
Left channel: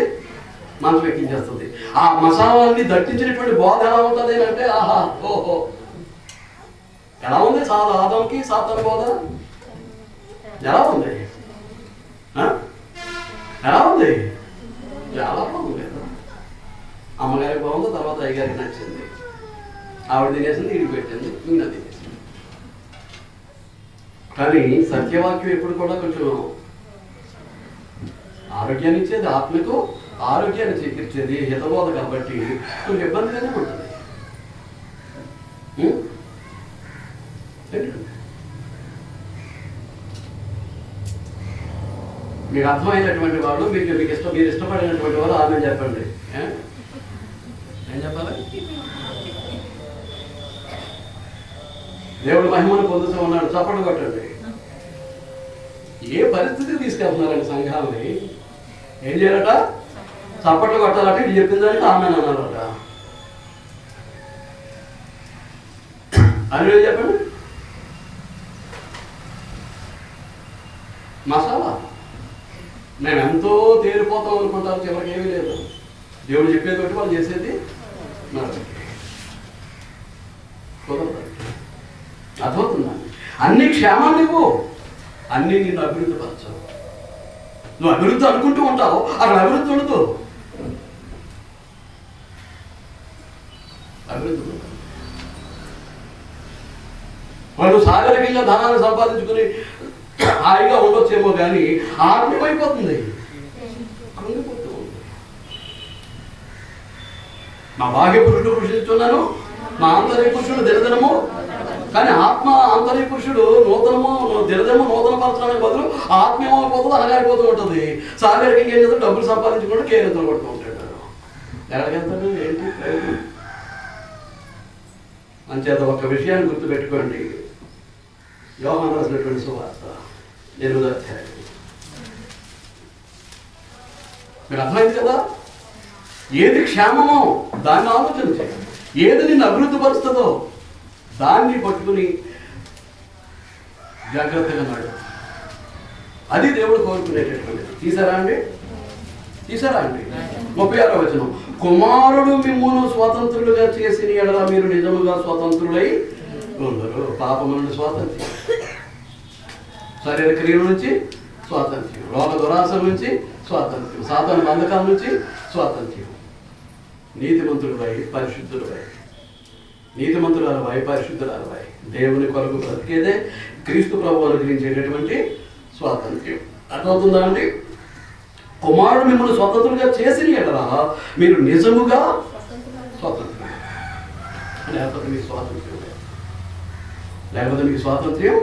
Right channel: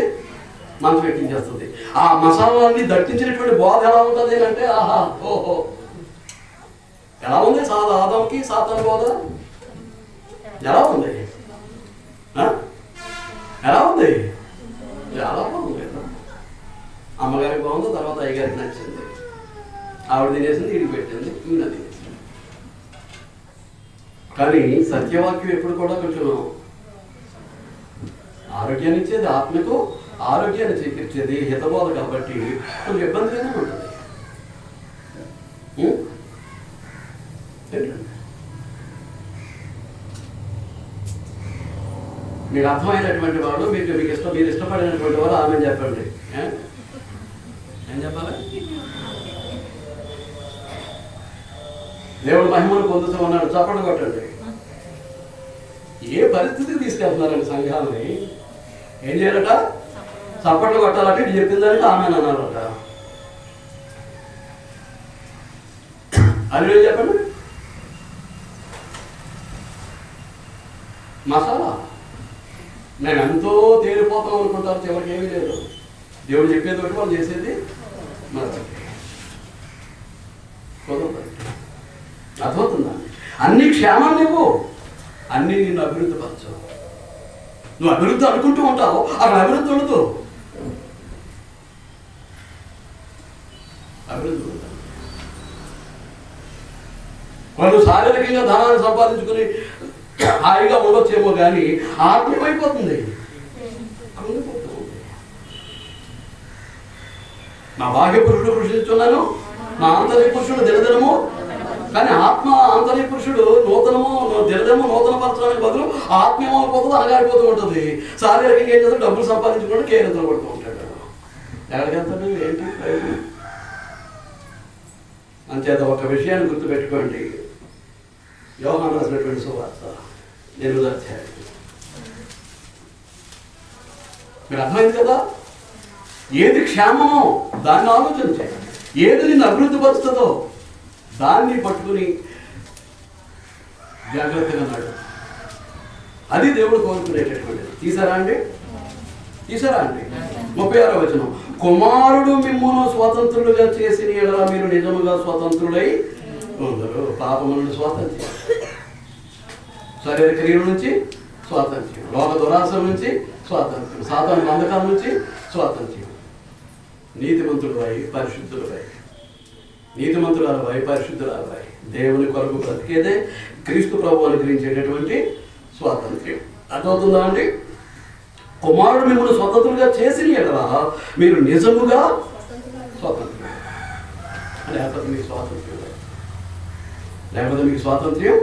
మంచం ఎక్కించేస్తుంది. ఆ మసాలాన్ని దట్టించినటువంటి బోధ ఎలా ఉంటుంది అంటే, ఆహా ఓహో ఎలా ఉంది చాలా ఆదంకి సాతన బోధ ఎలా ఉంది, ఎలా ఉంది, చాలా బాగుంది. అమ్మగారికి బాగుంది, తర్వాత అయ్యగారికి నచ్చింది, ఆవిడ తినేసింది, ఇడికి పెట్టింది, ఈయన తినేసింది. కానీ సత్యవాక్యం ఎప్పుడు కూడా కొంచెం ఆరోగ్యాన్ని ఇచ్చేది, ఆత్మకు ఆరోగ్యాన్ని చేకూర్చేది, హితబోధ కాబట్టి కొంచెం ఇబ్బందిగానే ఉంటుంది. మీకు అర్థమైనటువంటి వాళ్ళు, మీరు ఇష్టపడినటువంటి వారు ఆమె చెప్పండి. ఏం చెప్పాలి? దేవుడు మహిమను పొందుతూ ఉన్నాడు, చప్పట్లు కొట్టండి. ఏ పరిస్థితికి తీసుకెళ్తున్నారండి సంఘాలని? ఏం చేయాలట? చప్పట్లు కొట్టాలట. ఇది చెప్పిందానికి ఆమె అన్నారట. అని చెప్పండి. మసాలా మేము ఎంతో తేలిపోతాం అనుకుంటారు, చివరికి ఏమీ లేదు. దేవుడు చెప్పేది ఒకటి, వాళ్ళు చేసేది మరొకటి. అర్థమవుతుందా? అన్ని క్షేమాన్ని ఇవ్వు, అన్నీ నిన్ను అభివృద్ధి పరచవు. నువ్వు అభివృద్ధి అనుకుంటూ ఉంటావు, అక్కడ అభివృద్ధి ఉండదు. అభివృద్ధి ఉండదు. వాళ్ళు శారీరకంగా ధనాన్ని సంపాదించుకుని హాయిగా ఉండొచ్చేమో కానీ ఆత్మీయమైపోతుంది, కృంగిపోతూ ఉంది. నా బాహ్య పురుషుడు కృషిస్తున్నాను, నా ఆంతర్య పురుషుడు దినదినము. కానీ ఆత్మ ఆంతర్య పురుషుడు దినదినము నూతన పరచడానికి బదులు ఆత్మీయమైపోతుంది, అనగారిపోతూ ఉంటుంది. శారీరకంగా ఏం చేస్తాడు? డబ్బులు సంపాదించుకుంటూ కేరింతలు పడుతూ ఉంటాడు. ఎక్కడికి వెళ్తాడు? ఏంటి ప్రయోజనం? అంచేత ఒక విషయాన్ని గుర్తుపెట్టుకోండి. యోహాను రాసినటువంటి సువార్త 8వ అధ్యాయం. మీరు అర్థమైంది కదా? ఏది క్షేమమో దాన్ని ఆలోచించే, ఏది నిన్ను అభివృద్ధి పరుస్తుందో దాన్ని పట్టుకుని జాగ్రత్తగా నాడు. అది దేవుడు కోరుకునేటటువంటిది. తీసారా అండి? 36వ వచనం. కుమారుడు మిమ్మును స్వతంత్రులుగా చేసిన ఎడల మీరు నిజముగా స్వతంత్రులై ఉండరు. పాపము నుండి స్వాతంత్ర్యం, శరీర క్రియల నుంచి స్వాతంత్ర్యం, లోక దురాశల నుంచి స్వాతంత్ర్యం, సాతాను బంధకాల నుంచి స్వాతంత్ర్యం. నీతిమంతుడువై పరిశుద్ధుడువై, నీతిమంతురాలవై పరిశుద్ధురాలవై దేవుని కొరకు బ్రతికేదే క్రీస్తు ప్రభు అనుగ్రహించేటటువంటి స్వాతంత్ర్యం. అర్థమవుతుందా అండి? కుమారుడు మిమ్మల్ని స్వతంత్రులుగా చేసిన ఎడల మీరు నిజముగా స్వాతంత్ర్యం. లేకపోతే మీకు స్వాతంత్ర్యం లేదు, లేకపోతే మీకు స్వాతంత్ర్యం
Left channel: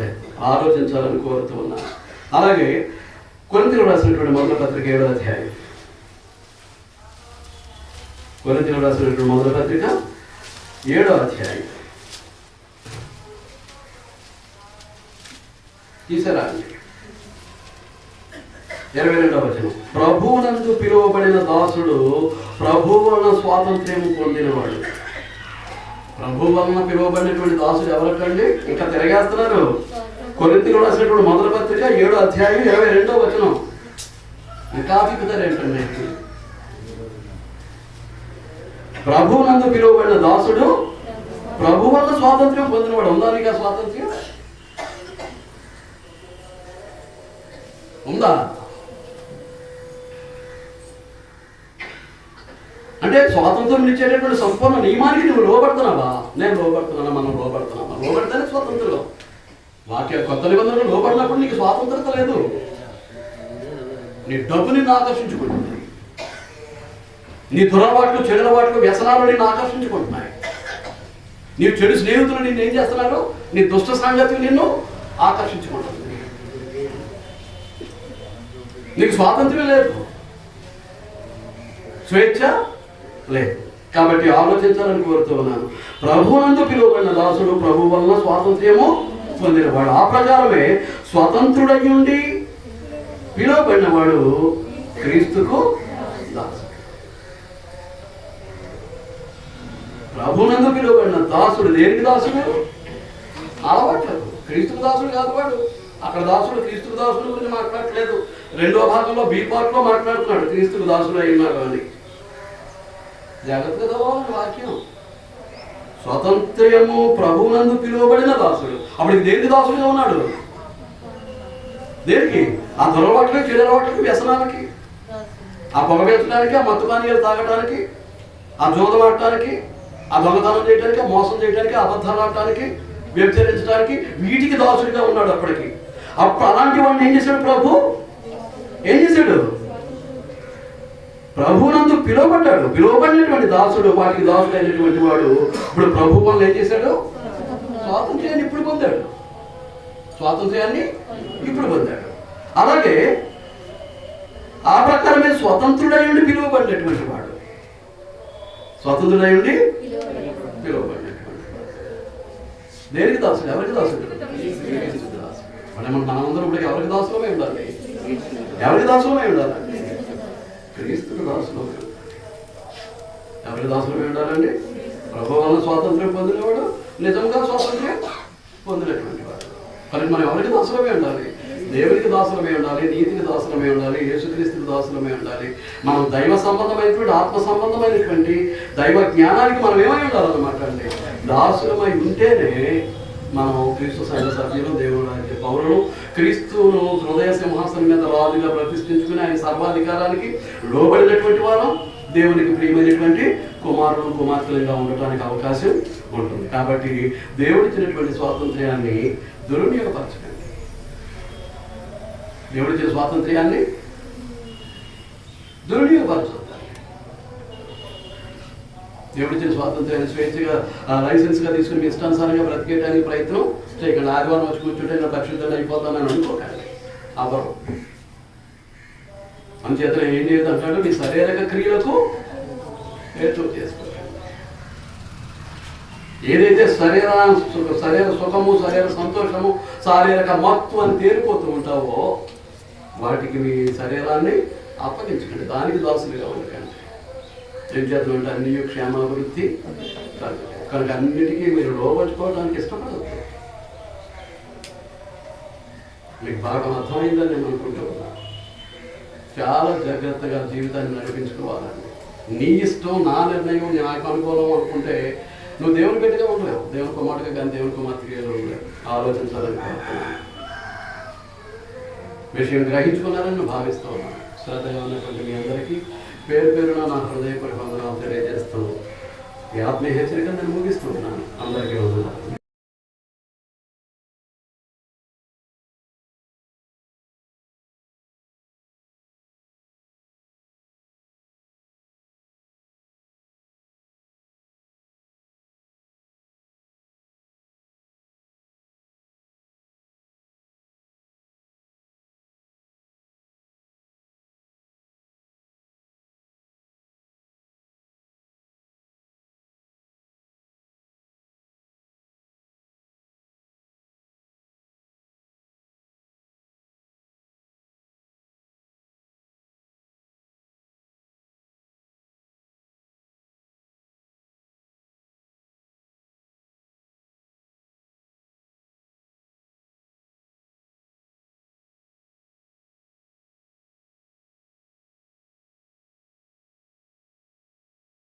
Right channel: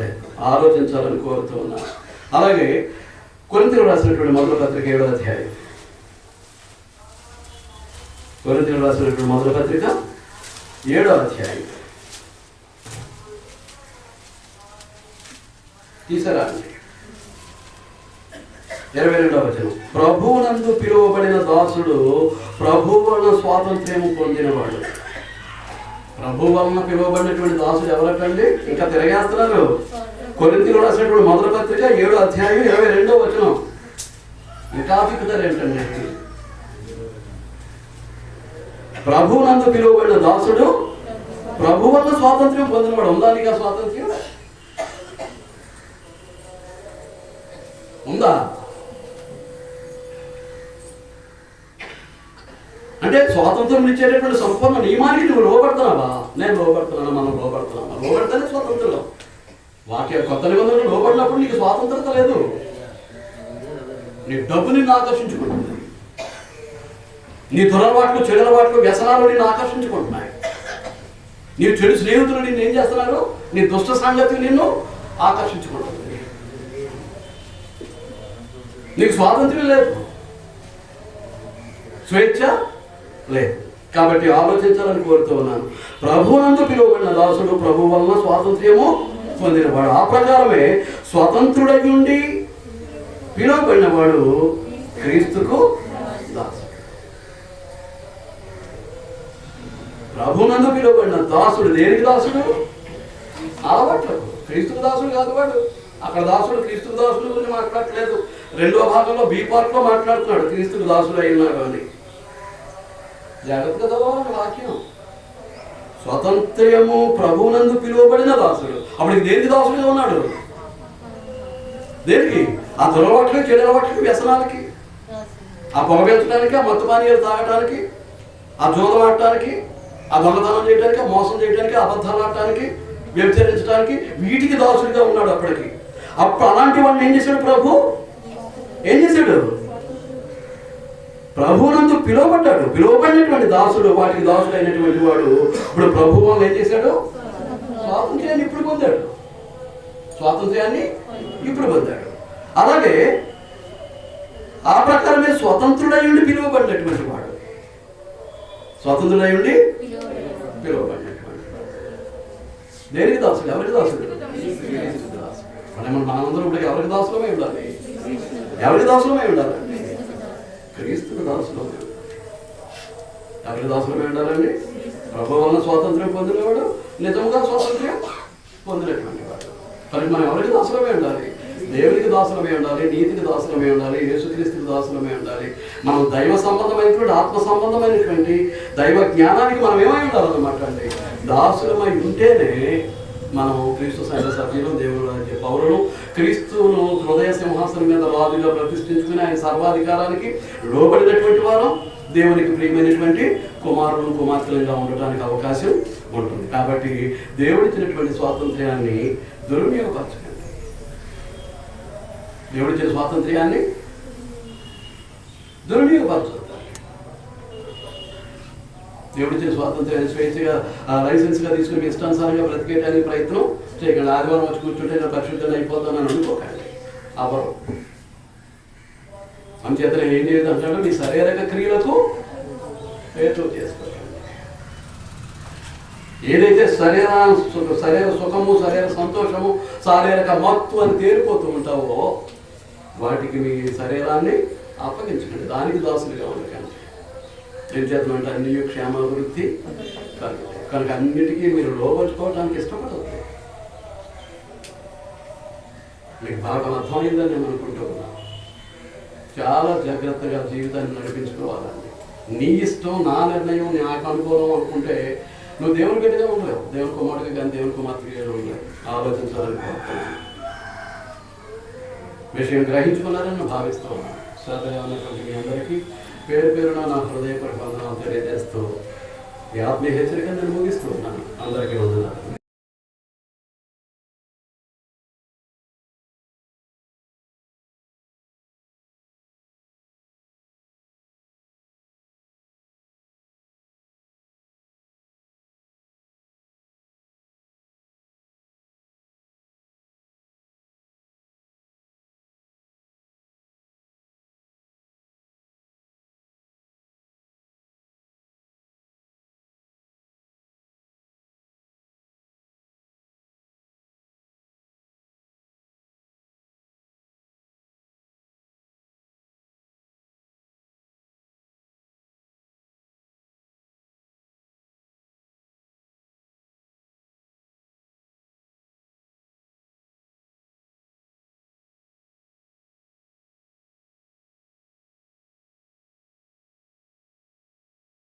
లేదు. ఆలోచించాలని కోరుతూ ఉన్నాను. అలాగే కొరింథీయులకు రాసినటువంటి మొదటి పత్రిక 7వ అధ్యాయం. కొరింథీయులకు రాసినటువంటి మొదటి పత్రిక 7వ అధ్యాయం. తీసారా అండి? 22వ వచనం. ప్రభువునందు పిలువబడిన దాసుడు ప్రభువు వలన స్వాతంత్ర్యం పొందినవాడు. ప్రభు వలన పిలువబడినటువంటి దాసుడు ఎవరటండి? ఇంకా తిరగేస్తున్నారు. కొరింథీయులకు రాసినటువంటి మొదటి పత్రిక 7వ అధ్యాయం 22వ వచనం. ఇంకా తిప్పుతారు ఏంటండి? ప్రభువునందు పిలువబడిన దాసుడు ప్రభు వలన స్వాతంత్ర్యం పొందినవాడు. ఉందా నీకు ఆ స్వాతంత్ర్యం? ఉందా? అంటే స్వాతంత్రం ఇచ్చేటటువంటి సంపూర్ణ నియమానికి నువ్వు లోబడుతున్నావా? నేను లోబడుతున్నాను, మనం లోబడుతున్నామా? లోబడితేనే స్వాతంత్రం. వాక్య కొత్త నిబంధనలు లోబడినప్పుడు నీకు స్వాతంత్రత లేదు. నీ డబ్బు నిన్ను ఆకర్షించుకుంటుంది, నీ దురలవాట్లు, చెడులవాట్లు, వ్యసనాలు నిన్ను ఆకర్షించుకుంటున్నాయి. నీ చెడు స్నేహితులు నిన్ను ఏం చేస్తున్నారు? నీ దుష్ట సంగతి నిన్ను ఆకర్షించుకుంటుంది. నీకు స్వాతంత్ర్యం లేదు, స్వేచ్ఛ లేదు. కాబట్టి ఆలోచించాలని కోరుతూ ఉన్నాను. ప్రభువునందు పిలువబడిన దాసుడు ప్రభు వలన స్వాతంత్ర్యము పొందినవాడు. ఆ ప్రకారమే స్వతంత్రుడై ఉండి పిలువబడినవాడు క్రీస్తుకు దాసుడు. ప్రభునందు పిలువబడిన దాసుడు దేనికి దాసుడు? అలవాట్లేదు. క్రీస్తుకు దాసుడు కాదు వాడు. అక్కడ దాసుడు క్రీస్తుకు దాసుడు గురించి మాట్లాడట్లేదు. రెండో భాగంలో బి పార్ట్లో మాట్లాడుతున్నాడు క్రీస్తుకు దాసుడు అయినాడు అని. జాగ్రత్తగా చదవాలి వాక్యం. స్వతంత్రము ప్రభునందు పిలువబడిన దాసుడు. అప్పుడు దేనికి దాసుడుగా ఉన్నాడు? దేనికి? ఆ దొరవట్లకి, చెడలవట్లకి, వ్యసనాలకి, ఆ పొగబెట్టడానికి, ఆ మత్తు పానీయాలు తాగడానికి, ఆ జోదం ఆడటానికి, ఆ దొంగతనం చేయడానికి, ఆ మోసం చేయడానికి, అబద్ధాలు ఆడటానికి, వ్యభిచరించడానికి, వీటికి దాసుడిగా ఉన్నాడు అప్పటికి. అప్పుడు అలాంటి వాడిని ఏం చేశాడు ప్రభు? ఏం చేశాడు? ప్రభునందు పిలువబడ్డాడు. పిలువబడినటువంటి దాసుడు, వాటికి దాసుడు అయినటువంటి వాడు ఇప్పుడు ప్రభు వల్ల ఏం చేశాడు? స్వాతంత్ర్యాన్ని ఇప్పుడు పొందాడు. స్వాతంత్ర్యాన్ని ఇప్పుడు పొందాడు. అలాగే ఆ ప్రకారమే స్వతంత్రుడై ఉండి పిలువబడినటువంటి వాడు. స్వతంత్రుడై ఉండి పిలువబడినటువంటి వాడు దేనికి దాసుడు? ఎవరికి దాసుడు? మనందరం ఇప్పుడు ఎవరికి దాసులమై ఉండాలి? ఎవరికి దాసులమై ఉండాలి? క్రీస్తుకు దాసులు. ఎవరికి దాసులమై ఉండాలండి? ప్రభు వల్ల స్వాతంత్ర్యం పొందినవాడు, నిజంగా స్వాతంత్ర్యం పొందినటువంటి వాడు. మరి మనం ఎవరికి దాసులమై ఉండాలి? దేవునికి దాసులమై ఉండాలి, నీతికి దాసులమై ఉండాలి, యేసుక్రీస్తుకు దాసులమై ఉండాలి. మనం దైవ సంబంధమైనటువంటి, ఆత్మ సంబంధమైనటువంటి దైవ జ్ఞానానికి మనం ఏమై ఉండాలన్నమాట అండి. దాసులమై ఉంటేనే మనం క్రీస్తు సంఘ సభ్యులు, దేవుడు రాజ్య పౌరులు, క్రీస్తును హృదయ సింహాసనం మీద రాజుగా ప్రతిష్ఠించుకుని ఆయన సర్వాధికారానికి లోబడినటువంటి వారం, దేవునికి ప్రియమైనటువంటి కుమారులు, కుమార్తెలుగా ఉండటానికి అవకాశం ఉంటుంది. కాబట్టి దేవుడిచ్చినటువంటి స్వాతంత్ర్యాన్ని దుర్వినియోగపరచకండి. దేవుడిచ్చిన స్వాతంత్ర్యాన్ని దుర్వినియోగపరచొద్దు. దేవుడిచ్చిన స్వాతంత్ర్యాన్ని స్వేచ్ఛగా లైసెన్స్గా తీసుకుని మీ ఇష్టానుసారంగా బ్రతికేయడానికి ప్రయత్నం చేయకండి. ఆదివారం వచ్చి కూర్చుంటే నేను పరిశుద్ధంగా అయిపోతానని అనుకోకండి. అవరు అంచేత ఏం చేద్దాం? మీ శారీరక క్రియలకు హేతు చేసుకోండి. ఏదైతే శరీర సుఖము, శరీర సంతోషము, శారీరక మత్తు అని తేలిపోతూ ఉంటావో వాటికి మీ శరీరాన్ని అప్పగించకండి. దానికి దాసులుగా ఉండకండి. ఏం చేద్దాం అంటే అన్ని క్షేమాభివృద్ధి కనుక అన్నిటికీ మీరు లోపరుచుకోవడానికి ఇష్టపడదు. మీకు బాగా అర్థమైందని నేను అనుకుంటున్నా. చాలా జాగ్రత్తగా జీవితాన్ని నడిపించుకోవాలండి. నీ ఇష్టం, నా నిర్ణయం, నాకు అనుకూలం అనుకుంటే నువ్వు దేవుని బిడ్డగా ఉండలేవు. దేవుని కుమారుడిగా కానీ దేవుని కుమార్తెగా ఉండలేవు. ఆలోచించాలని విషయం గ్రహించుకున్నారని భావిస్తూ ఉన్నాను. శ్రద్ధగా ఉన్నటువంటి మీ అందరికీ పేరు పేరున నా హృదయపూర్వక వందనాలు తెలియజేస్తూ ఈ ఆత్మీయ హెచ్చరికను నేను ముగిస్తూ ఉన్నాను.